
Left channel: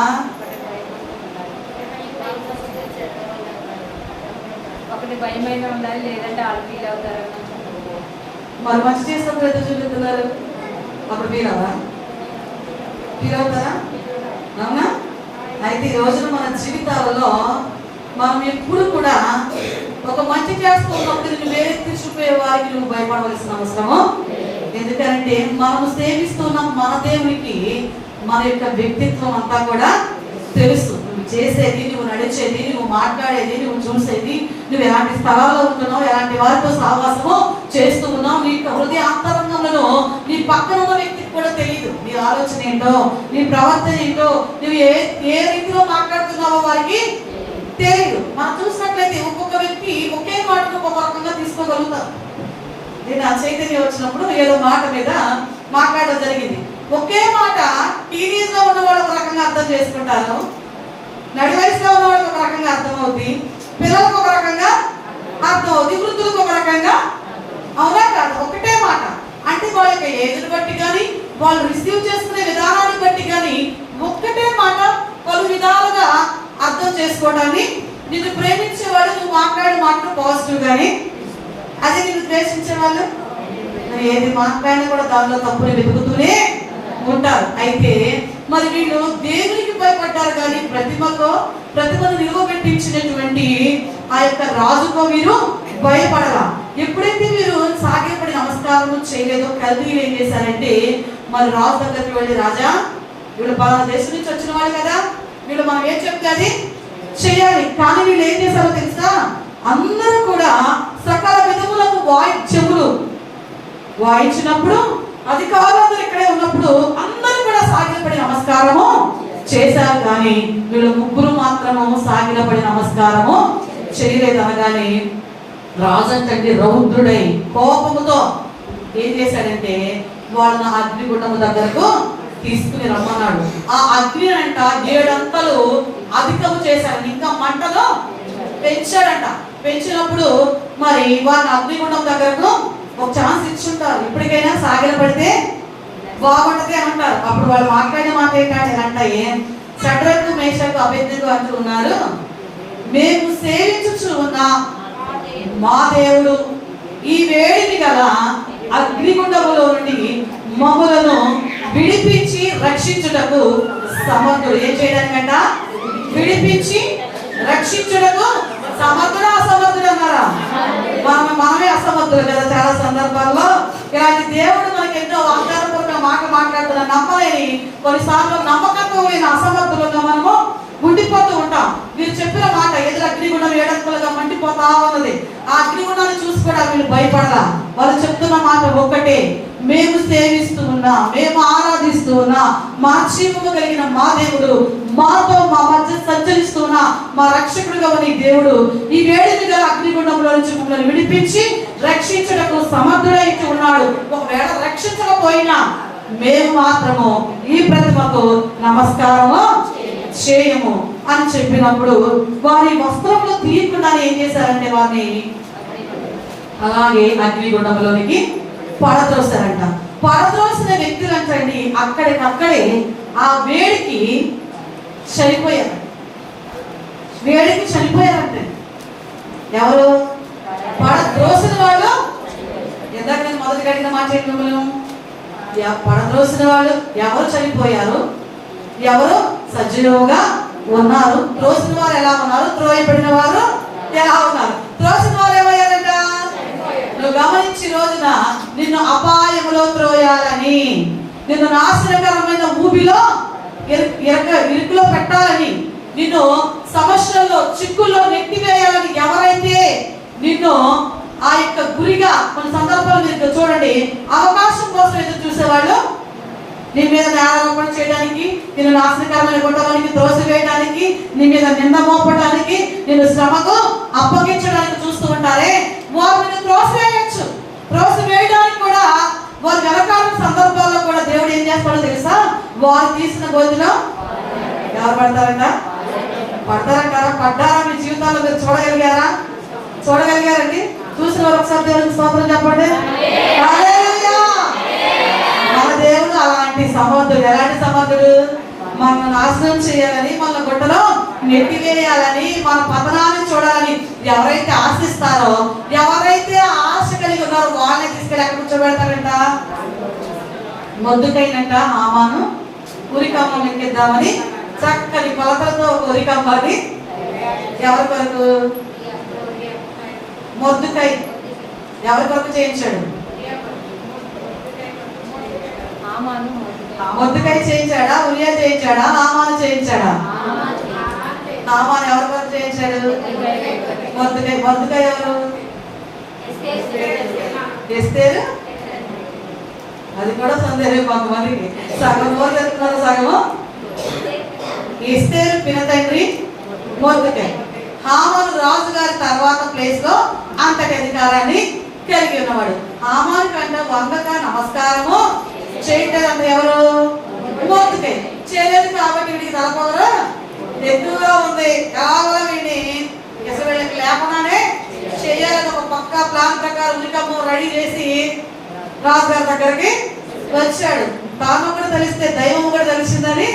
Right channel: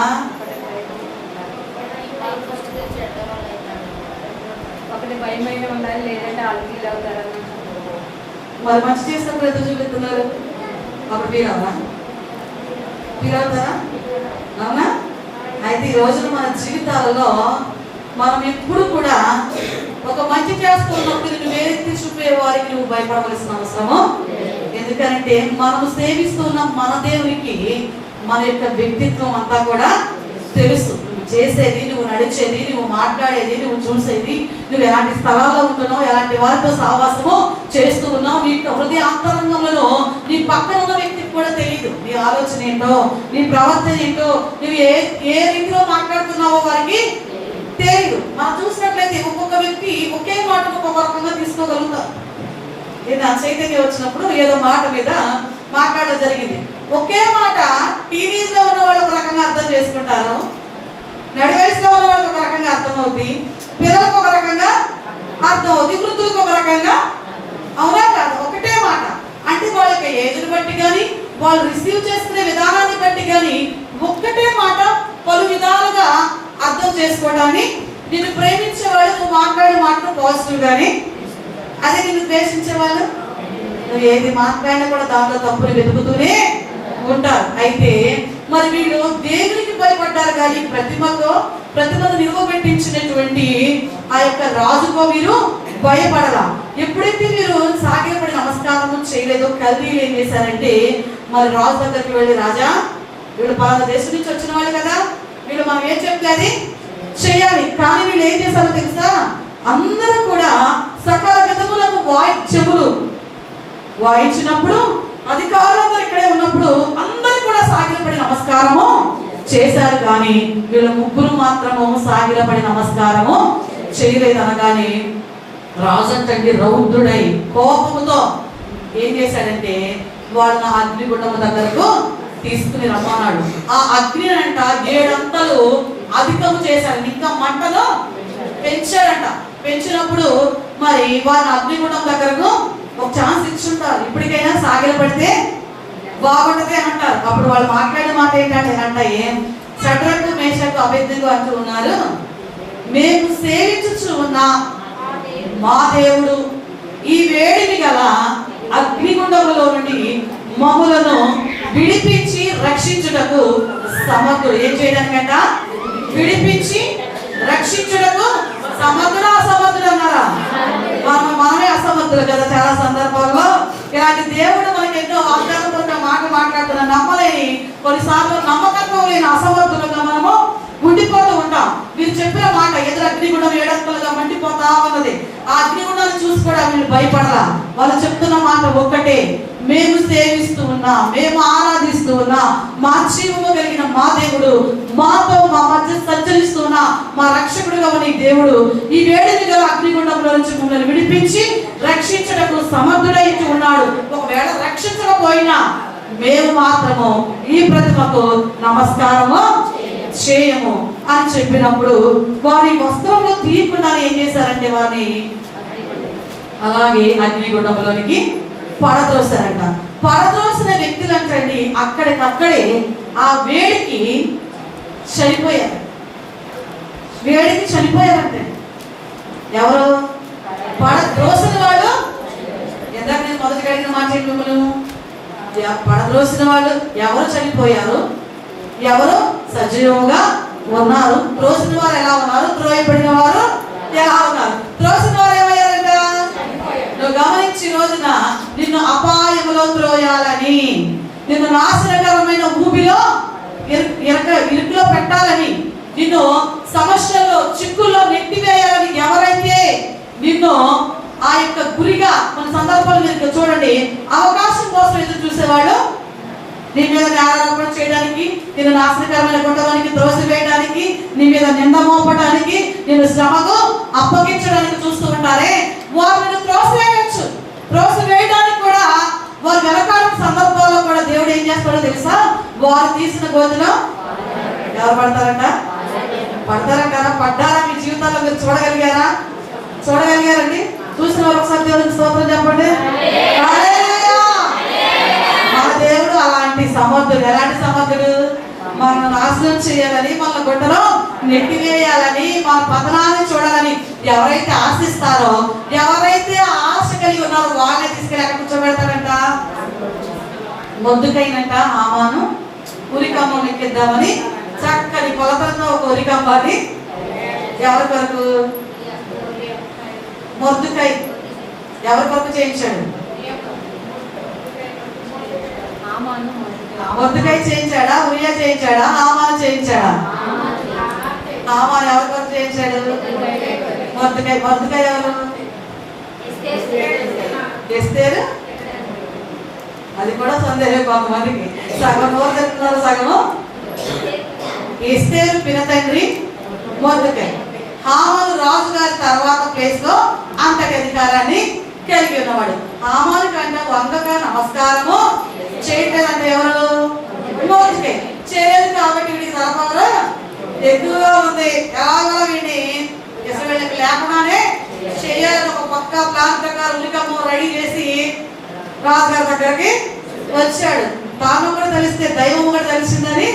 మరి మంచి చేసినప్పుడు ఎంత చూపిస్తున్నారు, అప్పుడు ఫీల్ అవుతారా? అవునా? అయితే ఈ రోజున మన జీవితాలలో మనం ఎప్పుడు కూడా ఒక మంచి చేస్తున్నప్పుడు నిన్ను వేరెత్తి చూపే వారికి నువ్వు భయపడవలసిన అవసరము. ఎందుకంటే మనం సేవిస్తున్న మన దేవునికి మన యొక్క వ్యక్తిత్వం అంతా కూడా తెలుసు. నువ్వు చేసేది, నువ్వు నడిచేది, నువ్వు మాట్లాడేది, నువ్వు చూసేది, నువ్వు ఎలాంటి స్థలాల్లో ఉంటున్నావు, ఎలాంటి వారితో సహవాసము చేస్తూ ఉన్నావు, నీ హృదయ అంతరంగంలో నీ పక్కన ఉన్న వ్యక్తికి కూడా తెలియదు నీ ఆలోచన ఏంటో, నీ ప్రవర్తన ఏంటో, నువ్వు ఏ రీతిలో మాట్లాడుతున్నావో వారికి తెలియదు. మనం చూసినట్లయితే ఒక్కొక్క వ్యక్తి ఒకే మాటను ఒక్కొక్క రకంగా తీసుకోగలుగుతారు. నేను ఆ చైతన్యం వచ్చినప్పుడు ఏదో మాట మీద మాట్లాడడం జరిగింది. ఒకే మాట టీవీలో ఉన్న వాళ్ళు ఒక రకంగా అర్థం చేసుకుంటారు, నడి వయసులో ఉన్న వాళ్ళకి ఒక రకంగా అర్థమవుతుంది, పిల్లలకు ఒక రకంగా అర్థమవుతుంది, వృద్ధులకు ఒక రకంగా. అవునా కాదు? ఒకటే మాట అంటే వాళ్ళ యొక్క ఏజ్ని బట్టి కానీ వాళ్ళు రిసీవ్ చేసుకునే విధానాన్ని బట్టి కానీ ఒక్కటే మాట పలు విధాలుగా అర్థం చేసుకోవడాన్ని. నిన్ను ప్రేమించే వాళ్ళు నువ్వు మాట్లాడే మాటలు పాజిటివ్ కానీ, అదే నిన్ను ద్వేషించే వాళ్ళు నువ్వు ఏది మాట్లాడినా కూడా దానిలో తప్పుని వెతుకుతూనే ఉంటారు. అయితే మరి వీళ్ళు దేవునికి భయపడ్డారు కానీ ప్రతిమను నిలువబెట్టించినటువంటి ఆ యొక్క రాజుకో వీరు భయపడరా. ఎప్పుడైతే వీరు సాగిలపడి నమస్కారం చేయలేదో కల్దీలు ఏం చేశారంటే మరి రాజు దగ్గరికి వెళ్ళి, రాజా వీళ్ళు పలానా దేశం నుంచి వచ్చిన వాళ్ళు కదా, వీళ్ళు మనం ఏం చెప్తే అది చేయాలి. కానీ వీళ్ళు ఏం చేశారో తెలుసా, అందరూ కూడా సకల విధములకు వాయిద్యములు వాయించినప్పుడు అధికారులందరూ ఇక్కడే ఉన్నప్పుడు అందరూ కూడా సాగిలపడి నమస్కారము చేశారు, కానీ వీళ్ళు ముగ్గురు మాత్రము సాగిలపడి నమస్కారము చేయలేదు. అనగానే రాజు అంటే రౌద్రుడై కోపముతో ఏం చేశాడంటే వాళ్ళని అగ్నిగుండము దగ్గరకు తీసుకుని రమ్మన్నాడు. ఆ అగ్ని అంట 7 అంతలు అధికము చేశాడు, ఇంకా మంటను పెంచాడంట. పెంచినప్పుడు మరి వాళ్ళని అగ్నిగుండం దగ్గరకు ఒక ఛాన్స్ ఇచ్చుంటారు, ఇప్పటికైనా సాగిలపడితే బాగుంటది అని అంటారు. అప్పుడు వాళ్ళు మాట్లాడిన మాట ఏంటంటే షడ్రకు మేషకు అబేద్నెగో అంటూ ఉన్నారు, మేము సేవించుచు ఉన్న మా దేవుడు ఈ వేడిని గల అగ్నిగుండములో నుండి మమ్ములను విడిపించి రక్షించుటకు సమర్థుడు. ఏం చేయడానికంట? విడిపించి రక్షించుటకు సమర్థుడు. అసమర్థుడు అన్నారా? మనమే అసమర్థులు కదా చాలా సందర్భాల్లో. ఇలాంటి దేవుడు మనకి ఎంతో వాగ్దానపూర్వక మాట మాట్లాడుతున్న నమ్మలేని, కొన్నిసార్లు నమ్మకత్వం లేని అసమర్థులుగా మనము ఉండిపోతూ ఉంటాం. మీరు చెప్పిన మాట ఎదురు అగ్నిగుండం ఏడంతలుగా మండిపోతా ఉన్నది. ఆ అగ్నిగుండాన్ని చూసి కూడా మీరు భయపడరా? వాళ్ళు చెప్తున్న మాట ఒక్కటే, మేము సేవిస్తూ ఉన్నా, మేము ఆరాధిస్తూ ఉన్నా మా జీవము కలిగిన మా దేవుడు, మాతో మా మధ్య సంచరిస్తూ ఉన్న మా రక్షకుడుగా ఉన్న ఈ దేవుడు ఈ వేడిని గల అగ్నిగుండంలో నుంచి మమ్మల్ని విడిపించి రక్షించడానికి సమర్థుడై ఉన్నాడు. ఒకవేళ రక్షించకపోయినా మేము మాత్రము ఈ ప్రతిమకు నమస్కారము చేయము అని చెప్పినప్పుడు వారి వస్త్రంలో తీయకుండా ఏం చేశారంటే వారిని అలాగే అగ్నిగుండంలోనికి పడద్రోసారంట. పడద్రోసిన వ్యక్తులు అంటండి అక్కడికక్కడే ఆ వేడికి చనిపోయారు. వేడికి చనిపోయారంటే ఎవరు? పడద్రోసిన వాళ్ళు. ఎందాక నేను మొదటి అడిగిన మాట ఏంటి మిమ్మల్ని? పడద్రోసిన వాళ్ళు ఎవరు చనిపోయారు, ఎవరు సజీవంగా ఉన్నారు? త్రోసిన వారు ఎలా ఉన్నారు, త్రోయబడిన వారు ఎలా ఉన్నారు? త్రోసిన వారు ఏమయ్యారంట? నువ్వు గమనించి రోజున నిన్ను అపాయములో త్రోయాలని, నిన్ను నాశనకరమైన ఊబిలో ఇరుకులో పెట్టాలని, నిన్ను సమస్యల్లో చిక్కుల్లో నెట్టివేయాలని ఎవరైతే నిన్ను ఆ యొక్క గురిగా కొన్ని సందర్భాలు మీరు చూడండి అవకాశం కోసం ఎదురు చూసేవాళ్ళు, నీ మీద నేరారోపణ చేయడానికి, నిన్ను నాశనకరమైన కొట్టడానికి, త్రోసివేయడానికి, నీ మీద నింద మోపడానికి, నిన్ను శ్రమకు అప్పగించడానికి చూస్తూ ఉంటారే, వారు నిన్ను త్రోసివేయచ్చు. త్రోసివేయడానికి కూడా వారు వెనకాల సందర్భాల్లో కూడా దేవుడు ఏం చేస్తాడో తెలుసా? వారు తీసిన గోతిలో ఎవరు పడతారంట? పడతారంటారా? పడ్డారా? మీ జీవితాల్లో మీరు చూడగలిగారా? చూడగలిగారండి? చూసిన వారు ఒకసారి దేవుడికి స్తోత్రం చెప్పండి. మన దేవుడు అలాంటి సమర్థుడు. ఎలాంటి సమర్థుడు? మనల్ని నాశనం చేయాలని, మన గుట్టలో నెట్టివేయాలని, మన పతనాన్ని చూడాలని ఎవరైతే ఆశిస్తారో, ఎవరైతే ఆశ కలిగి ఉన్నారో వాళ్ళని తీసుకెళ్ళి ఎక్కడ కూర్చోబెడతారంట? మొద్దుకైనంట హామాను ఉరికమ్మను ఎక్కిద్దామని చక్కని కొలతలతో ఒక ఉరికమ్మని ఎవరి కొరకు? మొద్దుకై ఎవరి కొరకు చేయించాడు? మొద్దుకై చేయించాడా? ఉరియా చేయించాడా? హామాను చేయించాడా? హామాను ఎవరి కొరకు చేయించాడు? మొద్దుకై. మొద్దుకై ఎవరు? ఎస్తేరు. అది కూడా సందేహం కొంతమందికి. సగం నోరు తెస్తున్నారు, సగము. ఎస్తేరు పినతండ్రి మొద్దుకై. హామాను రాజు గారి తర్వాత ప్లేస్ లో అంతటి అధికారాన్ని కలిగి ఉన్నవాడు. హామాను కంటే వంగక నమస్కారము చేయట్లేదంటే ఎవరు? మొద్దుకై. చేయలేదు కాబట్టి వీడికి తలపవరు ఎక్కువగా ఉంది. ఎలాగో వీడిని అసలు వీళ్ళకి లేకుండానే చేయాలని ఒక పక్క ప్లాన్ ప్రకారం ఉలికమ్మ రెడీ చేసి రాజుగారి దగ్గరికి వచ్చాడు. తాను కూడా తెలిస్తే దైవం కూడా తెలిసిందని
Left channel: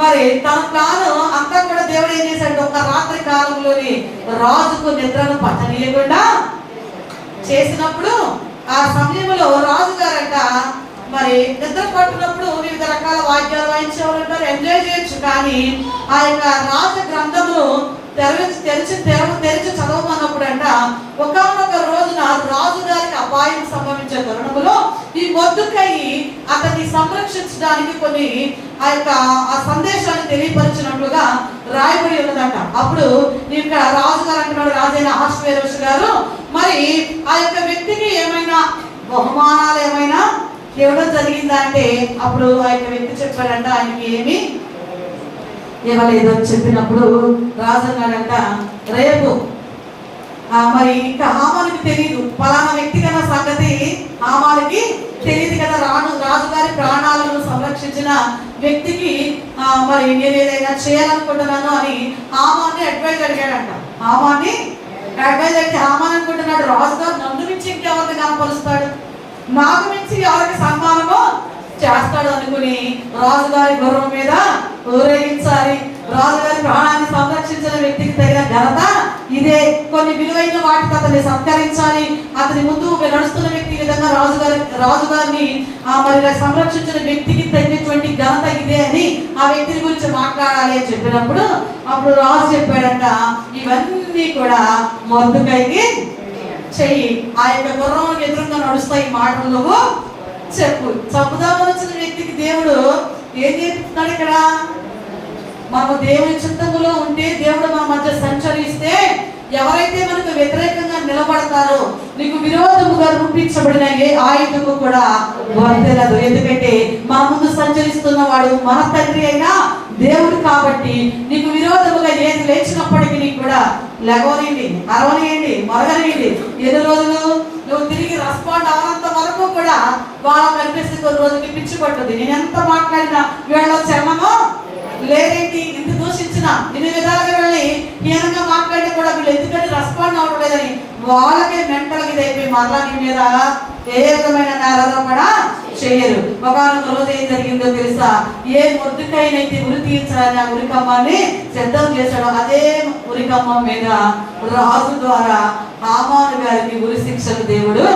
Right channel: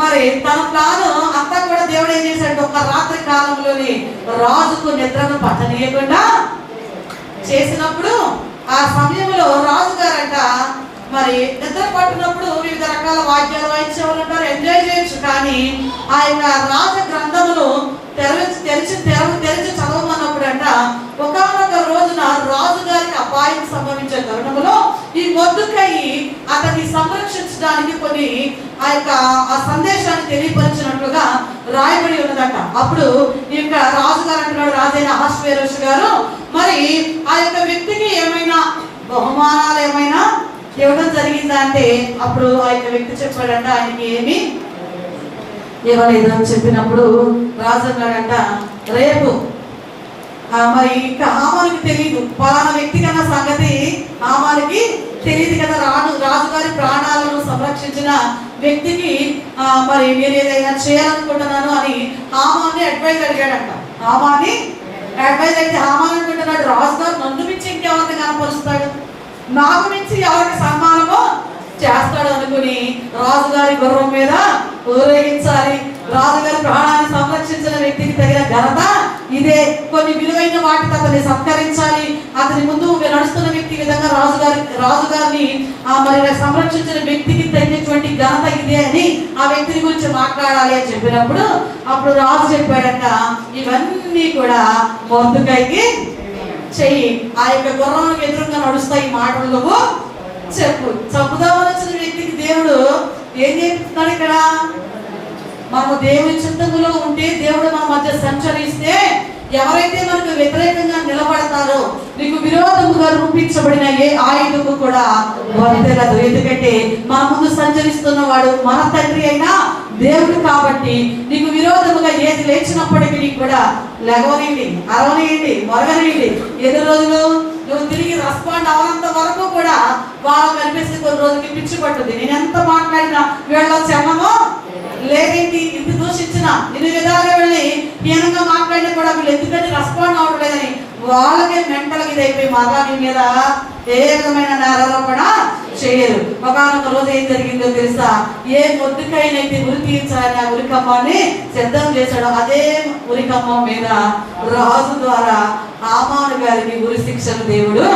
మరి తన ప్లాన్ అంతా కూడా దేవుడు ఏం చేశాడు? ఒక రాత్రి కాలంలోని రాజుకు నిద్రను పట్టనీయకుండా చేసినప్పుడు ఆ సమయంలో రాజుగారంట మరి నిద్ర పట్టినప్పుడు వివిధ రకాల వాద్యాలు వాయించేవాళ్ళు ఉంటారు, ఎంజాయ్ చేయొచ్చు. కానీ ఆ యొక్క రాజ గ్రంథమును తెరిచి చదవమన్నప్పుడు అంట ఒకనొక రోజున రాజుగారికి అపాయం సంభవించే తరుణంలో ఈ మొద్దుకై అతన్ని సంరక్షించడానికి కొన్ని ఆ సందేశాన్ని తెలియపరిచినట్లుగా రాయబడి ఉన్నదంట. అప్పుడు ఇక్కడ రాజుగారు అంటున్నాడు, రాజైన అహష్వేరోషు గారు మరి ఆ యొక్క వ్యక్తికి ఏమైనా బహుమానాలు ఏమైనా ఇవ్వడం జరిగిందా అంటే అప్పుడు ఆ యొక్క వ్యక్తి చెప్పాడంట ఆయనకి ఏమి ఇవ్వలేదు అని చెప్పినప్పుడు రాజు అన్నాడంట, రేపు మరి ఇంకా హామానికి తెలియదు, పలానా వ్యక్తి కన్నా సంగతి హామానికి తెలియదు కదా, రాజుగారి ప్రాణాలను సంరక్షించిన వ్యక్తికి మరి నేను ఏదైనా చేయాలనుకుంటున్నాను అని హామాన్ని అడ్వైజ్ అడిగాడంట. హామాన్ని అడ్వైజ్ అయితే హామాన్ అనుకుంటున్నాడు, రాజుగారు నన్ను మించి ఇంకెవరిని కనపరుస్తాడు, నాకు మించి ఎవరికి సన్మానము చేస్తాడు అనుకుని రాజుగారి గుర్రం మీద ఊరేగించాలి, రాజుగారి ప్రాణాన్ని సంరక్షించిన వ్యక్తికి తగిన ఘనత ఇదే కొన్ని విలువైన వాటితో అతన్ని సత్కరించాలి. అతని ముందు నడుస్తున్న వ్యక్తి విధంగా రాజుగారిని మరి సంరక్షించిన వ్యక్తికి తగినటువంటి ఘనత ఇదే అని ఆ వ్యక్తిని గురించి మాట్లాడాలి అని చెప్పినప్పుడు అప్పుడు రాజు చెప్పాడంట, ఇవన్నీ కూడా మొర్దెకైకి చెయ్యి, ఆ యొక్క గుర్రానికి ఎదురుగా నడుస్తాయి మాటలు చెప్పు. చంపుదామని వచ్చిన వ్యక్తికి దేవుడు ఏం చేస్తున్నాడు ఇక్కడ? మనము దేవుని చిత్తములో ఉంటే, దేవుడు మన మధ్య సంచరిస్తే, ఎవరైతే మనకు వ్యతిరేకంగా నిలబడతారో, నీకు విరోధముగా రూపించబడిన ఏ ఆయుధము కూడా వర్తెలదు. ఎందుకంటే మన ముందు సంచరిస్తున్న వాడు మన తండ్రి అయినా దేవుడు కాబట్టి నీకు విరోధముగా ఏది లేచినప్పటికీ నీకు కూడా లెగవనియండి, అరవనియండి, మరగనియండి. ఎన్ని రోజులు నువ్వు తిరిగి రెస్పాండ్ అవనంత వరకు కూడా వాళ్ళకి కనిపిస్తే కొన్ని రోజులకి పిచ్చి పట్టుద్ది. నేను ఎంత మాట్లాడినా వీళ్ళ చర్మమో లేదేంటి, ఇంత దూషించిన ఇన్ని విధాలుగా వెళ్ళి హీనంగా మాట్లాడినా కూడా వీళ్ళు ఎందుకంటే రెస్పాండ్ అవ్వడం లేదని వాళ్ళకే మెంటల్ ఇది అయిపోయి మరలా నీ మీద ఏ రకమైన నేరారోపణ చేయరు. ఒకనొక రోజు ఏం జరిగిందో తెలుసా? ఏ మొద్దుకైనైతే ఉరి తీర్చాలని ఆ ఉరికమ్మాన్ని సిద్ధం చేశాడు, అదే ఉరికమ్మ మీద రాజు ద్వారా హామాను గారికి ఉరి శిక్షలు దేవుడు.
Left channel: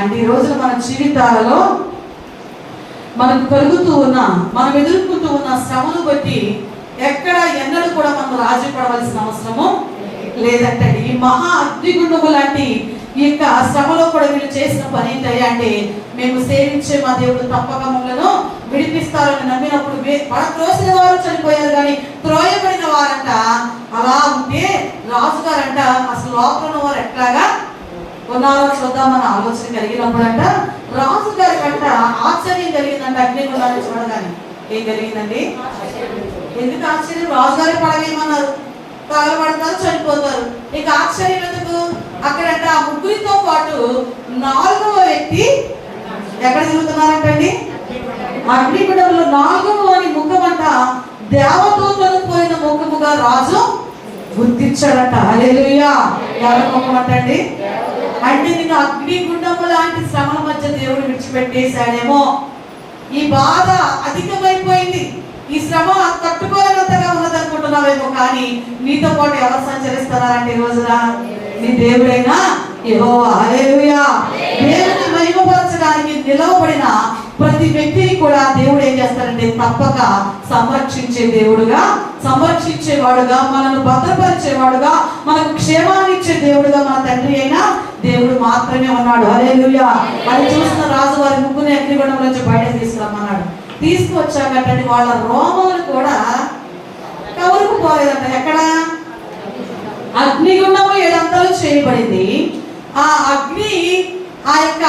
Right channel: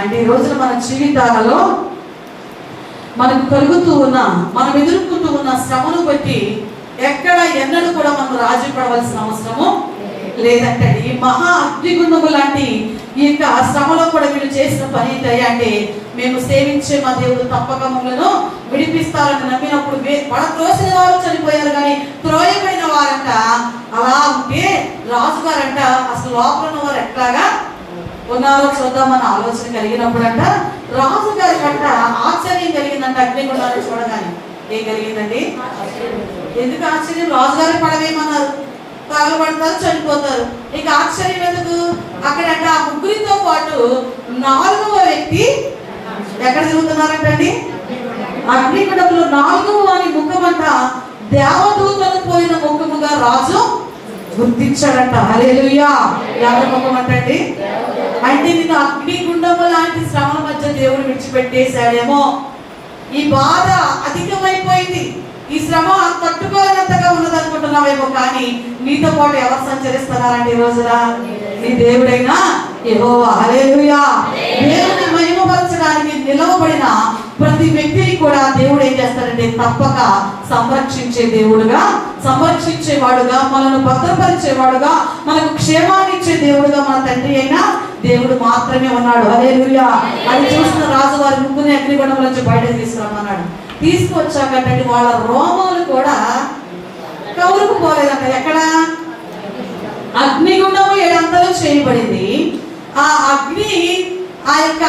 అంటే ఈ రోజున మన జీవితాలలో మనకు కలుగుతూ ఉన్న, మనం ఎదుర్కొంటూ ఉన్న శ్రమను బట్టి ఎక్కడ ఎన్నడూ కూడా మనం రాజీ పడవలసిన అవసరము లేదంటే, ఈ మహా అగ్నిగుండము లాంటి ఈ యొక్క శ్రమలో కూడా వీళ్ళు చేసిన పని ఏంటయ్యా అంటే, మేము సేవించే మా దేవుడు తప్పక మమ్మలను విడిపిస్తారని నమ్మినప్పుడు త్రోసిన వారు చనిపోయారు కానీ త్రోయబడిన వారంట అలా ఉంటే రాజుగారంట అసలు లోపల ఉన్న వారు ఎట్లాగా ఉన్నారో చూద్దామన్న ఆలోచన కలిగినప్పుడు అంట రాజు గారి కంట ఆశ్చర్యం కలిగిందంట. అగ్నిగుండాన్ని చూడగానే ఏం కలిగిందండి? ఎందుకు ఆశ్చర్యం? రాజుగారి పడవేమన్నారు, తగలబడతారు, చనిపోతారు. ఇక ఆశ్చర్యం ఎందుకు? అక్కడంట ఆ ముగ్గురితో పాటు 4వ వ్యక్తి ఎక్కడ తిరుగుతున్నారంటండి? అగ్నిగుండంలో 4వ వారి ముఖం అంట దేవదూతలు పోయిన ముఖముగా రాజు గుర్తించాడంట. హల్లెలూయా! ఎవరి ముఖం అంటండి? అంటే నిన్ను అగ్నిగుండము లాంటి శ్రమల మధ్య దేవుడు విడిచిపెట్టేశాడేమో, ఈ బాధ అధికమైపోయింది, ఈ శ్రమ తట్టుకోలేనంతగా ఉన్నదనుకుంటున్నావేమో, కానీ నీతో పాటు ఎవరు సంచరిస్తున్నారంటే ఈ రోజున నీ దేవుడైనా యెహోవా. హల్లెలూయా! దేవుని మహిమపరచడానికి నిలవబడిన ప్రతి వ్యక్తిని కూడా దేవుడు ఏం చేస్తాడంటే తప్పక సంరక్షించే దేవుడుగా, సంరక్షించేవాడుగా, మనల్ని భద్రపరిచేవాడుగా, మనకు క్షేమాన్ని ఇచ్చే దేవుడుగా మన తండ్రి అయినా దేవుడు మాత్రమే ఉన్నాడు. హల్లెలూయా! అది చూసిన రాజు వారి ముగ్గురిని అగ్నిగుండం నుంచి బయట తీసుకురమ్మన్నాడు. తీసుకొచ్చాకంటే వాళ్ళ రోమములు కూడా కవురుకుపోలేదంట. ఎక్కడ? అగ్నిగుండము 7 అంతలు చేయబడింది. ఆ అగ్ని ఆ యొక్క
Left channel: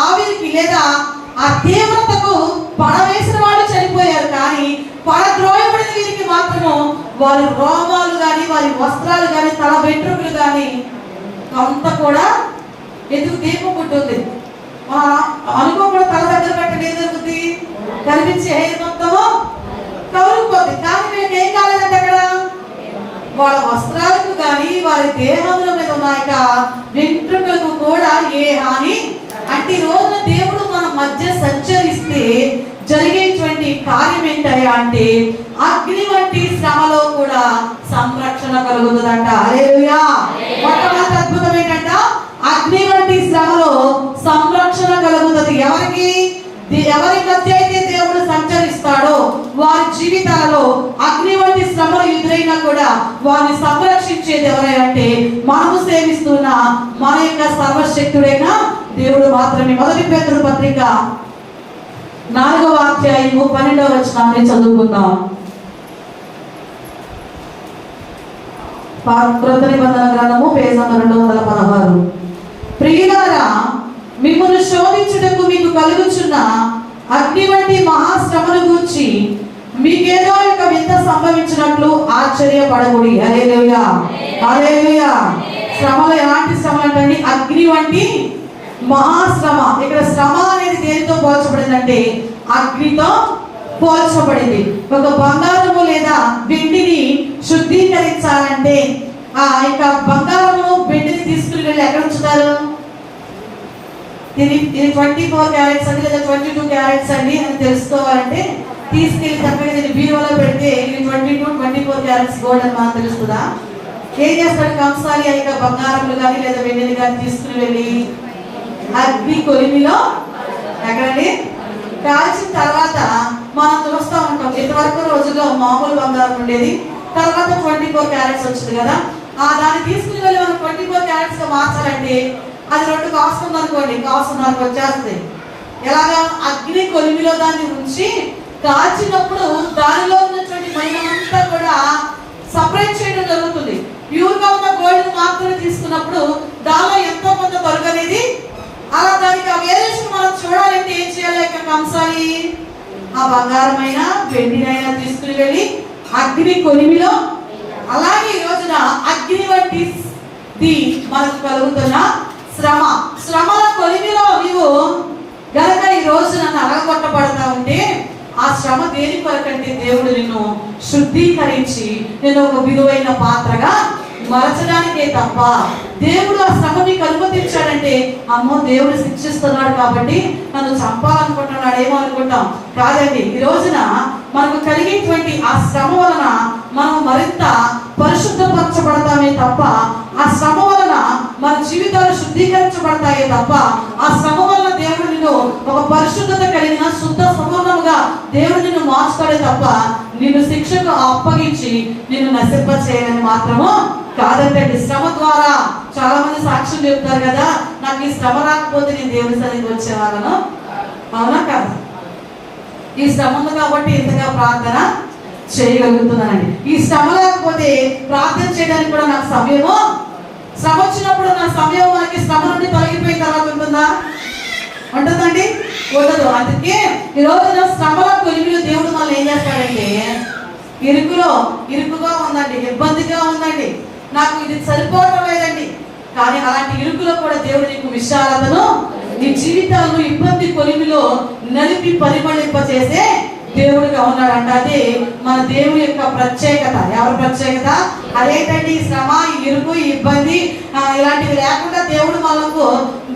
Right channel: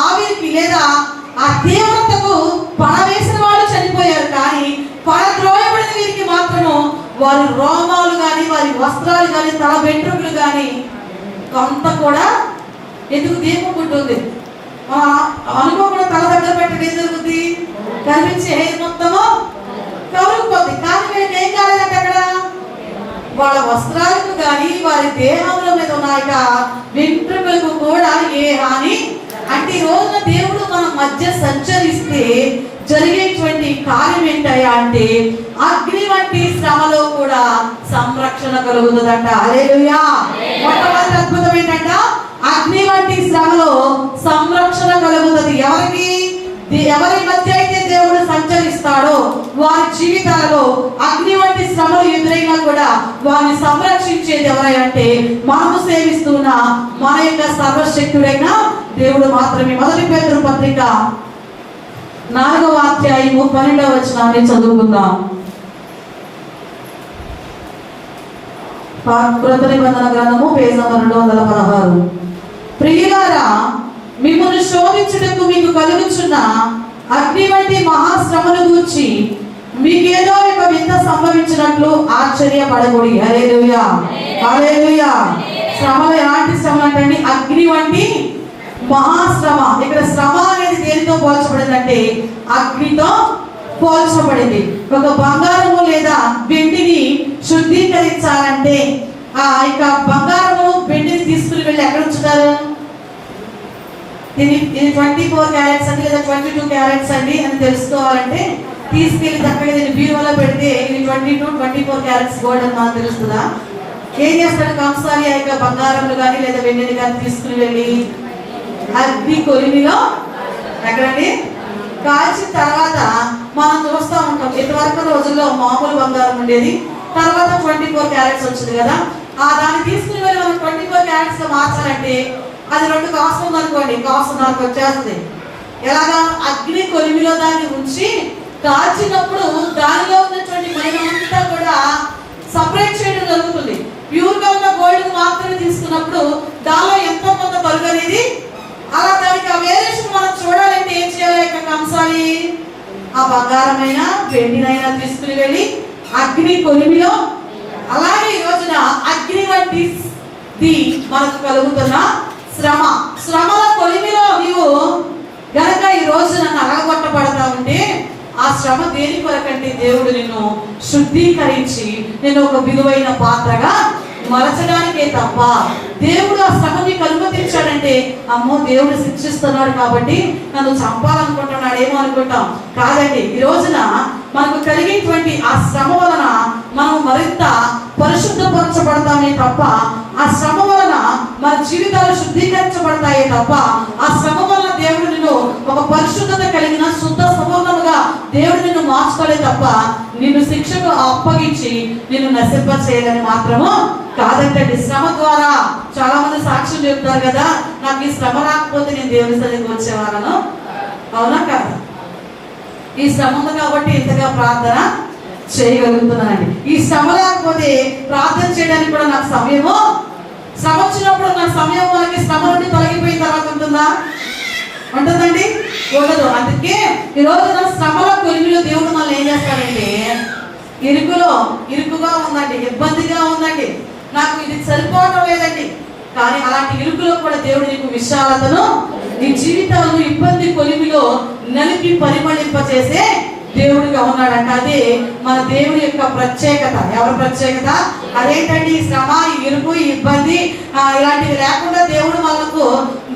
ఆవిరికి లేదా ఆ తీవ్రతకు పడవేసిన వాళ్ళు చనిపోయారు, కానీ పడద్రోయబడిన వీరికి మాత్రము వారి రోమాలు కానీ, వారి వస్త్రాలు కానీ, తల వెంట్రుకలు కానీ కొంత కూడా ఎందుకు దీపం ఉంటుంది అనుకోకుండా తల దగ్గర పెట్టడం ఏం జరుగుతుంది? కనిపించే హెయిర్ మొత్తము కవరుకుపోతుంది. కానీ వీళ్ళకి ఏం కాలేదంటే అక్కడ వాళ్ళ వస్త్రాలకు కానీ వారి దేహంలో మీద ఉన్న వెంట్రుకలకు కూడా ఏ హాని. అంటే ఈ రోజున దేవుడు మన మధ్య సంచరిస్తే జరిగేటువంటి కార్యం ఏంటయ్యా అంటే అగ్ని వంటి శ్రమలో కూడా సంరక్షణ కలుగుతుందంట. హల్లెలూయా! మొట్టమొదటి అద్భుతం ఏంటంట? అగ్ని వంటి శ్రమలో సంరక్షణ కలుగుతుంది. ఎవరికి? ఎవరి మధ్య అయితే దేవుడు సంచరిస్తాడో వారి జీవితాలలో అగ్ని వంటి శ్రమలు ఎదురైనా కూడా వారిని సంరక్షించేది ఎవరంటే మనము సేవిస్తున్న మన యొక్క సర్వశక్తుడైన దేవుడు మాత్రమే. మొదటి పేతురు పత్రిక 4వ అధ్యాయము 12వ వచనాన్ని చదువుకుందాం. కృత నిబంధన గ్రంథము పేజీ నంబర్ 216. ప్రియులారా, మిమ్మల్ని శోధించుటకు మీకు కలుగుచున్న అగ్ని వంటి మహాశ్రమను గూర్చి మీకేదో ఒక వింత సంభవించినట్లు ఆశ్చర్యపడకూడి. హల్లెలూయా! హల్లెలూయా! శ్రమలు ఎలాంటి శ్రమలు అంటే అగ్ని వంటి మహాశ్రమ. ఇక్కడ శ్రమ అనేది దేనితో పోల్చబడిందంటే అగ్నితో పోల్చబడింది. ఒక బంగారము లేదా వెండిని శుద్ధీకరించాలంటే ఆ యొక్క బంగారము వెండిని తీసుకుని వెళ్ళి ఎక్కడ ఉంచుతారు? ఇది 24 క్యారెట్స్ అండి లేదా 22 క్యారెట్స్ అండి అని తెలుసుకోవాలంటే తీసుకెళ్లి చక్కగా దీన్ని బీరువాలో పెడితే ఇది 22, 24 క్యారెట్స్ గోల్డ్ అని మనకు తెలుస్తుందా? ఏం చేస్తాడు కంసాలి ఆ యొక్క బంగారములు కానీ లేదా వెండిని కానీ తీసుకుని వెళ్ళి అగ్ని కొలిమిలో ఎక్కడండి కాల్చిన తర్వాత మనం చూస్తూ ఉంటాం. ఇంతవరకు రోజుల్లో మామూలు బంగారం ఉండేది, తర్వాత 24 క్యారెట్స్ వచ్చింది కదా. దాన్ని తీసుకుని వెళ్ళి మనం 24 క్యారెట్స్ గా మార్చాలంటే అది 2 కాస్ట్ ఉందనుకోండి, కాస్ట్ మనకు వచ్చేస్తుంది. ఎలాగా అగ్ని కొలిమిలో దాన్ని ఉంచి కాల్చినప్పుడు దానిలో ఉన్నటువంటి మైనంతా కూడా సపరేట్ చేయడం జరుగుతుంది. ప్యూర్ గా ఉన్న గోల్డ్ మాత్రమే తీసుకున్నప్పుడు దానిలో ఎంతో కొంత తరుగు అనేది అలా దానికి ఆ వేరియేషన్ మనం చూడాలంటే ఏం చేయాలి? ఇక్కడ కంసాలి ఆ బంగారమైన వెండినైనా తీసుకుని వెళ్ళి అగ్ని కొలిమిలో. అలాగే ఈ రోజున అగ్ని వంటి మనకు కలుగుతున్న శ్రమల కొలిమిలో నీవు గనక ఈ రోజు నన్ను అడగొట్టబడతా ఉంటే ఆ శ్రమ దేని కొరకంటే దేవుడు నిన్ను శుద్ధీకరించి నేను ఒక విలువైన పాత్రగా మలచడానికే తప్ప దేవుడు ఆ శ్రమ నీకు అనుమతించాడంటే అమ్మో దేవుడు శిక్షిస్తున్నాడు కాబట్టి నన్ను చంపాలనుకుంటున్నాడు ఏమో అనుకుంటాం. కాదండి, ఈ రోజున మనకు కలిగేటువంటి ఆ శ్రమ వలన మనం మరింత పరిశుద్ధపరచబడతామే తప్ప, ఆ శ్రమ వలన మన జీవితాలు శుద్ధీకరించబడతాయే తప్ప, ఆ శ్రమ వలన దేవుడు నిన్ను ఒక పరిశుద్ధత కలిగిన శుద్ధ సంపూర్ణముగా దేవుడు నిన్ను మార్చుతాడే తప్ప నిన్ను శిక్షకు అప్పగించి నిన్ను నశింప చేయాలని మాత్రము కాదంటండి. శ్రమ ద్వారా చాలా మంది సాక్ష్యం చెప్తారు కదా, నాకు ఈ శ్రమ రాకపోతే నేను దేవుని సన్నిధికి వచ్చేవాళ్ళను. అవునా కాదు? ఈ శ్రమ ఉంది కాబట్టి ఇంతగా ప్రార్థన చేయగలుగుతున్నానండి. ఈ శ్రమ లేకపోతే ప్రార్థన చేయడానికి కూడా నాకు సమయము, శ్రమ వచ్చినప్పుడు నా సమయం మనకి శ్రమ నుండి తొలగిపోయిన తర్వాత ఉంటుందా? ఉంటుందండి? ఉండదు. అందుకే ఈ రోజున శ్రమల కొలిమిలో దేవుడు మనల్ని ఏం చేస్తాడంటే, ఇరుకుగా ఉందండి, ఇబ్బందిగా ఉందండి, నాకు ఇది సరిపోవటం లేదండి, కానీ అలాంటి ఇరుకులో కూడా దేవుడు నీకు విశాలతను, నీ జీవితాలను ఇబ్బంది కొలిమిలో నలిపి పరిమళింపజేసే దేవుడిగా ఉన్నాడంట. అదే మన దేవుడి యొక్క ప్రత్యేకత. ఎవరి ప్రత్యేకత? అదేంటండి? ఈ శ్రమ, ఈ ఇరుకు, ఈ ఇబ్బంది ఇలాంటివి లేకుండా దేవుడు మనకు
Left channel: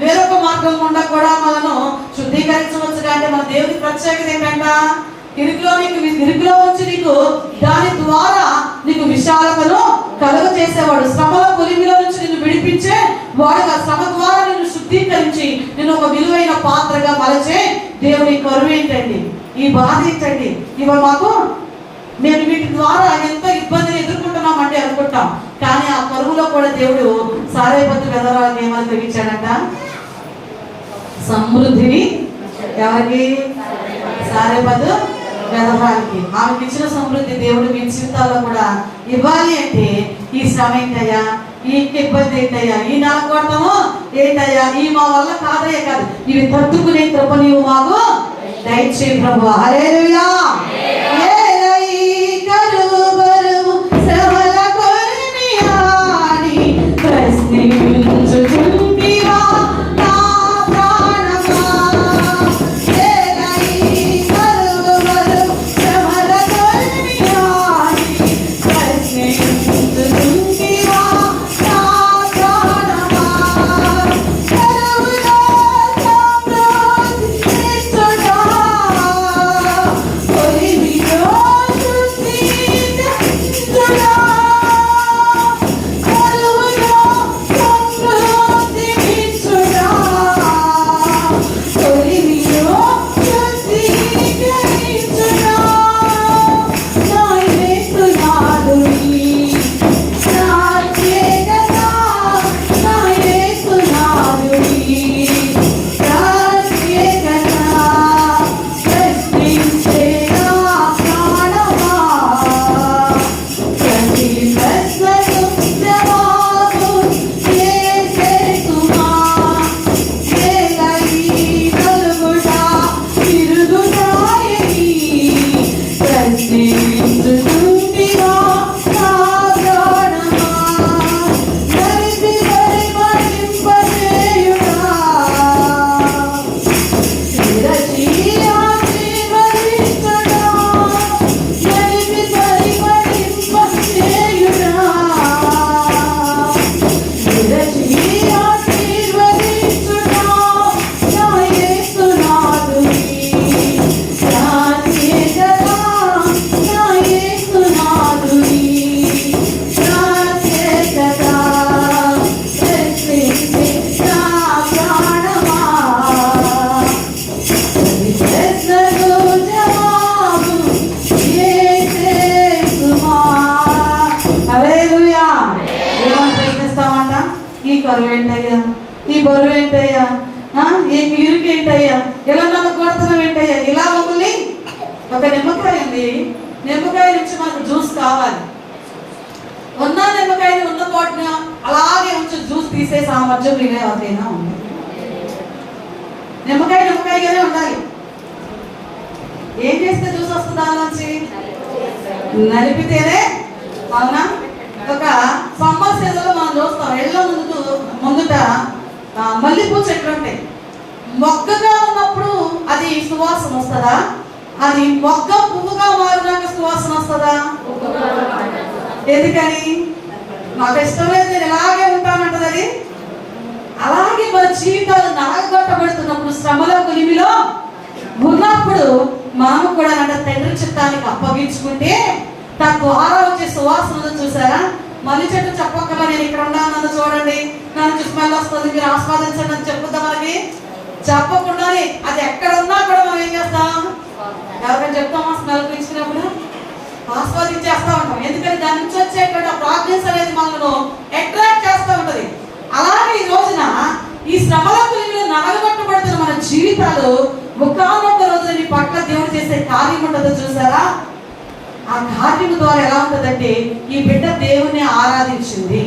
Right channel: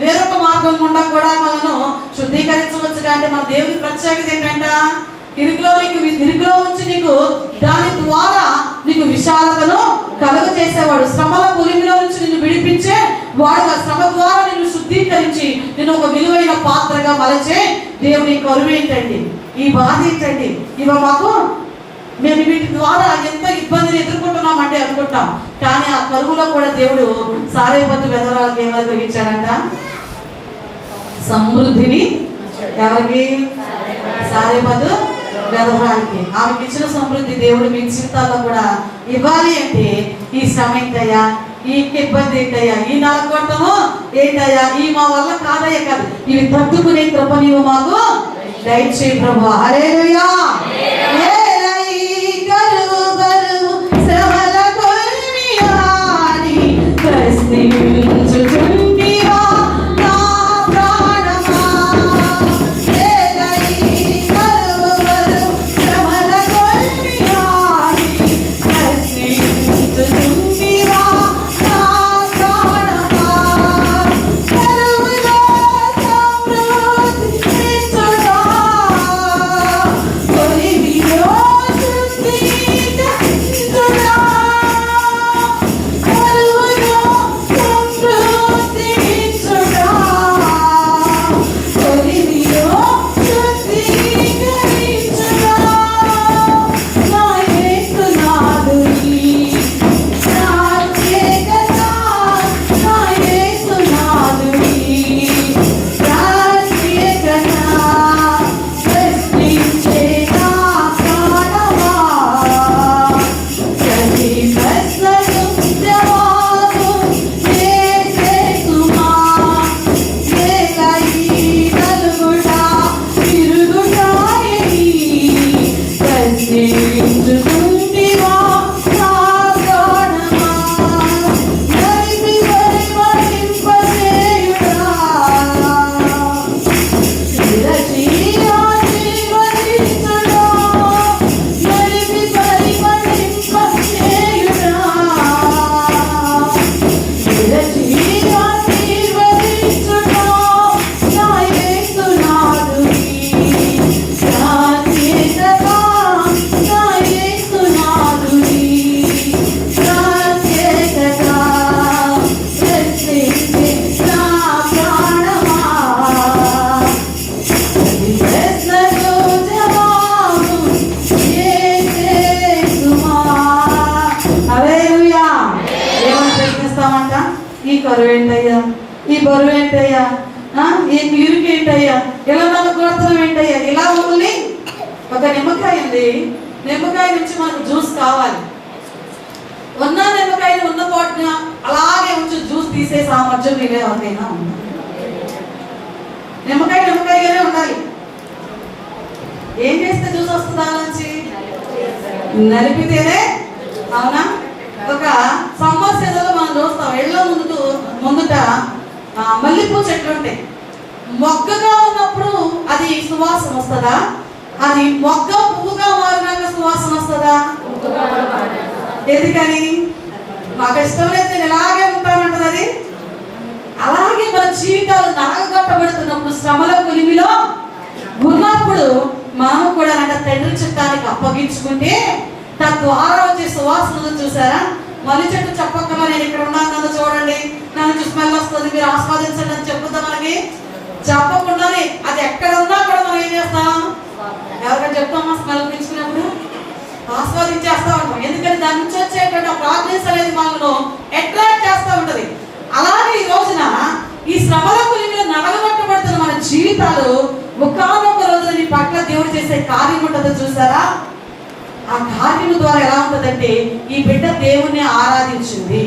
వేరొక మార్గం గుండా కూడా మనను శుద్ధీకరించవచ్చు. అంటే మన దేవుడి ప్రత్యేకత ఏంటంట? ఇరుకులో ఉంచి నీకు దాని ద్వారా నీకు విశాలతను కలుగ చేసేవాడు. శ్రమల కొలిమిలో నుంచి నిన్ను విడిపించే వాడుగా, శ్రమ ద్వారా నిన్ను శుద్ధీకరించి నిన్ను ఒక విలువైన పాత్రగా మలచే దేవుని కరువు ఏంటండి? ఈ బాధ ఏంటండి? ఇవాళ మాకు మేము వీటి ద్వారా ఎంత ఇబ్బందిని ఎదుర్కొంటున్నామంటే అనుకుంటాం, కానీ ఆ కరువులో కూడా దేవుడు సారేపతి వెదరాలకు ఏమని కలిగించాడంట? సమృద్ధిని. ఎవరికి? సారేపదు వెదవానికి. ఆమెకి ఇచ్చిన సమృద్ధి దేవుడు మీ జీవితాల్లో కూడా ఇవ్వాలి. అంటే ఈ శ్రమ ఏంటయ్యా, ఈ ఇబ్బంది ఏంటయ్యా, ఈ నలగొట్టము ఏంటయ్యా, ఈ మా వల్ల కాదయ్యా కాదు, ఇవి తట్టుకునే కృప నీవు మాకు దయచేయి ప్రభు. హల్లెలూయా. Holy హల్లెలూయా. ఏమని ప్రశ్నిస్తామంట? ఈ కరువు ఏంటయ్యా, ఈ బరువు ఏంటయ్యా, ఈ ఇరుకు ఏంటయ్యా, ఇలా నన్ను కొడుతున్నావు ఏంటయ్యా? ఇలా మమ్మల్ని ఒక నిమ్మకాయ ఉంది, నిమ్మకాయ నుంచి మనకు జ్యూస్ కావాలి. ఉన్న నిమ్మకాయని ఉన్న పాటున అలాగే ఉంచి జ్యూస్ తీసే సామర్థ్యం మీరే ఎవరికైనా ఉంది. నిమ్మకాయ నిమ్మకాయగానే ఉండాలి. ఏం చేస్తే జ్యూస్ వస్తుంది దాని నుంచి? నలిపితేనే. అవునా? ఒక సమ్మర్ సీజన్లో మనం చూస్తాం, ఎళ్ళ ముందుట మల్లెపూ చెట్లు ఉంటాయి. మొగ్గగా ఉన్నప్పుడు అది సువాసన వస్తుందా? అది మొగ్గ పువ్వుగా మారినాక సువాసన వస్తుందా? ఎందుకని? నాకు ఇష్టం లేదు, నేను ఇలాగే ఉంటానంటది అది. అలాగే మన జీవితాలు నలగొట్టబడుతున్నప్పుడు, శ్రమలో కొలిమిలో ఉన్నప్పుడు మనం కూడా అంటే తండ్రి చిత్తానికి అప్పగించుకుంటే తద్వారా వచ్చే సువాసనలు చూసారా? మళ్ళీ చెట్టు చెప్పక్కర్లా, నేను ఇక్కడ ఉన్నాను, నన్ను చూడండి, నన్ను స్మెల్ వస్తుంది, మీరు ఆస్వాదించండి అని చెప్పుద్దాం. మనకి చెప్పకుండానే అది ఎక్కడ ఉన్నా కూడా మనం ఏం చేస్తాం? ఎవరికైనా చెప్తామా? స్మెల్ పీల్చుకున్నప్పుడు ఆస్వాదించేస్తా ఉంటాం. ఎందుకంటే దాని నుంచి వచ్చేటువంటి ప్రాగ్రెస్ అనేది మనను అట్రాక్ట్ చేస్తూ ఉంటది. అలాగే ఈ రోజున ఈ శ్రమల కొలిమిలో నలగొట్టబడుతున్న మన జీవితాలు ఒకానొక రోజున నీ పట్ల దేవుడు చేసే కార్యం ఉంటుందో చూసారా? ఆ కార్యం ద్వారా ఎలా ఉంటదంటే, ఈ బిడ్డ దేవుణ్ణి ఆరాధించింది,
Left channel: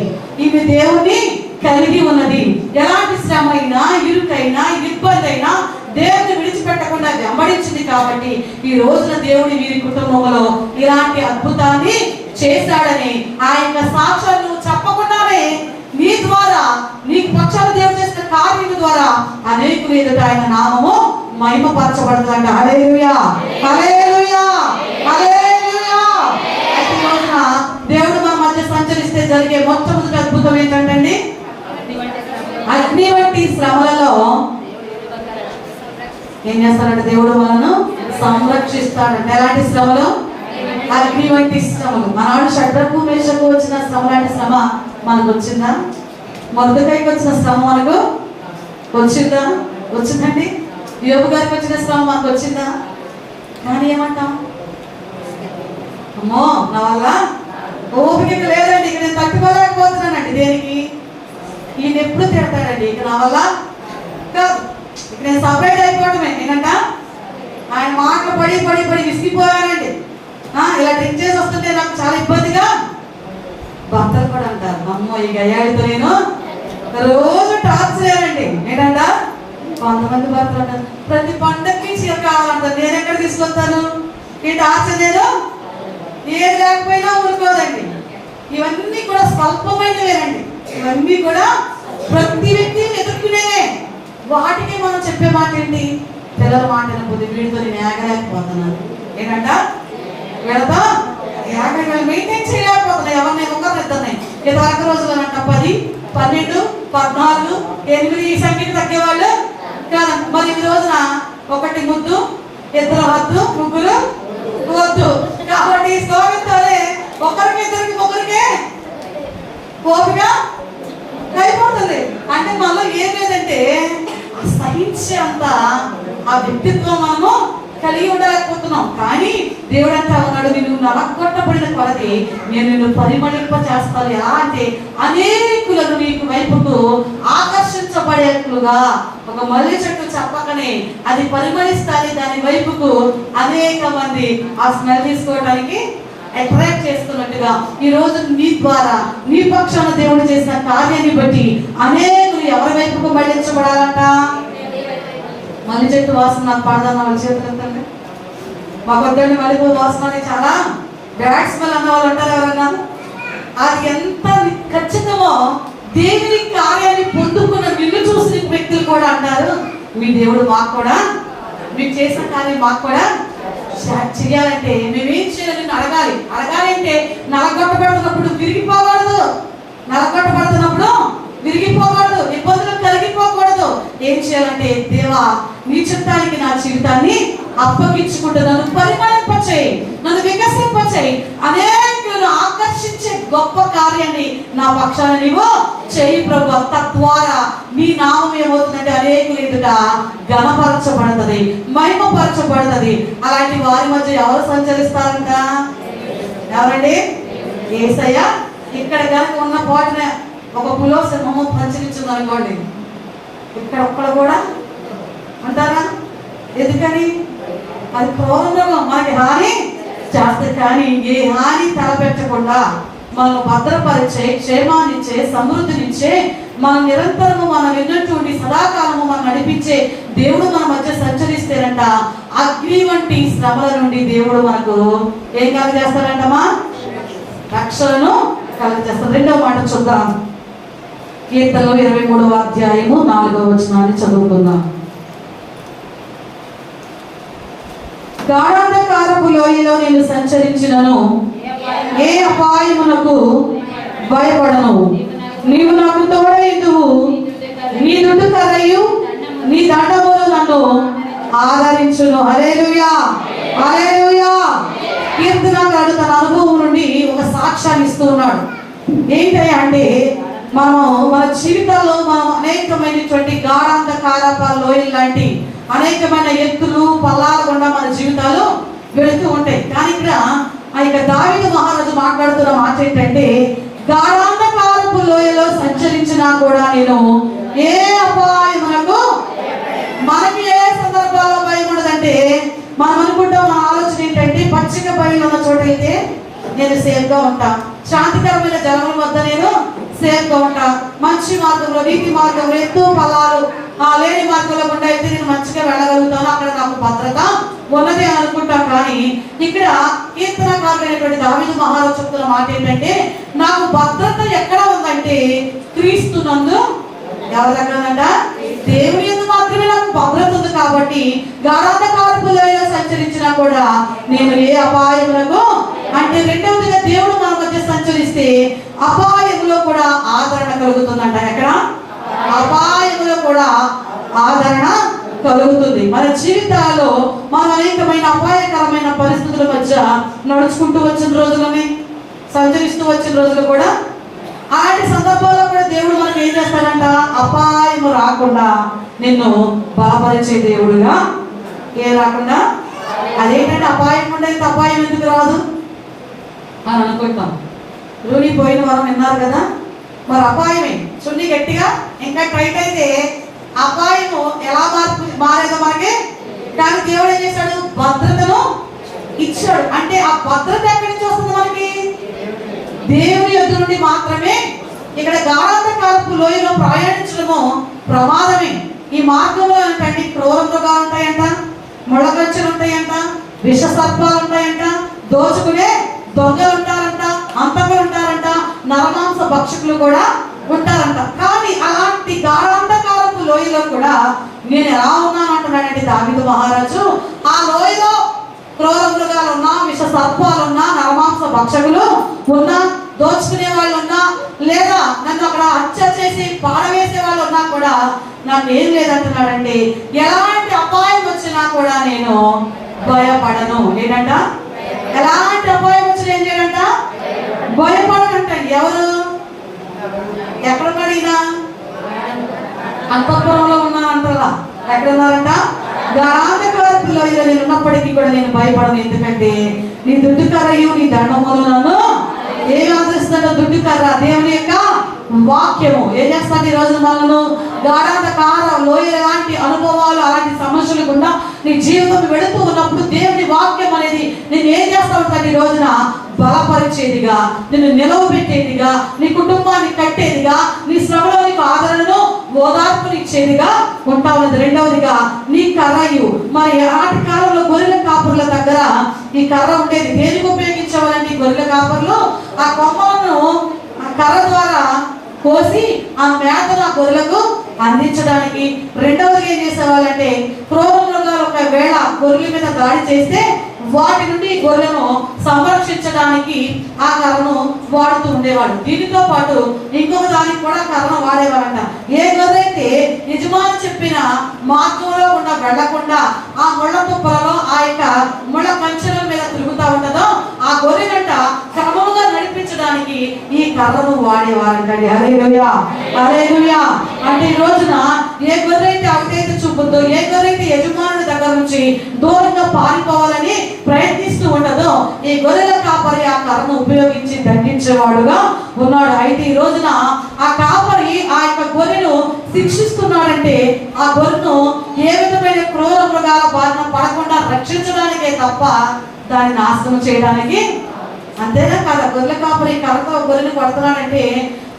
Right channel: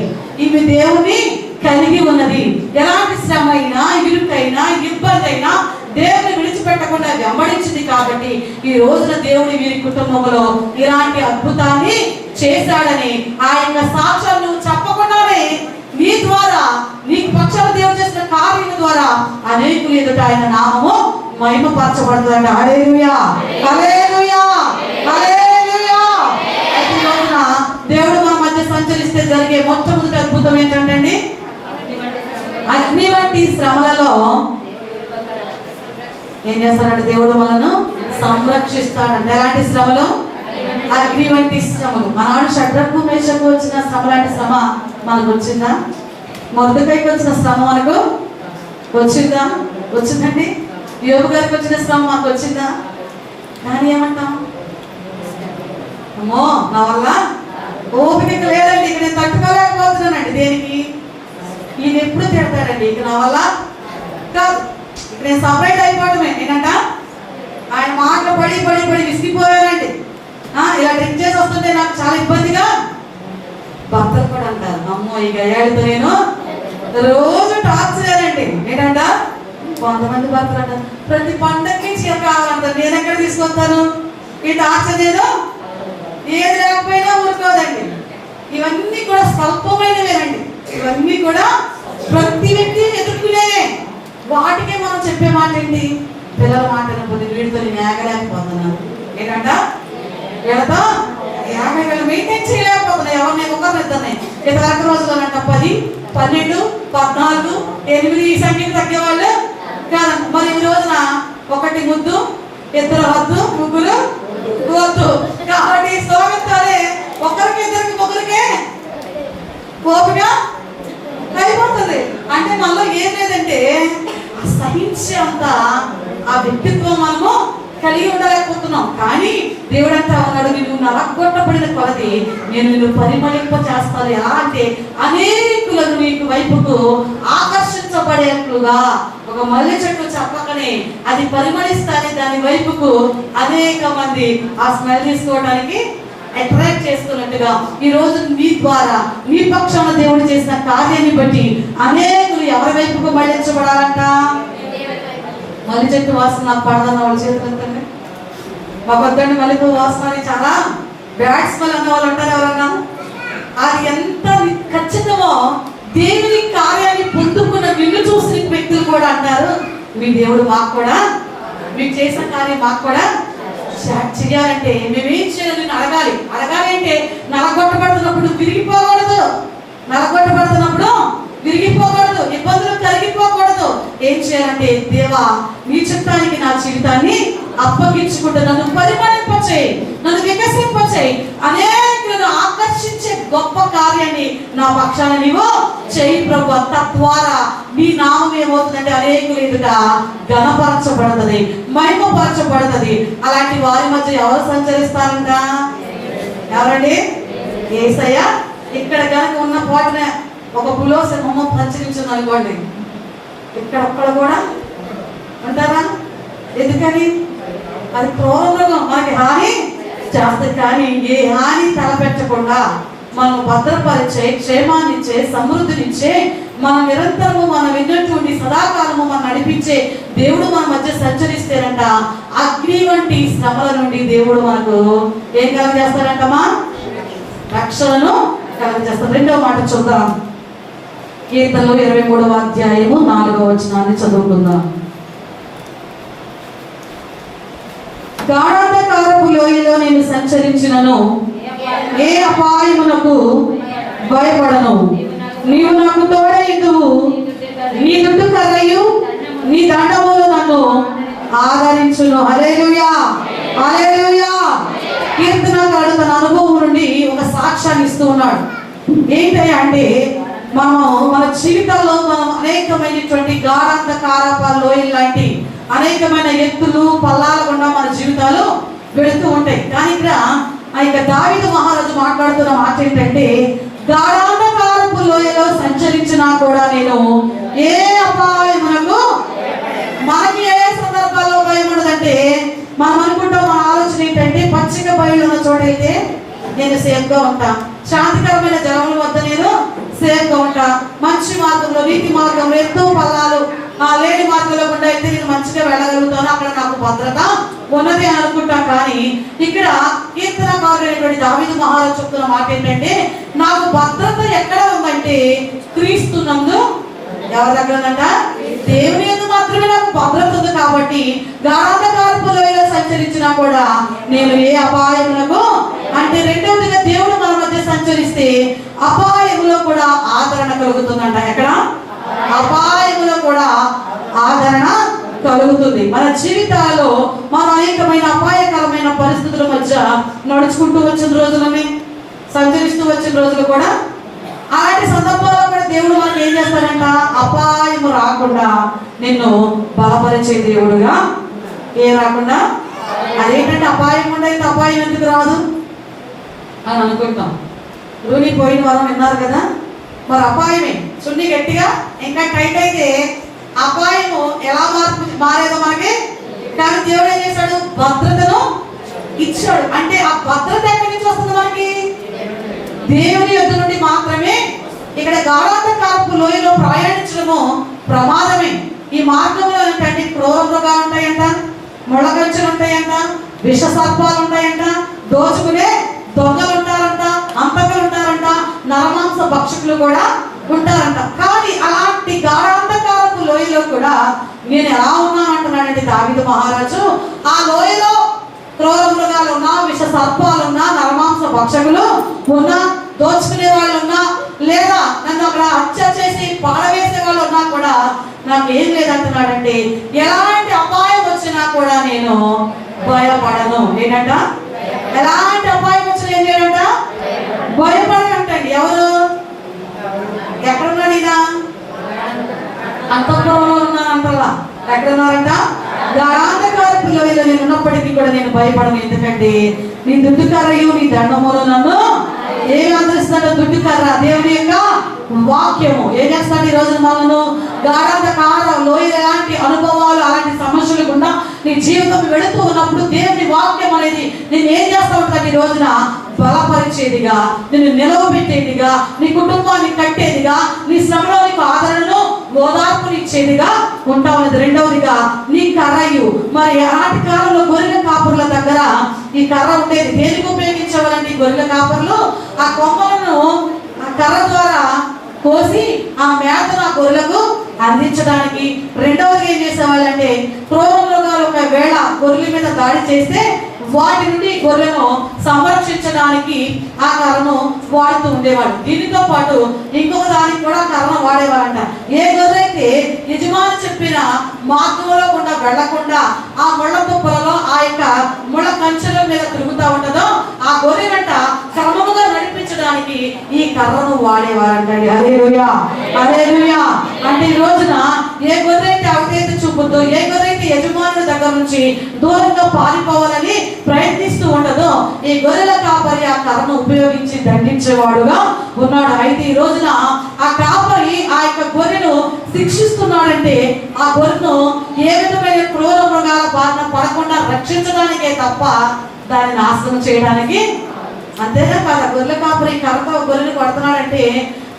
ఈమె దేవుని కలిగి ఉన్నది. ఎలాంటి శ్రమ అయినా, ఇరుకైనా, ఇబ్బంది అయినా దేవుని విడిచిపెట్టకుండా వెంబడించింది. కాబట్టి ఈ రోజున దేవుడి వీరి కుటుంబంలో ఇలాంటి అద్భుతాన్ని చేశాడని ఆ యొక్క సాక్ష్యాన్ని నువ్వు చెప్పకుండానే నీ ద్వారా, నీకు పక్షాన దేవుడు చేసిన కార్యం ద్వారా అనేకులు ఎదుట ఆయన నామము మహిమపరచబడుతుందండి. హల్లెలూయా, హల్లెలూయా, హల్లెలూయా. ఈ రోజున దేవుడు మన మధ్య సంచరిస్తే జరిగే మొట్టమొదటి అద్భుతం ఏంటంటే, అగ్ని వంటి శ్రమలలో ఏం చేస్తాడంటే దేవుడు మనను సంరక్షిస్తాడంటే. ఎలాంటి శ్రమలు? అగ్ని వంటి శ్రమలు. మనవాడు షడ్రకు మేషకు వచ్చిన శ్రమ లాంటి శ్రమ మనకు వచ్చిందా? మొర్దెకైకి వచ్చిన శ్రమ మనకు వచ్చిందా? వచ్చిందండి. యోబు గారికి వచ్చిన శ్రమ మనకు వచ్చిందా? కానీ ఏమంటాం? అమ్మో, నా వల్ల ఓపిక లేదండి, ఇక నేను తట్టుకోలేకపోతున్నానండి. దేనికి? ఈయన ఎప్పుడు తిడతాడండి, ఇక నా వల్ల కాదు, ఇక నేను సపరేట్ అయిపోవడమే. ఏంటంట? ఆయన మాటలు పడి పడి పడి విసిగిపోయానండి. ఇలా డ్రింక్ చేసి వస్తుంటే నాకు చాలా ఇబ్బందిగా. భర్తలు కూడా అంటారు, అమ్మో ఈ గయ్యాడితో నేను రోజు టార్చరేనండి. ఏంటంట? కొంతమంది భర్తలు అంటారు, ప్రతి పండగకి చీర కావాలంటారు. నేను ఎక్కడ తీసుకొస్తాను ఈ టార్చర్? నేను ఏది లేకపోయినా ఊరుకోదండి. ఇవన్నీ కూడా స్వల్పమైనవేనండి. ఇవన్నీ కూడా ప్రతి వ్యక్తి ఎదుర్కొనేవే. వాటికే మనం చెప్పే మాట ఏంటి? పిల్లల మాట వినకపోతే వీడితో నేను ఏగలేకపోతున్నాను. ఏంటంట? వీళ్ళతో మెయింటైన్ చేయలేకపోతున్నా. ఎవరిని ఒకరిని ఇద్దరిని. ఇదివరకు రోజుల్లోనంట 10, 12, 14, 8 ఈ సంఖ్యకి తగ్గేవాళ్ళు కాదు. మరి ఈ రోజున 1 ముద్దు, 2 వద్దు, 3 వద్దు. కాబట్టి స్తోమిస్తారే ఒకరికి ఇద్దరికి ముగ్గురికే ఓపిక అయిపోతుంది. అంటే మనలో ఏం లేదంటే సహించే అంత ఆ వ్యక్తిత్వం మనము కలిగి ఉండలేకపోతున్నాం. కానీ దేవుడు అంతా ఉన్నాడు, నిన్ను నలగొట్టబడిన కొలది నేను నిన్ను పరిమళింప చేస్తాను. ఎలా అంటే అనేకులను నీకు వైపుకు ఆకర్షించబడేట్లుగా. ఒక మల్లె చెట్టు చెప్పకనే అది పరిమళిస్తానే దాని వైపుకు అనేక మంది ఆ స్మెల్ తీసుకోవడానికి అట్రాక్ట్ చేస్తున్నట్టుగా ఈ రోజు నీ ద్వారా, నీ పక్షాన దేవుడు చేసిన కార్యాన్ని బట్టి అనేకులు ఎవరి వైపుకు మళ్ళించబడాలంట? మల్లె చెట్టు వాసన నాకు పడదన్న వాళ్ళ చేతులు ఎంతండి. మా కొద్దండి మల్లెపూ వాసన అని చాలా బ్యాడ్ స్మెల్ అన్న వాళ్ళు అంటారు ఎవరన్నా? అది ఎంత ఖచ్చితమో దేవుని కార్యాన్ని పొందుకున్న నిన్ను చూసిన వ్యక్తులు కూడా అంటారు, మీ దేవుడు మాకు కూడా, మీకు చేసిన కార్యం మాకు కూడా చేయాలంటే మేమేం చేయాలని అడగాలి. అడగాలి అంటే నలగొట్టబడుతున్నప్పుడు విరిగిపోకూడదు, నలగొట్టబడుతున్నప్పుడు విరిగిపోకూడదు, ఇబ్బందులు కలిగిపోకూడదు. ఏం చేయాలంటే, దేవా నీ చిత్తానికి నా జీవితాన్ని అప్పగించుకుంటూ నన్ను పరిమళింపచేయి, నన్ను వికసింపచేయి, అనేకులను ఆకర్షించే గొప్ప కార్యాన్ని నా పక్షాన నీవు చేయి ప్రభు. తద్వారా నీ నామం ఏమవుతుందంటే అనేకులు ఎదుట ఘనపరచబడుతుంది, మహిమపరచబడుతుంది. అలాంటి వారి మధ్య ఎవరు సంచరిస్తారంట? ఎవరండి? యేసయ్య ఇక్కడ కనుక ఉన్న పోటనే ఒక పులో సింహము ప్రచురించింది అనుకోండి, ఇక్కడ ఒక్కడ కూడా అంటారా? ఎందుకని? అది క్రూరంగా మనకి హాని చేస్తుంది. కానీ ఏ హాని తలపెట్టకుండా మనం భద్రపరిచే, క్షేమాన్నిచ్చే, సమృద్ధినిచ్చే, మన నిరంతరము మన విన్నటువంటి సదాకాలము మనం నడిపించే దేవుడు మన మధ్య సంచరిస్తేనంట అగ్ని వంటి శ్రమల నుండి దేవుడు మనకు ఏం కలగజేస్తాడంటమా? రక్షణను కలగజేస్తాడు. రెండవ మాట చూద్దాం. కీర్తనలు 23వ అధ్యాయము 4వ వచనాన్ని చదువుకుందాం. గాఢాంధకారపు లోయలో నేను సంచరించినను ఏ అపాయమునకు భయపడను. నీవు నాకు తోడైదువు, నీ దుడ్డు కర్రయు నీ దండములు నన్ను ఆదరించును. హల్లెలూయా, హల్లెలూయా. కీర్తనకారుడు తన అనుభవం నుండి ఒక సాక్ష్యాన్ని ఇస్తూ ఉన్నాడు. ఏంటంటే అంటే మన జీవితంలో మనం అనేకమైనటువంటి గాఢాంధకారపు లోయలు లాంటి అనేకమైన ఎత్తులు పల్లాల గుండా మన జీవితాలు వెళుతూ ఉంటాయి. కానీ ఇక్కడ దావీదు మహారాజు మాట్లాడుతున్న మాట ఏంటంటే, గాఢాంధకారపు లోయలో సంచరించినా కూడా నేను ఏ అపాయమునకు. మనకి ఏ సందర్భాల్లో భయం ఉండదంటే, మనం అనుకుంటాం, మన ఆలోచన ఏంటంటే పచ్చిక బయలు ఉన్న చోట అయితే నేను సేఫ్ గా ఉంటా, శాంతికరమైన జనముల వద్ద నేను సేఫ్ గా ఉంటా, మంచి మార్గంలో నీతి మార్గంలో ఎంతో ఫలాలు లేని మార్గంలో గుండా అయితే నేను మంచిగా వెళ్ళగలుగుతాను, అక్కడ నాకు భద్రత ఉన్నది అని అనుకుంటాం. కానీ ఇక్కడ కీర్తనకారుడైనటువంటి దావీదు మహారాజు చెప్తున్న మాట ఏంటంటే, నాకు భద్రత ఎక్కడ ఉందంటే క్రీస్తునందు. ఎవరి దగ్గర ఉందంట? దేవుని యందు మాత్రమే నాకు భద్రత ఉంది. కాబట్టి గాఢాంధకారపు లోయలో సంచరించినా కూడా నేను ఏ అపాయములకు అంటే, రెండవదిగా దేవుడు మన మధ్య సంచరిస్తే అపాయములో కూడా ఆదరణ కలుగుతుందంట. ఎక్కడ? అపాయములో కూడా ఆదరణ కలుగుతుంది. మన జీవితాల్లో మన అనేకమైన అపాయకరమైన పరిస్థితుల మధ్య నడుచుకుంటూ వచ్చిన రోజులని, సంచరిస్తూ వచ్చిన రోజులు కూడా, అలాంటి సందర్భాల్లో కూడా దేవుడు మనకు ఏం చేస్తాడంట? అపాయము రాకుండా నిన్ను బలపరిచే దేవుడుగా. ఏ రాకుండా? అదేంటంటే అపాయం ఉండేది, అపాయం ఎందుకు రాదు అని అనుకుంటాం. రూని పోయిన వారం విన్నారు కదా, మరి అపాయమే. చున్నీ గట్టిగా ఇంకా టైట్ అయితే అపాయము ఎలా మారేదో మనకి. కానీ దేవుడు ఏం చేశాడు? భద్రతను ఇచ్చాడు. అంటే ఆ భద్రత ఎక్కడి నుంచి వస్తుంది మనకి? దేవుని యొద్ద నుండి మాత్రమే. ఇక్కడ గాఢాంధకారపు లోయలో ప్రయాణించడము ప్రమాదమే. ఈ మార్గంలో ఏంటంటే క్రూర మృగాలు ఉంటాయంట, ముళ్ళగంచెలు ఉంటాయంట, విష సర్పాలు ఉంటాయంట, దోచుకునే దొంగలు ఉంటారంట, అంతకులు ఉంటారంట, నరమాంస భక్షకులు కూడా ఉంటారంట. కానీ అలాంటి గాఢాంధకారపు లోయలో కూడా నేను ఎలా ఉన్నాను అంటున్నాడంటే దావీదు మహారాజు. ఆ లోయలో క్రూర మృగాలు ఉన్నా, విష సర్పాలు ఉన్నా, నరమాంస భక్షకులు ఉన్నా, దోచుకునే వాళ్ళు ఉన్నా, లేదా నన్ను అక్కడ హత్య చేసి పాడవేసే వాళ్ళు ఉన్నా కూడా నాకు ఏం లేదంటున్నాడంటే, ఎలాంటి అపాయం వచ్చినా కూడా నేను భయపడను. ఏంటంట? ఎలాంటి అపాయం వచ్చినా ఏం చేయడంట? భయపడనంటండి. ఎవరు? ఎక్కడున్నాడు ఈయన? అంతఃపురంలో ఉన్నానంటలా. ఎక్కడున్నారంట? గాఢాంధకారపు లోయలో నేను ఉన్నప్పటికీ కూడా నేను భయపడను. ఎందుకంటే నీ దుడ్డు కర్రయు నీ దండములు నన్ను ఏమి ఆదరిస్తాడో? దుడ్డు కర్ర, దేవుని యొక్క వాక్యము. ఏం చేస్తాడు ఈ రోజు మనను? గాఢాంధకార లోయ లాంటి అనుభవాలు, అలాంటి సమస్యలు గుండా నీ జీవితం వెళుతూ ఉన్నప్పుడు దేవుని వాక్యం అనేది నేను ఏం చేస్తా ఉంటాను? ఈ రోజున బలపరిచేదిగా, నిన్ను నిలవబెట్టేదిగా, నీ కుటుంబాన్ని కట్టేదిగా, నీ శ్రమలో నీకు ఆదరణను ఓదార్పునిచ్చేదిగా ఉంటా ఉన్నది. రెండవదిగా నీ కర్రయు. మరి ఆనాటి కాలంలో గొర్రెల కాపరుల దగ్గర ఈ కర్ర ఉండేది. దేనికి ఉపయోగించేవాళ్ళంటే గొర్రెల కాపరులు ఆ కొమ్మలను ఆ కర్ర ద్వారా కోసి ఆ మేతను ఆ గొర్రెలకు అందించడానికి. రెండవది ఏం చేసేవాళ్ళంటే క్రూర మృగాలు ఒకవేళ గొర్రెల మీద దాడి చేస్తే వాటి నుండి గొర్రెను సంరక్షించడానికి ఆ కర్రను వాడుతూ ఉండేవాడు. దీనితో పాటు ఇంకొక దానికి కూడా కర్రను వాడేవాడంట. ఏ గొర్రె అయితే యజమాని చెప్పిన మార్గంలో గుండా వెళ్లకుండా ఆ ముళ్ళ తుప్పలలో ఆ యొక్క ముళ్ళ కంచెల మీద తిరుగుతూ ఉంటుందో ఆ గొర్రెనంట క్రమముగా నడిపించడానికి ఈ కర్రను వాడేవారంటండి. హల్లెలూయా, హల్లెలూయా. అంటే ఈ రోజున ఏ గొర్రె అయితే అవిధేయత చూపుద్దో, ఏ గొర్రె అయితే యజమానుల దగ్గర నుంచి దూరంగా పారిపోవాలని ప్రయత్నిస్తూ ఉండదో ఈ గొర్రెల కాపరి ఆ కర్రను ఉపయోగించి దండించేవాడుగా ఉన్నాడు. అయితే ఈ రోజున ఆ కాపరి ఆ యొక్క గొర్రెను శిక్షిస్తున్నాడంటే ఆ గొర్రెను ఏ విధమైన క్రూర మృగాల బారిన పడకుండా రక్షించడానికే తప్ప దాన్ని నాశనం చేయడానికి. అంతేగా కాదు, గొర్రెల కాపరి కర్రతో గొర్రెలు కొడుతున్నాడంటే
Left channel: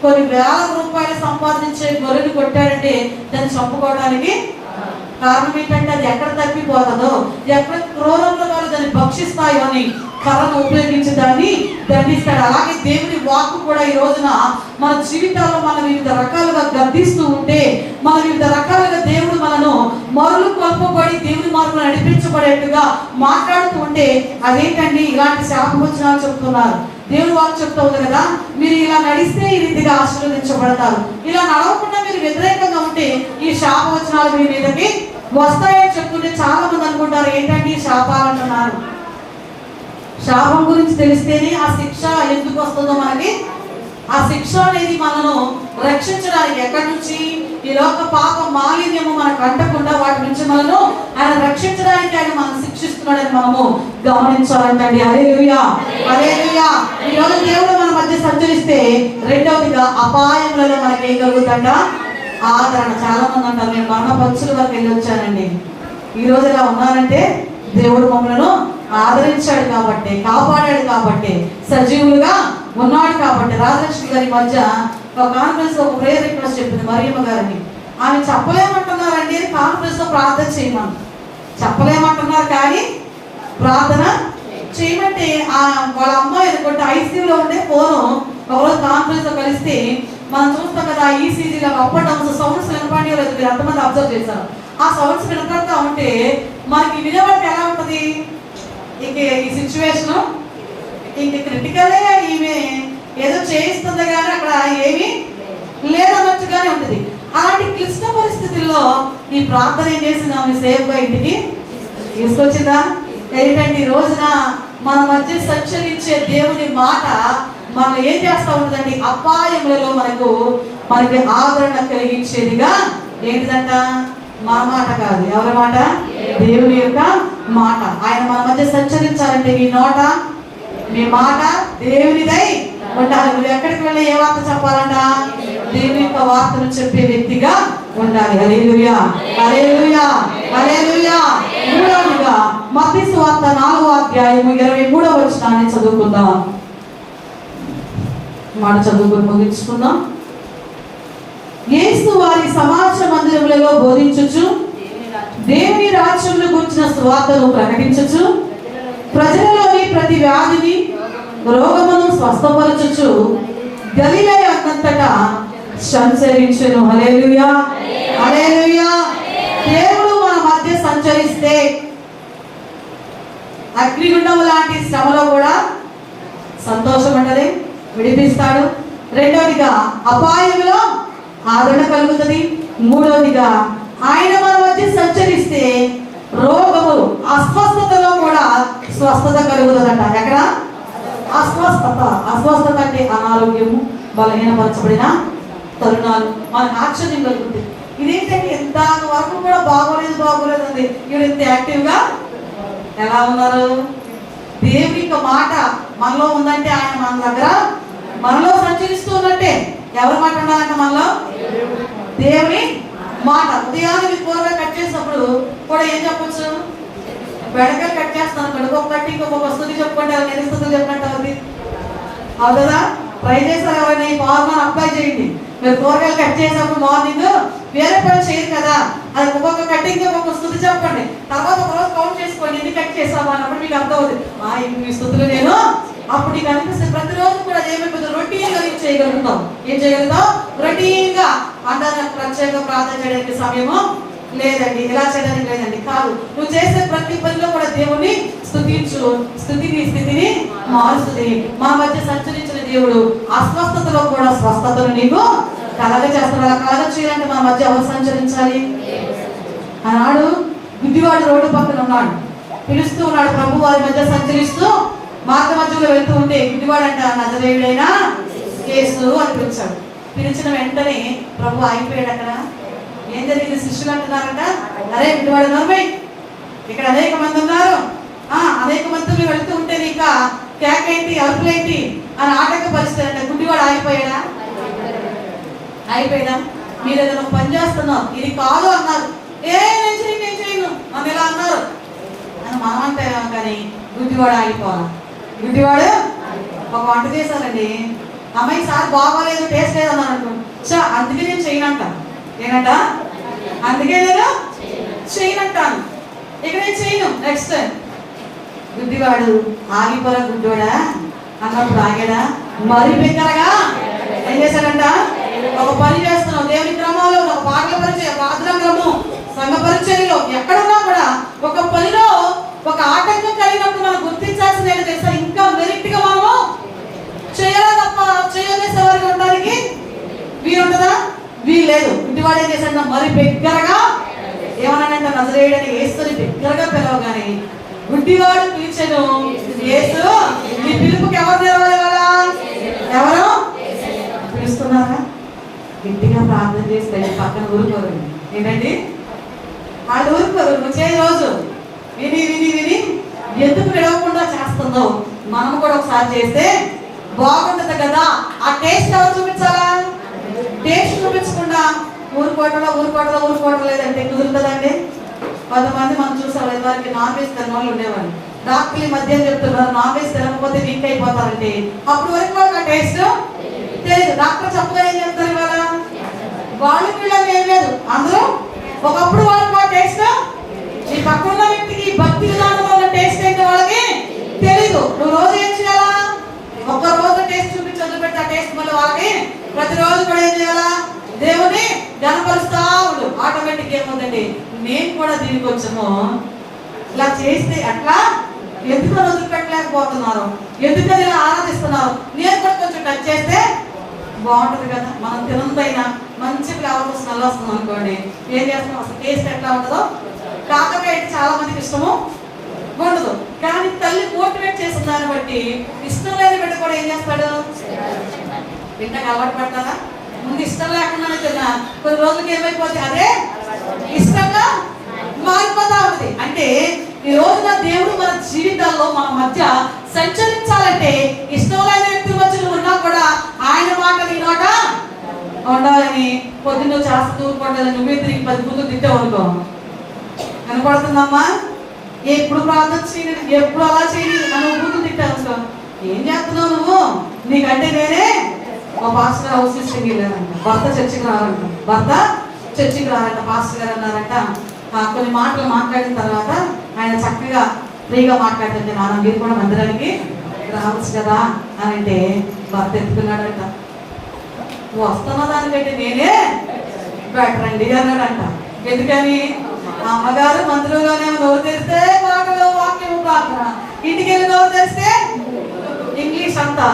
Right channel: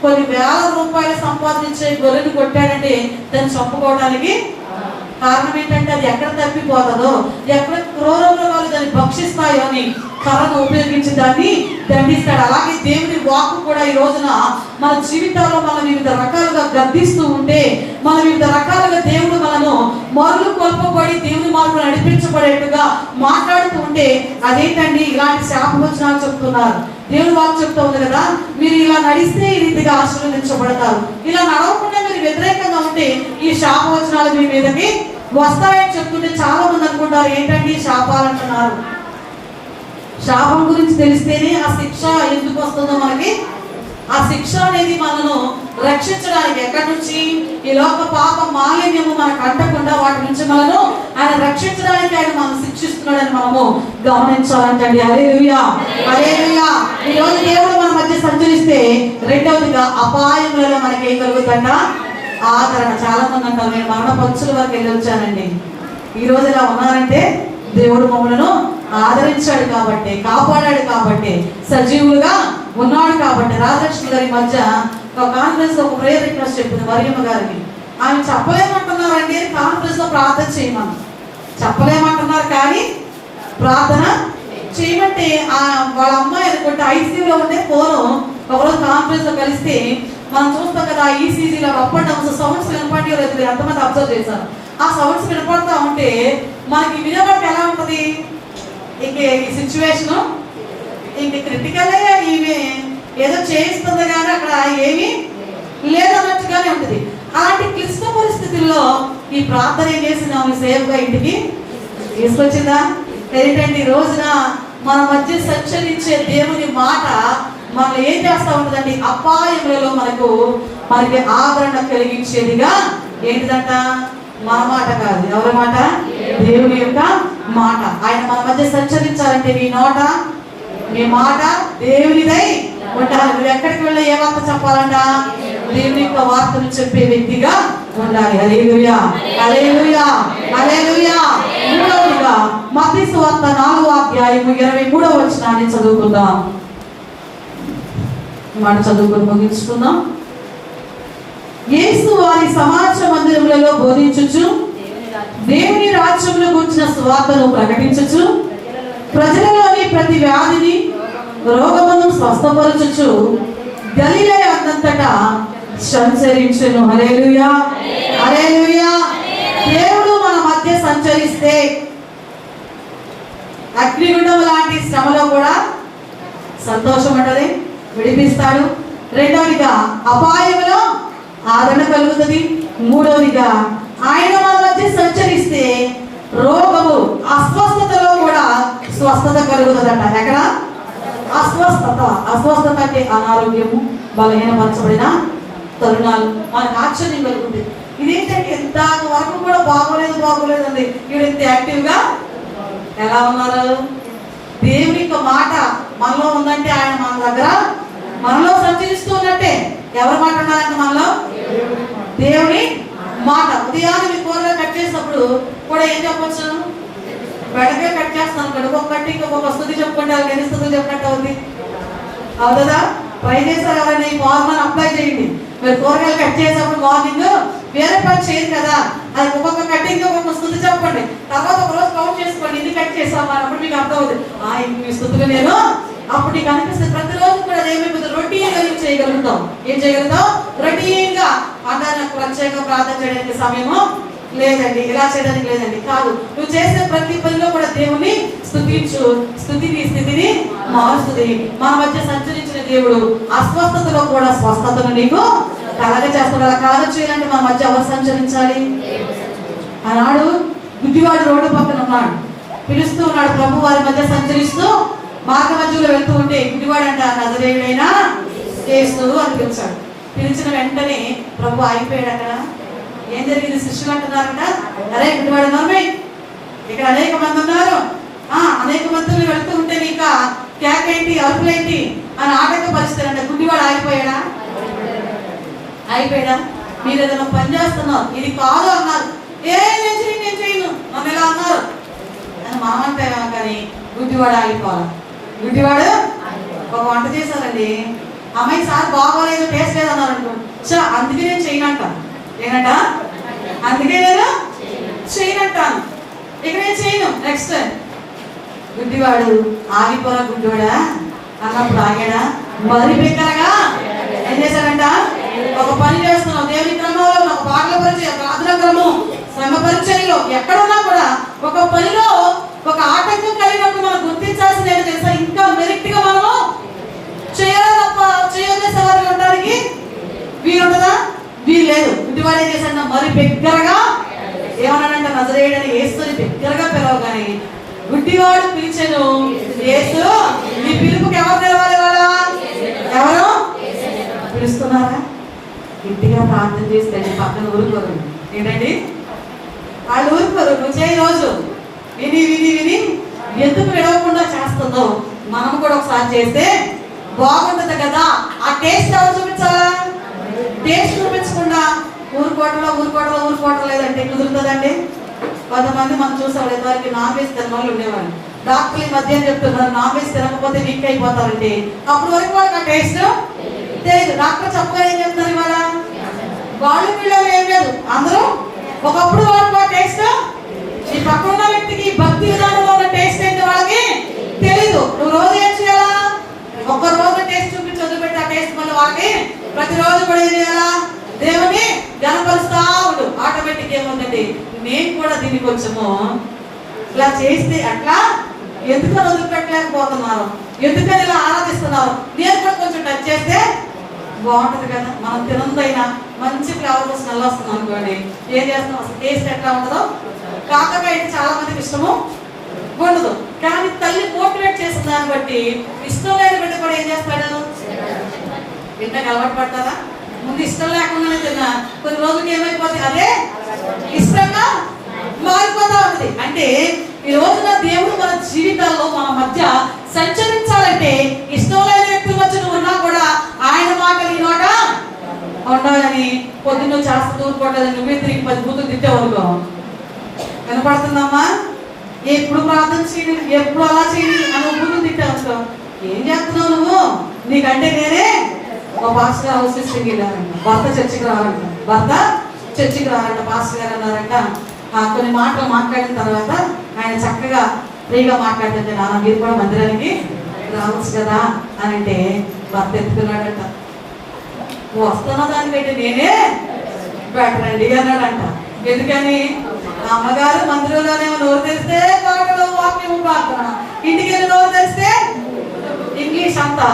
కొన్ని వేల రూపాయలు సంపాదించే గొర్రెలు కొట్టాడంటే దాన్ని చంపుకోవడానికి కారణం ఏంటంటే అది ఎక్కడ తప్పిపోతుందో, ఎక్కడ క్రూర మృగాలు దాన్ని భక్షిస్తాయో అని కర్రను ఉపయోగించి దాన్ని దండిస్తాడు. అలాగే దేవుని వాక్కు కూడా ఈ రోజున మన జీవితాల్లో మనం వివిధ రకాలుగా గద్దిస్తూ ఉంటే, మన వివిధ రకాలుగా దేవుడు మనను మరులు కొల్పబడి దేవుని మార్గం నడిపించబడేట్టుగా మాట్లాడుతూ ఉంటే అదేంటండి ఇలాంటి శాపవచనాలు చెప్తున్నారు. దేవుని వాక్కు చెప్తూ ఉంది కదా, మీరు ఇలా నడిస్తే ఈ రీతిగా ఆశీర్వదించబడతారు, ఇలా నడవకుండా మీరు వ్యతిరేకంగా ఉంటే ఈ శాపవచనాలు మీ మీదకి వస్తాయని చెప్తుంటే చాలా మంది అనుకుంటారు ఏంటంటే శాపాలు అంటున్నారు. శాపం గురించి తెలిస్తేనే ఆ శిక్ష ఎందుకు వస్తుందో మనకి. ఆ శిక్ష అనేది మనను రక్షించడానికి ఎక్కడి నుంచి ఈ లోక పాప మాలిన్యము మనకు అంటకుండా వాటి నుంచి మనను ఆయన రక్షించడానికి ఆయన మనం శిక్షిస్తున్నాడని మనము గమనించాలంటండి. హల్లెలూయా, హల్లెలూయా. ఈ రోజు దేవుడు మన మధ్య సంచరిస్తే రెండవదిగా అపాయములలో మనకి ఏం కలుగుతుందంట? ఆదరణ. చాలా మంది అంటారు నేను మరణ పంచుల వరకు వెళ్ళి వచ్చానండి. ఈ రోజు ఇలా ఉన్నారంటే దేవుడు మమ్మలను ఆదరించాడు కాబట్టి, కాపాడాడు కాబట్టి, సజీవులుగా ఉన్నాడు కాబట్టి. రాజలక్ష్మి గారి మధ్య ఒక కాన్ఫరెన్స్ ఒక ప్రేయర్ రిక్వెస్ట్ చెప్పింది మరియమ్మ గారిని. ఆమె చెప్పలేమంటున్నారండి కాన్ఫరెన్స్ లో ప్రార్థన చేయమని చెప్పలేమంటున్నారు, కానీ ప్రార్థన చేయమంటే వాళ్ళ అమ్మాయి అనుకుంటే ఐసీయూలో ఉండే ఫోను ఒకరోజు కాన్ఫరెన్స్ లో కలిస్తే మనం చూస్తాం కదా ఈసీజీలో అప్ అండ్ డౌన్స్ సౌండ్స్ వినపడి ఎంతమంది అబ్జర్వ్ చేశారు. ఆ సౌండ్స్ వినపడతా ఉంటే మనకి వినబట్టి ఎలా ఉంటుంది, ఇంక ఈ సిచ్యువేషన్ ఇంక క్రిటికల్ ఈమె ఏదో చేయిస్తుంది కానీ అక్కడ ఏమీ లేదన్నట్టుగానే ఉంటుంది. అలాంటి క్లిష్ట పరిస్థితుల్లో ఈ ప్రార్థన ఏం చేసింది, ఆమె సేఫ్గా ఇంటికి తీసుకొచ్చిందా? ఏంటంటే ఈ రోజున మన మధ్య సంచరించే దేవుని మాట మనం ఏం చేస్తా ఉంటుందండి, అపాయములలో మనకి ఆదరణ కలిగించేదిగా ఏంటిదంట? మన మాట కాదు, ఎవరి మాట? దేవుని యొక్క మాట. ఆయన మన మధ్య సంచరించాలంటే మీ నోట మీ మాట దేవునిదై ఉండాలి. మీరు ఎక్కడికి వెళ్ళి ఏ వార్త చెప్పాలంట? దేవుని యొక్క వార్తను చెప్పే వ్యక్తిగా ఉండాలి. హల్లెలూయా, హల్లెలూయా, హల్లెలూయా. మూడవదిగా మత్తయి సువార్త 4వ అధ్యాయము 23వ వచనాన్ని చదువుకుందాం. మాట చదువుకొని ముగించుకుందాం. యేసు వారి సమాజ మందిరములలో బోధించుచు దేవుని రాజ్యమును గురించిన సువార్తను ప్రకటించుచు ప్రజలలోని ప్రతి వ్యాధిని రోగమును స్వస్థపరచుచు గలిలయ అంతటా సంచరించెను. హల్లెలూయా, హల్లెలూయా. దేవుడు మన మధ్య సంచరిస్తే అగ్నిగుండం లాంటి శ్రమలో కూడా సంతోషం అంటది, విడిపిస్తాడు. రెండవదిగా అపాయంలో ఆదరణ కలుగుతుంది. మూడవదిగా ఆయన మన మధ్య సంచరిస్తే రోగము అస్వస్థతలో కూడా స్వస్థత కలుగుతుందట. ఎక్కడ? అస్వస్థత అంటే అనారోగ్యము, బలహీనపరచబడిన తరుణాలు మనకు ఆశ్చర్యం కలుగుతుంది. ఇదేంటంటే ఎంత వరకు కూడా బాగోలేదు అండి, ఇప్పుడు ఇంత యాక్టివ్గా ఎలా ఉన్నారు? దేవుని యొక్క మాట మనలో ఉందంటే ఆయన మన దగ్గర మనలో సంచరిస్తూ ఉన్నట్టే. ఎవరి మాట ఉన్నారంటే మనలో? దేవుని మాట. ఉదయాన్నే మీ కూరగా కట్ చేసినప్పుడు కూడా ఏం చెప్పొచ్చు? బెడగా కట్ చేస్తాను అనుకోండి, ఒక కట్టి ఇంకొక స్థుతి చెప్పుకుంటే ఎన్ని స్థుతులు చెప్పినట్టు అవుతుంది అవుతుందా? ట్రై చేస్తారు ఎవరైనా ఈ ఫార్ములా అప్లై చేయండి. మీరు కూరగాయలు కట్ చేసినప్పుడు మార్నింగ్ వేరే పని చేయరు కదా, అది ఒక్కొక్క కట్టింగ్ ఒక్కొక్క స్థుతి చెప్పండి. తర్వాత ఒక రోజు కౌంట్ చేసుకోండి ఎన్ని కట్ చేస్తాము అన్నప్పుడు మీకు అర్థమవుతుంది. ఈ స్థుతులు నేను అప్పుడు నీకు అనిపిస్తుంది. ప్రతిరోజు కూడా ఏమైపోతుంది, రొటీన్గా చేయగలుగుతాం. ఏం చేయగలుగుతాం? రొటీన్గా. అంటే ప్రత్యేక ప్రార్థన చేయడానికి సమయము లేదండి, ఇలా చేయడానికి లేదండి, కాదు. నువ్వు చేసే ప్రతి పనిలో కూడా దేవుని స్తుతించు. స్థితిని మారుస్తుంది. మా మధ్య సంచరించిన దేవుడు అస్వస్థతలో కూడా స్వస్థతను నీకు కలగజేస్తాడు. అలా కలగ చేయాలంటే మా మధ్య ఎవరు సంచరించాలి? ఆనాడు గుడ్డివాడు రోడ్డు పక్కన ఉన్నాడు, పిలుస్తూ ఉన్నాడు. ప్రభు వారి మధ్య సంచరిస్తూ మార్గ మధ్యలో వెళ్తూ ఉంటే గుడ్డివాడు అంట నజరేయుడైన యేసు అని పిలిచాడు. పిలిచిన వెంటనే ప్రభు ఆగిపోయాడు. అక్కడ ఏం జరిగింది? శిష్యులు అంటున్నారంట, అరే గుడ్డివాడు నరమే, ఇక్కడ అనేక మంది ఉన్నారు, అనేక మందిలో వెళ్తూ ఉంటే నీక కేకేంటి అరుపులేంటి అని ఆటంకపరుస్తారంట. గుడ్డివాడు ఆగిపోయాడా? అయిపోయాడా? మీరు ఏదైనా పని చేస్తున్నారు, ఇది కాదు అన్నారు, నేను చేయను మనం ఎలా అన్నారు అని మనమంటే కానీ గుడ్డివాడు ఆగిపోవాలి. గుడ్డివాడు ఒక వంట చేశారండి, అమ్మాయి సార్ బాగోలేదు, టేస్ట్ లేదు అన్నారు అనుకో, అందుకే నేను చేయనంట. ఏనంట? అందుకే నేను చేయనంటాను, ఇక నేను చేయను. నెక్స్ట్ గుడ్డివాడు ఆగిపోరా గుడ్డివాడా అన్నప్పుడు ఆగాడా? మరి బిగ్గరగా ఏం చేశాడంట? ఒక పని చేస్తున్నావు, దేవుని క్రమంలో ఒక పాటల పరిచయం, ప్రార్థన క్రమం, సంఘ పరిచర్యలో ఎక్కడున్నా కూడా ఒక పనిలో ఒక ఆటంకం కలిగినప్పుడు మనం గుర్తించాల్సింది ఏంటో తెలుసా? ఇంకా మెరిట్ గా మనము చేయాలా తప్ప చేయలేసే వారికి ఉండడానికి వీలుంటదా? వీలు లేదు. గుడ్డివాడు ఏం చేశాడు? మరి బిగ్గరగా ఏమన్నాడంటే నజరేయుడని యేసుని బిగ్గరగా పిలవగానే గుడ్డివాడు పిలిచెను, యేసు నీ పిలుపుకి ఎవరు తెలవాలి? వాళ్ళ ఎవరు పిలుస్తున్నారా? గట్టిగా ప్రార్థన చేస్తే పక్కన ఊరుకోరు. ఏంటండి వాళ్ళు ఊరుకోరు. నువ్వు చేయి రోజు విని విని విని ఎందుకు పిలవకుండా చేస్తుందో మనం కూడా ఒకసారి చేస్తే బాగుంటుంది కదా. ఆ టేస్ట్ ఎవరు చూపించాలా? టేస్ట్ చూపించకుండా ఊరుకోవటం లేదంటే కుదురుతుందండి. కొంతమంది మనం చూసాం, ఇదివరకు నాన్ వెజ్ తిన వాళ్ళు ఉండేవాళ్ళు. డాక్టర్లు ఈ మధ్య చెప్తున్నారు నాన్ వెజ్ తినకపోతే వీక్ అయిపోతారంటే. అప్పుడు వరకు వాళ్ళకి ఆ టేస్ట్ తెలియదు. డాక్టర్ చెప్పగా ఏం చెప్తారు ఇవాళ? వాళ్ళు వీళ్ళని ఏం లేదు, అందరూ ఒకప్పుడు వాళ్ళకి ఆ టేస్ట్, ఈ పక్కన వ్యక్తికి భక్తి విధానంలో ఉన్న టేస్ట్ ఏంటి వాళ్ళకి తెలీదు. నువ్వు రోజు ఏం చేయాలా? ఒక్క రోజు టేస్ట్ చూపించి వదిలిపెట్టి ఆ టేస్ట్ మళ్ళీ వాళ్ళకి ప్రతిరోజు కూడా ఏం చేయాలా? దేవుని గణపరుస్తా ఉండు. ఆటోమేటిక్ ఏముందండి, మేము కూడా దీనికి వచ్చాము ఇలా చేస్తే అట్లా ఎందుకు వదిలిపెట్టలేకపోతున్నారు, ఎందుకని ఇలా ఆరాధిస్తున్నారు, నేను కూడా కొంచెం టచ్ చేస్తే బాగుంటుంది కదా. మనం తినందైనా మంచి ఫ్లేవర్ స్మెల్ వస్తుంది అనుకోండి, ఏం చేస్తాం? అసలు టేస్ట్ ఎట్లా ఉంటుందో. కాకరకాయ చాలా మందికి ఇష్టము ఉండదు, కానీ తల్లి మోటివేట్ చేసిన దాన్ని బట్టి ఇష్టం లేని బిడ్డ కూడా ఏం చేస్తాడు? తింటాక అలవాటు పడతారా? ముందు ఇష్టం లేకుండానే తిన్నా, కొన్ని రోజులకి ఏమైపోతుంది, అదే ఇష్టంగా మారిపోతా ఉంది. అంటే ఈ రోజున దేవుడు మన జీవితాల్లో మన మధ్య సంచరించాలంటే ఇష్టం లేని వ్యక్తుల మధ్య నువ్వు ఉన్నా కూడా ఆయన మాట నీ నోట ఉండాలని. పొద్దున్న చేస్తూ ఊరుకోవట్లేదు, నువ్వే తిరిగి 10 బూతులు తిట్టావు అనుకో, వినపడుతుందమ్మా? ఎప్పుడు ప్రార్థన చేయని, ఎప్పుడు అలా చేయని అని బూతులు తిట్టావు అనుకో, ఏం చేస్తున్నావు నువ్వు? నీకంటే నేనే ఒక పాస్టర్ హౌస్ సిస్టర్కి వెళ్ళారంట, భర్త చర్చికి రావాలంట. పాస్టర్ గారు అన్నారంట, కొన్ని మాటలు మాట్లాడిన తర్వాత ఆయన చక్కగా ఫ్రీగా మాట్లాడుతుంటే, నాన్న మీరు కూడా మందిరానికి రావచ్చు కదా అని అంటే భర్త ఎత్తుకున్నాడంట, వస్తున్నా దానికంటే నేనే బెటర్ అండి అన్నాడంట. ఎందుకని? అమ్మగారు మందిరంలోనే నోరు తెరిస్తే పాటలు, వాక్యము, ప్రార్థన, ఇంటికి వెళ్ళి నోరు తెరిస్తే ఇంగ్లీష్ అంతా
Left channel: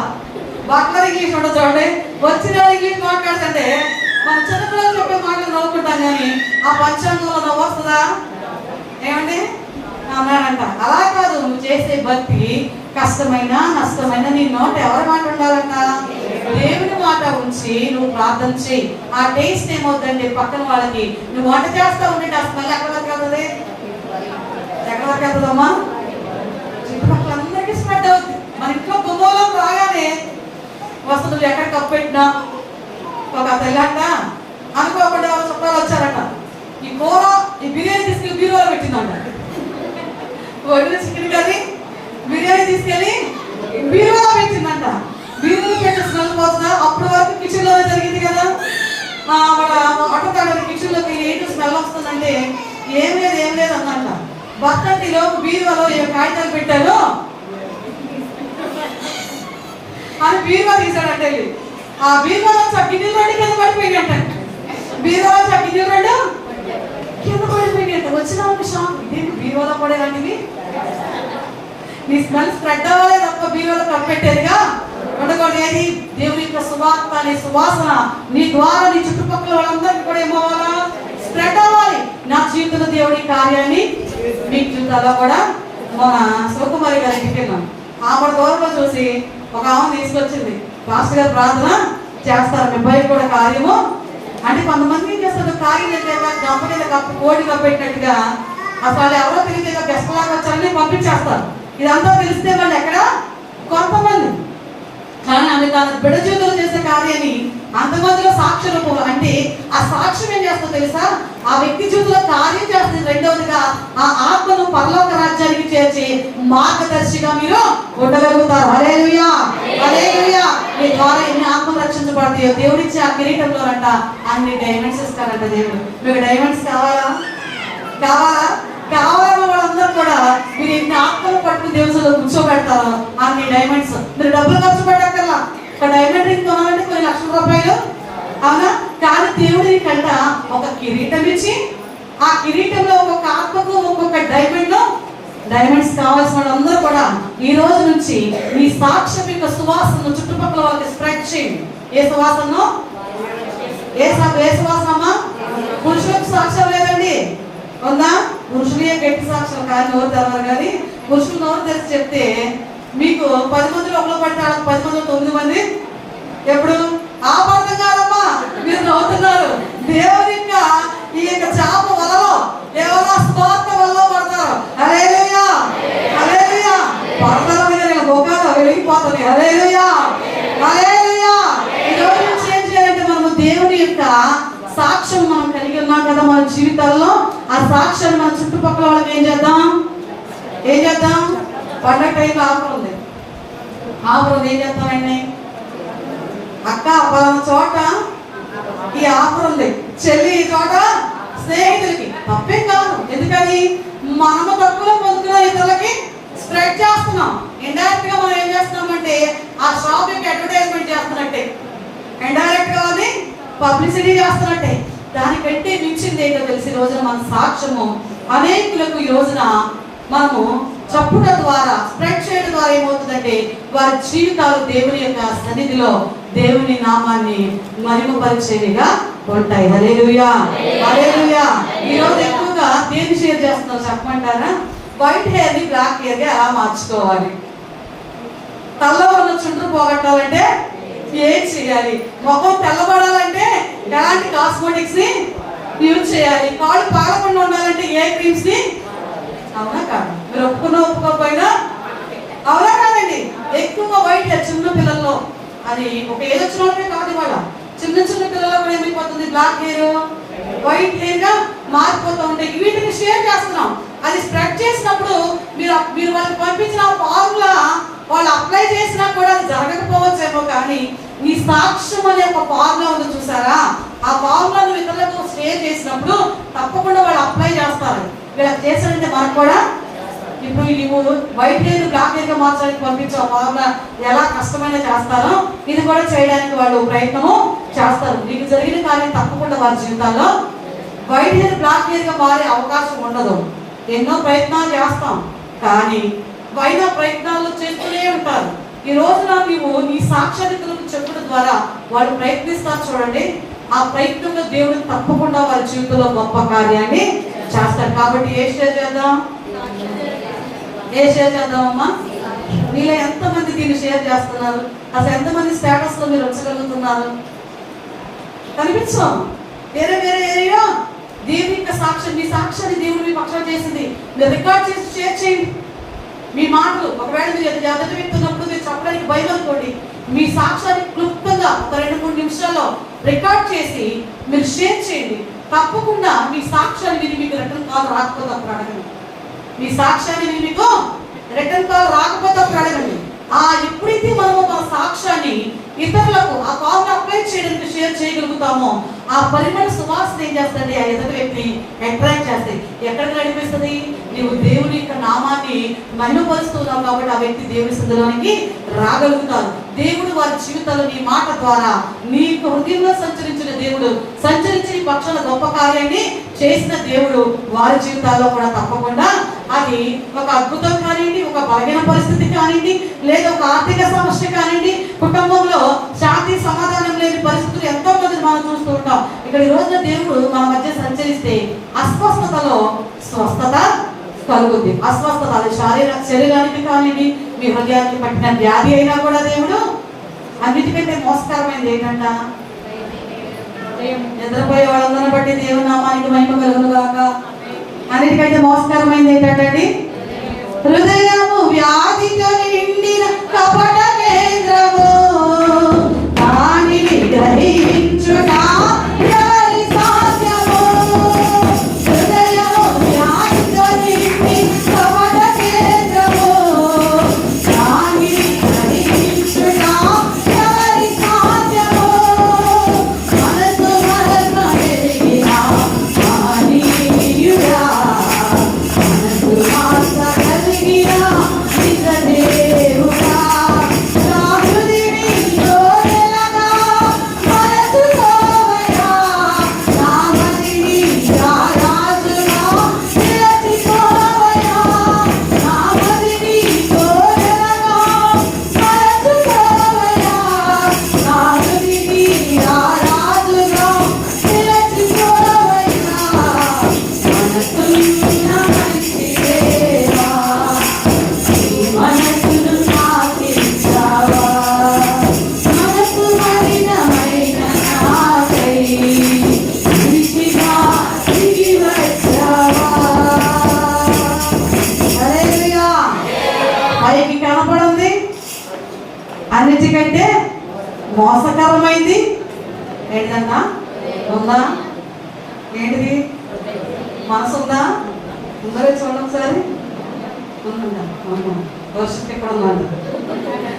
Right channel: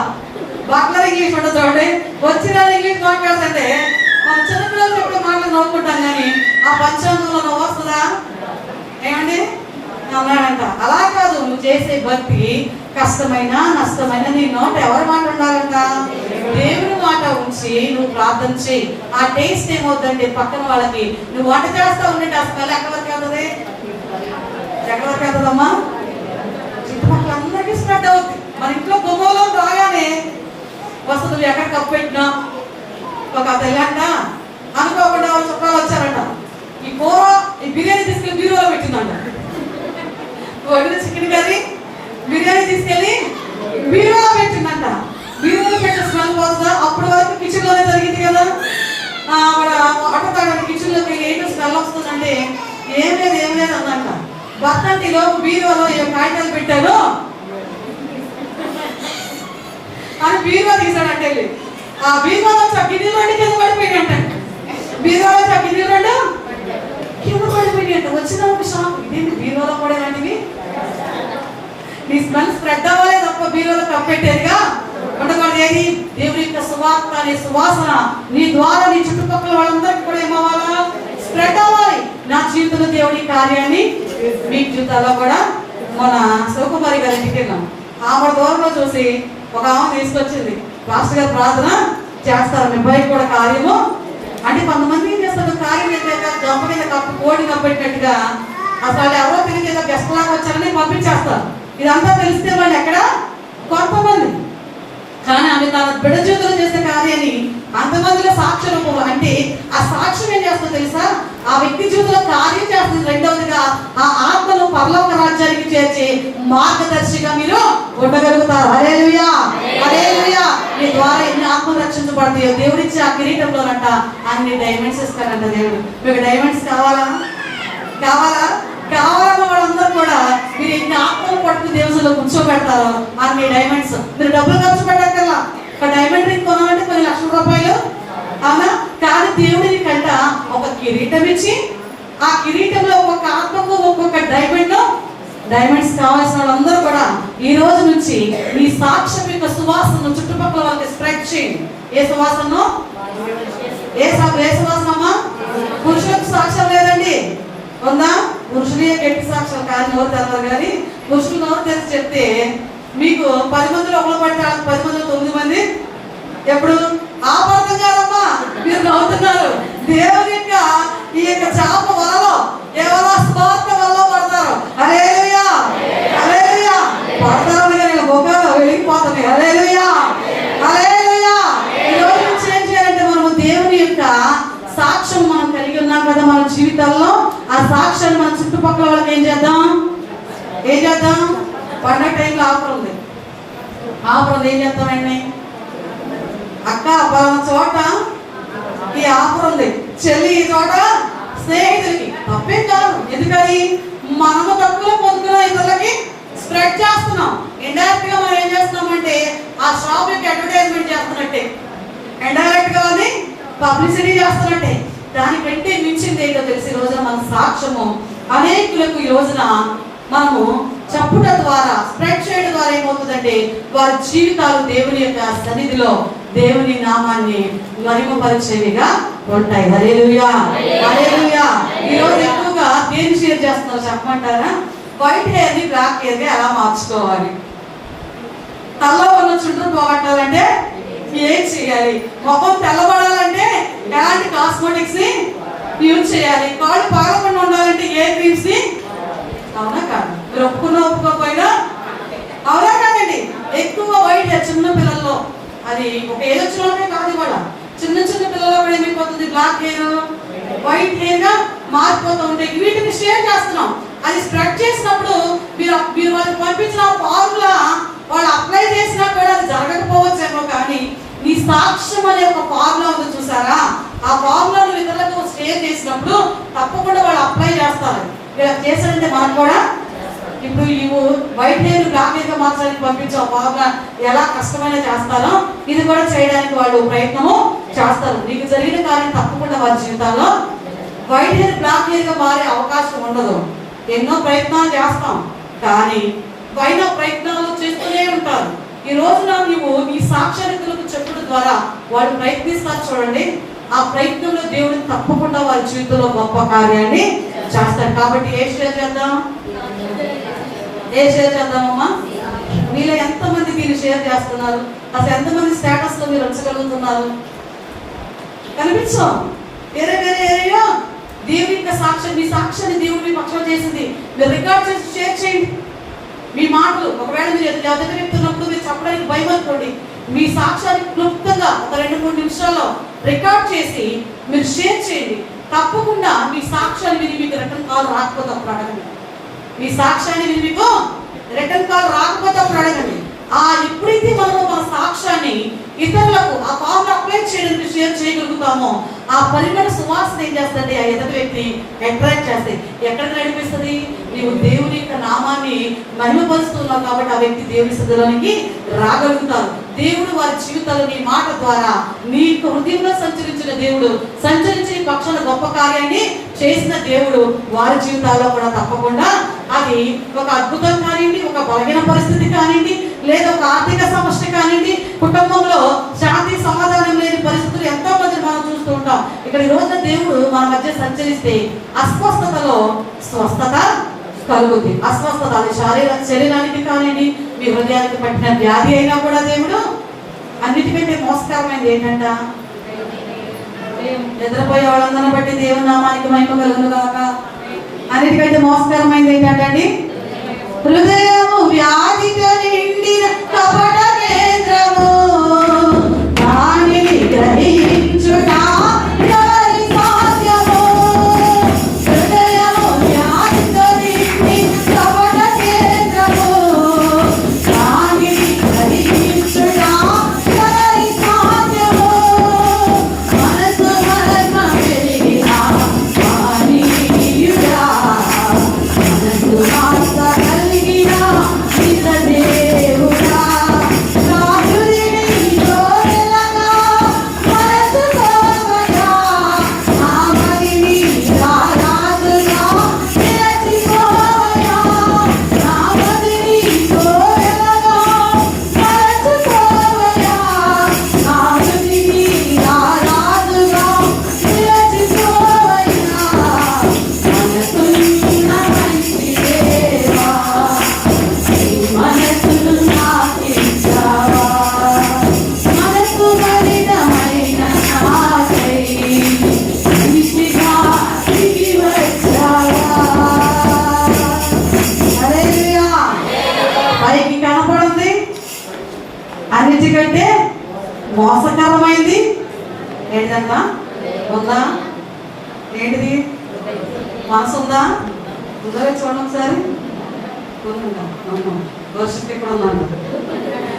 బట్లర్ ఇంగ్లీష్ ఉంటుంది చూడండి. వచ్చిన ఇంగ్లీష్ మాట్లాడుతుంటే మనం చిన్నపిల్లలు చెప్పే మాటలు నవ్వుకుంటాం, కానీ ఆ పంచాంగంలో నవ్వు వస్తుందా? ఏమండి అన్నాడంట. అలా కాదు, నువ్వు చేసే భక్తి కష్టమైన నష్టమైన నీ నోట ఎవరి మాట ఉండాలంట? దేవుని మాట ఉంచి నువ్వు ప్రార్థన చేయి. ఆ టేస్ట్ ఏమవుతుందంటే పక్కన వాళ్ళకి నువ్వు వంట చేస్తా ఉండే ఆ స్మెల్ ఎక్కడి వరకు వెళ్తుంది? ఎక్కడి వరకు వెళ్తుందమ్మా? చుట్టుపక్కల అందరికీ స్ప్రెడ్ అవుతుంది. మన ఇంట్లో గుమ్మలో రాగానే వస్తుంది, నువ్వు ఎక్కడ కప్పు పెట్టినా ఒక తెల్లంట అనుకోకుండా వాళ్ళ చుట్టాలు వచ్చారంట, ఈ కూర ఈ బిర్యానీ తీసుకెళ్ళి బీరువాలో పెట్టిందంట. వడ్డీ చికెన్ కర్రీ బిర్యానీ తీసుకెళ్ళి బీరువాలో పెట్టిందంట. బీరువాలో పెట్టే స్మెల్ పోతుందా? అప్పటి వరకు కిచెన్ లోనే జరిగింది కదా. ఆటోతాడు కిచెన్ లోకి ఏంటో స్మెల్ వస్తుందంటే ఏం లేదు అన్నట్ట. భర్త అంటే లోపు బీరువాలో ఏ కాగితాలు పెట్టారో అని బీరువా తీసాడంటే వెళ్ళి ఆ బీరువా వచ్చి ఆ గిన్నెలు 2 కింద పడిపోయినట్ట. బీరువా వచ్చి ఆ గిన్నెలు 2 కింద పడిపోయినట్ట. వచ్చిన షాప్ ఇదేంటి బీరువాలో పడే లాంటివి? నీ స్మెల్ స్ప్రెడ్ అవ్వాలి తప్ప బీరువాలో కప్పెట్టేదిగా ఉండకూడదు. ఏది? దేవుని యొక్క సువార్త అనే సువాసన నీ ద్వారా నీ చుట్టుపక్కల వాళ్ళందరికీ కూడా ఏమవ్వాలా? స్ప్రెడ్ అవ్వాలి. నా జీవితంలో దేవుడి కార్యాన్ని మీ జీవితాల్లో కూడా. మన శివకుమారి గారి ఇంటికి వెళ్ళాం. ఆమె దూరంలో చూసి ఒక ఆమె తీసుకొచ్చింది, పాస్టర్ గారు ప్రార్థన చేస్తారు, మీ అబ్బాయికి కూడా కార్యము అంటే. కొంతమంది ఏం చేస్తారు, కార్యం గంప కింద కప్పు కోడి కప్పెట్టినట్టుగా అసలు వాళ్ళు ఎవరో తెలియదు, ఏదో గెస్ట్ లాగా వచ్చారని పంపించేస్తారు. ఇదంతా తెలిస్తే వాళ్ళు ఎక్కడ కొంతమంది, కానీ ఆమె తన బిడ్డ జీవితంలో చేసే కార్యాన్ని అంతమందిలో సాక్ష్యం అంటే ఆ సాక్ష్యం ఏం చేస్తుందో తెలుసా, ఆ వ్యక్తి జీవితంలో కార్యం చేస్తుంది. రెండవదిగా ఆ ఆత్మను పరలోక రాజ్యానికి చేర్చి మార్గదర్శిగా మీరు ఉండగలుగుతారు. హల్లెలూయా, హల్లెలూయా. మీ ద్వారా ఎన్ని ఆత్మలు రక్షించబడతాయో దేవుడిచ్చే ఆ కిరీటంలోనంట అన్ని డైమండ్స్ ఇస్తారంట దేవుడు. మీకు డైమండ్స్ కావాలా? కావాలా? కావాలన్న వాళ్ళందరూ కూడా మీరు ఎన్ని ఆత్మలు పట్టుకుని దేవుడిలో కూర్చోబెడతారో అన్ని డైమండ్స్. మీరు డబ్బులు ఖర్చు పెట్టక్కర్లా. ఒక డైమండ్ రింగ్ కొనాలంటే 10 లక్షల రూపాయలు, అవునా? కానీ దేవుడిని కంట ఒక కిరీటం ఇచ్చి ఆ కిరీటంలో ఒక్కొక్క ఆత్మకు ఒక్కొక్క డైమండ్స్ కావాల్సిన వాళ్ళందరూ కూడా ఈ రోజు నుంచి మీ సాక్ష్యం యొక్క సువాసనను చుట్టుపక్కల వాళ్ళకి స్ప్రెడ్ చేయండి. ఏ సువాసనను? ఏ సువాసనమ్మా? పురుషులకు సాక్ష్యం లేదండి, ఉందా? పురుషులే గట్టి సాక్ష్యం కాదు, నోరు తెలవరు. కానీ పురుషులు నోరు తెరిచి చెప్తే మీకు 10 మందిలో ఒకరు పడితే 10 మందిలో 9 మంది ఎప్పుడు ఆపర్థం కాదమ్మా, మీరు నవ్వుతున్నారు. దేవుని యొక్క ఈ యొక్క చాప వలలో కేవలం స్వార్థ వల్ల పడతారు. హల్లెలూయా, హల్లెలూయా. పడతారు నేను మోకాలు వెళ్ళిపోతుంది. హల్లెలూయా, హల్లెలూయా. ఈ రోజు నుంచి ఏం చేయాలంటే మనము దేవుని యొక్క సాక్ష్యం మనం కలిగి ఉన్నాం కదా మన జీవితాల్లో. ఆ సాక్ష్యాన్ని మన చుట్టుపక్కల వాళ్ళకి ఏం చేద్దాం? పండగ టైంలో ఆఫర్ ఉంది. ఏం చేస్తామండి? అక్క పలానా చోట ఈ ఆఫర్ ఉంది, చెల్లి ఈ చోట స్నేహితులకి. తప్పేం కాదు, ఎందుకని మనము తక్కువలో పొందుకున్న ఇతరులకి స్ప్రెడ్ చేస్తున్నాం. ఇండైరెక్ట్ గా మనం ఏం చేస్తున్నామంటే ఆ షాప్ యొక్క అడ్వర్టైజ్మెంట్ చేస్తున్నట్టే, ఇండైరెక్ట్ గా అది పబ్లిసిటీ చేస్తున్నట్టే. దానికంటే మించింది ఏంటో తెలిసి రోజున మన సాక్ష్యము అనేకులకు ఈ రోజున మనము చెప్పుట ద్వారా స్ప్రెడ్ చేయడం ద్వారా ఏమవుతుందంటే వారి జీవితాలు దేవుని యొక్క సన్నిధిలో దేవుని నామాన్ని మహిమపరిచేవిగా ఉంటాయి. హల్లెలూయా, హల్లెలూయా. ఈ రోజు ఎక్కువగా దేన్ని షేర్ చేస్తున్నారు చెప్పమంటారా? వైట్ హెయిర్ ని బ్లాక్ హెయిర్ గా ఎలా మార్చుకోవాలి, తల్ల ఉన్న చుండ్రు పోగొట్టాలంటే ఏం చేయాలి, ముఖం తెల్లబడాలంటే ఎలాంటి కాస్మెటిక్స్ ని యూజ్ చేయాలి, కాళ్ళు పారకుండా ఉండాలంటే ఏ క్రీమ్స్ ని. అవునా కాదు? మీరు ఒప్పుకోకపోయినా అవునా కాదండి? ఎక్కువ వైట్ హెయిర్ చిన్న పిల్లల్లో, అది ఒక ఏజ్ వచ్చిన వాళ్ళకే కాదు, ఇవాళ చిన్న పిల్లల్లో కూడా ఏమైపోతుంది, బ్లాక్ హెయిర్ వైట్ హెయిర్ గా మారిపోతూ ఉంటాయి. వీటిని షేర్ చేస్తున్నాం. అది స్ప్రెడ్ చేసినప్పుడు మీరు వాళ్ళకి పంపించిన ఫార్ములా వాళ్ళు అప్లై చేసినా కూడా అది జరగకపోవచ్చేమో, కానీ నీ సాక్ష్యం అనే ఒక ఫార్ములా ఉంది చూసారా? ఆ ఫార్ములా నువ్వు ఇతరులకు షేర్ చేసినప్పుడు తప్పకుండా వాళ్ళు అప్లై చేస్తారు. ఇలా చేశారంటే మనకు కూడా ఇప్పుడు నువ్వు వైట్ హెయిర్ బ్లాక్ హెయిర్ గా మార్చడానికి పంపించావు ఫార్ములా ఎలా కష్టమైనా చేస్తారో ఇది కూడా చేయడానికి వాళ్ళు ప్రయత్నము చేస్తారు. నీకు జరిగిన కార్యం తప్పకుండా వారి జీవితాల్లో వైట్ హెయిర్ బ్లాక్ హెయిర్ గా మారే అవకాశం ఉండదు. ఎన్నో ప్రయత్నాలు చేస్తాం, కానీ వైన ప్రయత్నాలు చేస్తూనే ఉంటారు. ఈ రోజున నువ్వు నీ సాక్ష్యానికులకు చెప్పడం ద్వారా వాళ్ళు ప్రయత్నిస్తారు చూడండి. ఆ ప్రయత్నంలో దేవుడు తప్పకుండా వారి జీవితంలో గొప్ప కార్యాన్ని చేస్తాడు. కాబట్టి ఏ షేర్ చేద్దామమ్మా? మీలో ఎంతమంది దీన్ని షేర్ చేస్తున్నారు? అసలు ఎంతమంది స్టేటస్ లో మీరు ఉంచగలుగుతున్నారు? కనిపించాం వేరే ఏరియా దేవుని యొక్క సాక్ష్యం, మీ సాక్ష్యాన్ని దేవుడు మీ పక్షం చేసింది మీరు రికార్డ్ చేసి షేర్ చేయండి. మీ మాటలు ఒకవేళ మీరు ఎదుటి వ్యక్తి ఉన్నప్పుడు మీరు చెప్పడానికి భయం అనుకోండి, మీ సాక్ష్యాన్ని క్లుప్తంగా ఒక 2-3 నిమిషాల్లో రికార్డ్ చేసి మీరు షేర్ చేయండి. తప్పకుండా మీ సాక్ష్యాన్ని విని మీకు రిటర్న్ కాల్ రాకపోతే అప్పుడు అడగండి. మీ సాక్ష్యాన్ని విని మీకు రిటర్న్ కాల్ రాకపోతే అప్పుడు అడగండి. ఎప్పుడైతే మనము మన సాక్ష్యాన్ని ఇతరులకు ఆ కాల్ అప్లై చేయడానికి షేర్ చేయగలుగుతామో ఆ పరిమళ సువాసన ఏం చేస్తుంది, ఆ ఎదుటి వ్యక్తిని అట్రాక్ట్ చేస్తాయి. ఎక్కడికి నడిపిస్తుంది? నీవు దేవుని యొక్క నామాన్ని మహిమపరుస్తున్నావు కాబట్టి ఆ వ్యక్తి దేవుని సన్నిధిలోనికి రాగలుగుతారు. దేవుడు వారి జీవితాల్లో నీ మాట ద్వారా నీ హృదయంలో సంచరించిన దేవుడు, సంచరించి నీ పక్షాన గొప్ప కార్యాన్ని చేసిన దేవుడు వారి జీవితాల్లో కూడా తప్పకుండా అది ఒక అద్భుతం కానివ్వండి, ఒక బలహీన పరిస్థితి కానివ్వండి, లేదా ఒక ఆర్థిక సమస్య కానివ్వండి, కుటుంబంలో శాంతి సమాధానం లేని పరిస్థితులు ఎంతో మంది మనం చూస్తూ ఉంటాం. ఇక్కడ ఈ రోజున దేవుడు మన మధ్య సంచరిస్తే అస్వస్థతలో స్వస్థత కలుగుద్ది. అస్వస్థత అది శరీరానికి కానివ్వండి, మీ హృదయానికి పట్టిన వ్యాధి అయినా కూడా దేవుడు అన్నిటికంటే మోసకరమైనది ఏంటంట? నిద్రపోయే వాళ్ళందరిని బట్టి దేవుని నామానికి మహిమ కలుగును గాక. అన్నిటికైతే మోసకరమైంది ఏంటండి? హృదయము వ్యాధితో నిండిన కపట కేంద్రము, దానిని గ్రహించుట ఎవరి సాధ్యము? హృదయము వ్యాధితో నిండి కపట కేంద్రము, దానిని గ్రహించుట ఎవరి సాధ్యము? మనసు మరణ పెరిగిన మానీయుడా, మనసు ఆశ కలిగిన నిజదేవుడా, నా హృదయని కోరెలగా మనసుకోవయా, నా మదిని రారాజుగా నిలచిపోవయా, నా మదిని కోరెలగా మనసుకోవయా, నా మదిని రారాజుగా నిలచిపోవయా, మనసున్న మంచి దేవా, నీ మనసును నాకిచ్చావా, మనసు మలినమైన నాకై మనిషిగా దిగి వచ్చావా. హల్లెలూయా. పైకి కనపడింది అన్నిటికంటే మోసకరమైంది ఏంటంట? ఉందా? ఏంటిది? మనసు ఉందా? ఉందా? చూడండి ఒకసారి. ఉందా? వర్షిప్ ఇక్కడ ఉన్నాను.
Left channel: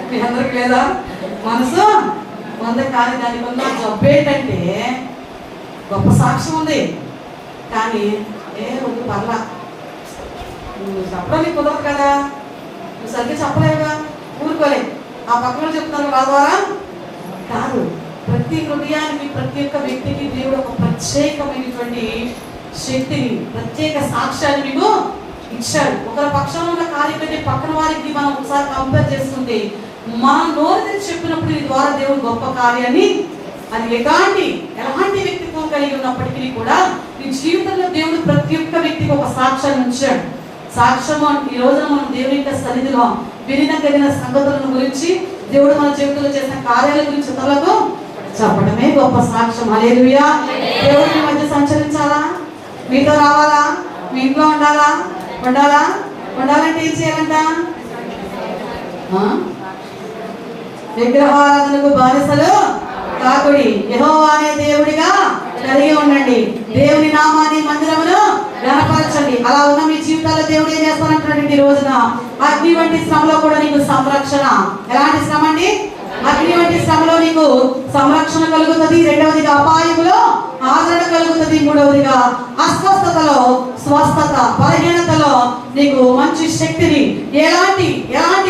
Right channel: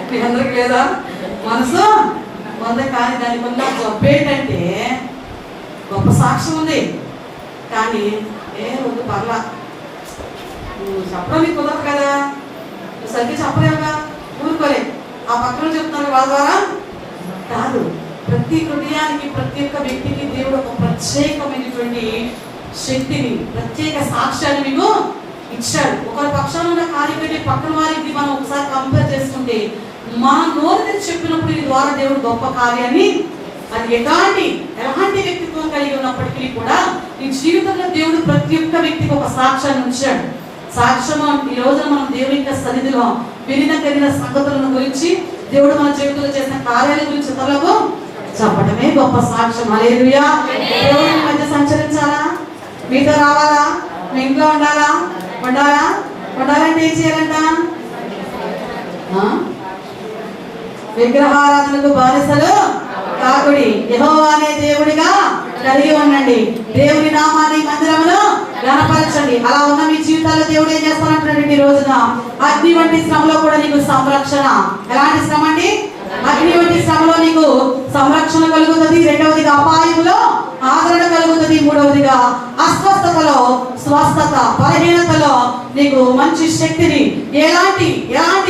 మీ అందరికి లేదా మనసు? ఉంది. కానీ దానికి ఉన్న జబ్బు ఏంటంటే గొప్ప సాక్ష్యం ఉంది, కానీ వద్దు పర్లా, నువ్వు చెప్పడం నీకు కుదరదు కదా, నువ్వు సరిగ్గా చెప్పలేవుగా, ఊరుకోలే. ఆ పక్కన చెప్తున్నారు వాళ్ళ ద్వారా కాదు. ప్రతి హృదయానికి, ప్రతి ఒక్క వ్యక్తికి దేవుడు ఒక ప్రత్యేకమైనటువంటి శక్తిని, ప్రత్యేక సాక్ష్యాన్ని మీకు ఇచ్చాడు. ఒకరి పక్షాన ఉన్న కార్యం కంటే పక్కన వారికి మనం ఒకసారి కంపేర్ చేసుకుంటే, మనం నోరు తెచ్చి చెప్పినప్పుడు ఈ ద్వారా దేవుడు గొప్ప కార్యాన్ని, అది ఎలాంటి వ్యక్తిత్వం కలిగి ఉన్నప్పటికీ కూడా నీ జీవితంలో దేవుడు ప్రతి ఒక్క వ్యక్తికి ఒక సాక్ష్యాన్ని ఉంచాడు. సాక్ష్యం ఈ రోజున మనం దేవుని యొక్క సన్నిధిలో వినగలిగిన సంగతులను గురించి, దేవుడు మన జీవితంలో చేసిన కార్యాల గురించి ఇతరులకు చెప్పడమే గొప్ప సాక్ష్యం. హల్లెలూయా. దేవుడి మధ్య సంచరించాలా? మీతో రావాలా? మీ ఇంట్లో ఉండాలా? ఉండాలంటే ఏం చేయాలంట? విగ్రహారాధనకు బానిసలు కాకుడి, యెహోవా అనే దేవుడిగా కలిగి ఉండండి, దేవుని నామాన్ని మందిరమును గణపరచండి. అలా ఉన్న మీ జీవితాల్లో దేవుడు ఏం చేస్తానంటున్నాడు? ఈ రోజున అగ్ని వంటి శ్రమలో కూడా నీకు సంరక్షణ. ఎలాంటి శ్రమ అండి? అగ్ని వంటి శ్రమలో నీకు సంరక్షణ కలుగుతుంది. రెండవదిగా అపాయములో ఆదరణ కలుగుతుంది. మూడవదిగా అస్వస్థతలో స్వస్థత, బలహీనతలో నీకు మంచి శక్తిని, ఎలాంటి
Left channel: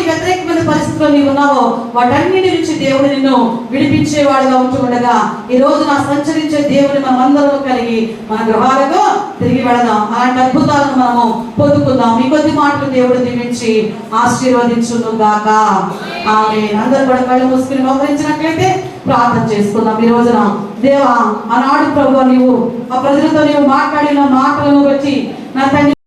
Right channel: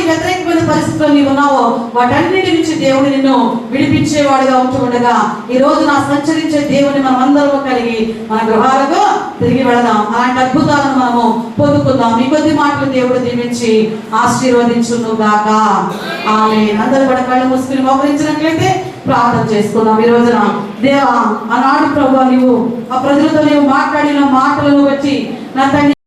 వ్యతిరేకమైన పరిస్థితుల్లో నీవు ఉన్నావో వాటన్నిటి నుంచి దేవుడు నిన్ను విడిపించేవాడుగా ఉంటుండగా ఈ రోజు నా సంచరించే దేవుని మనం అందరూ కలిగి మన గృహాలకు తిరిగి వెళదాం. అలాంటి అద్భుతాలను మనము పొందుకుందాం. ఈ కొద్ది మాటలు దేవుడు దీవించి ఆశీర్వదించును గాక. ఆమేన్. అందరూ కూడా కళ్ళు మూసుకుని మోకరించినట్లయితే ప్రార్థన చేసుకుందాం. ఈ రోజున దేవా, ఆనాడు ప్రభువా నీవు ఆ ప్రజలతో నీవు మాట్లాడిన మాటలను బట్టి నా తండ్రి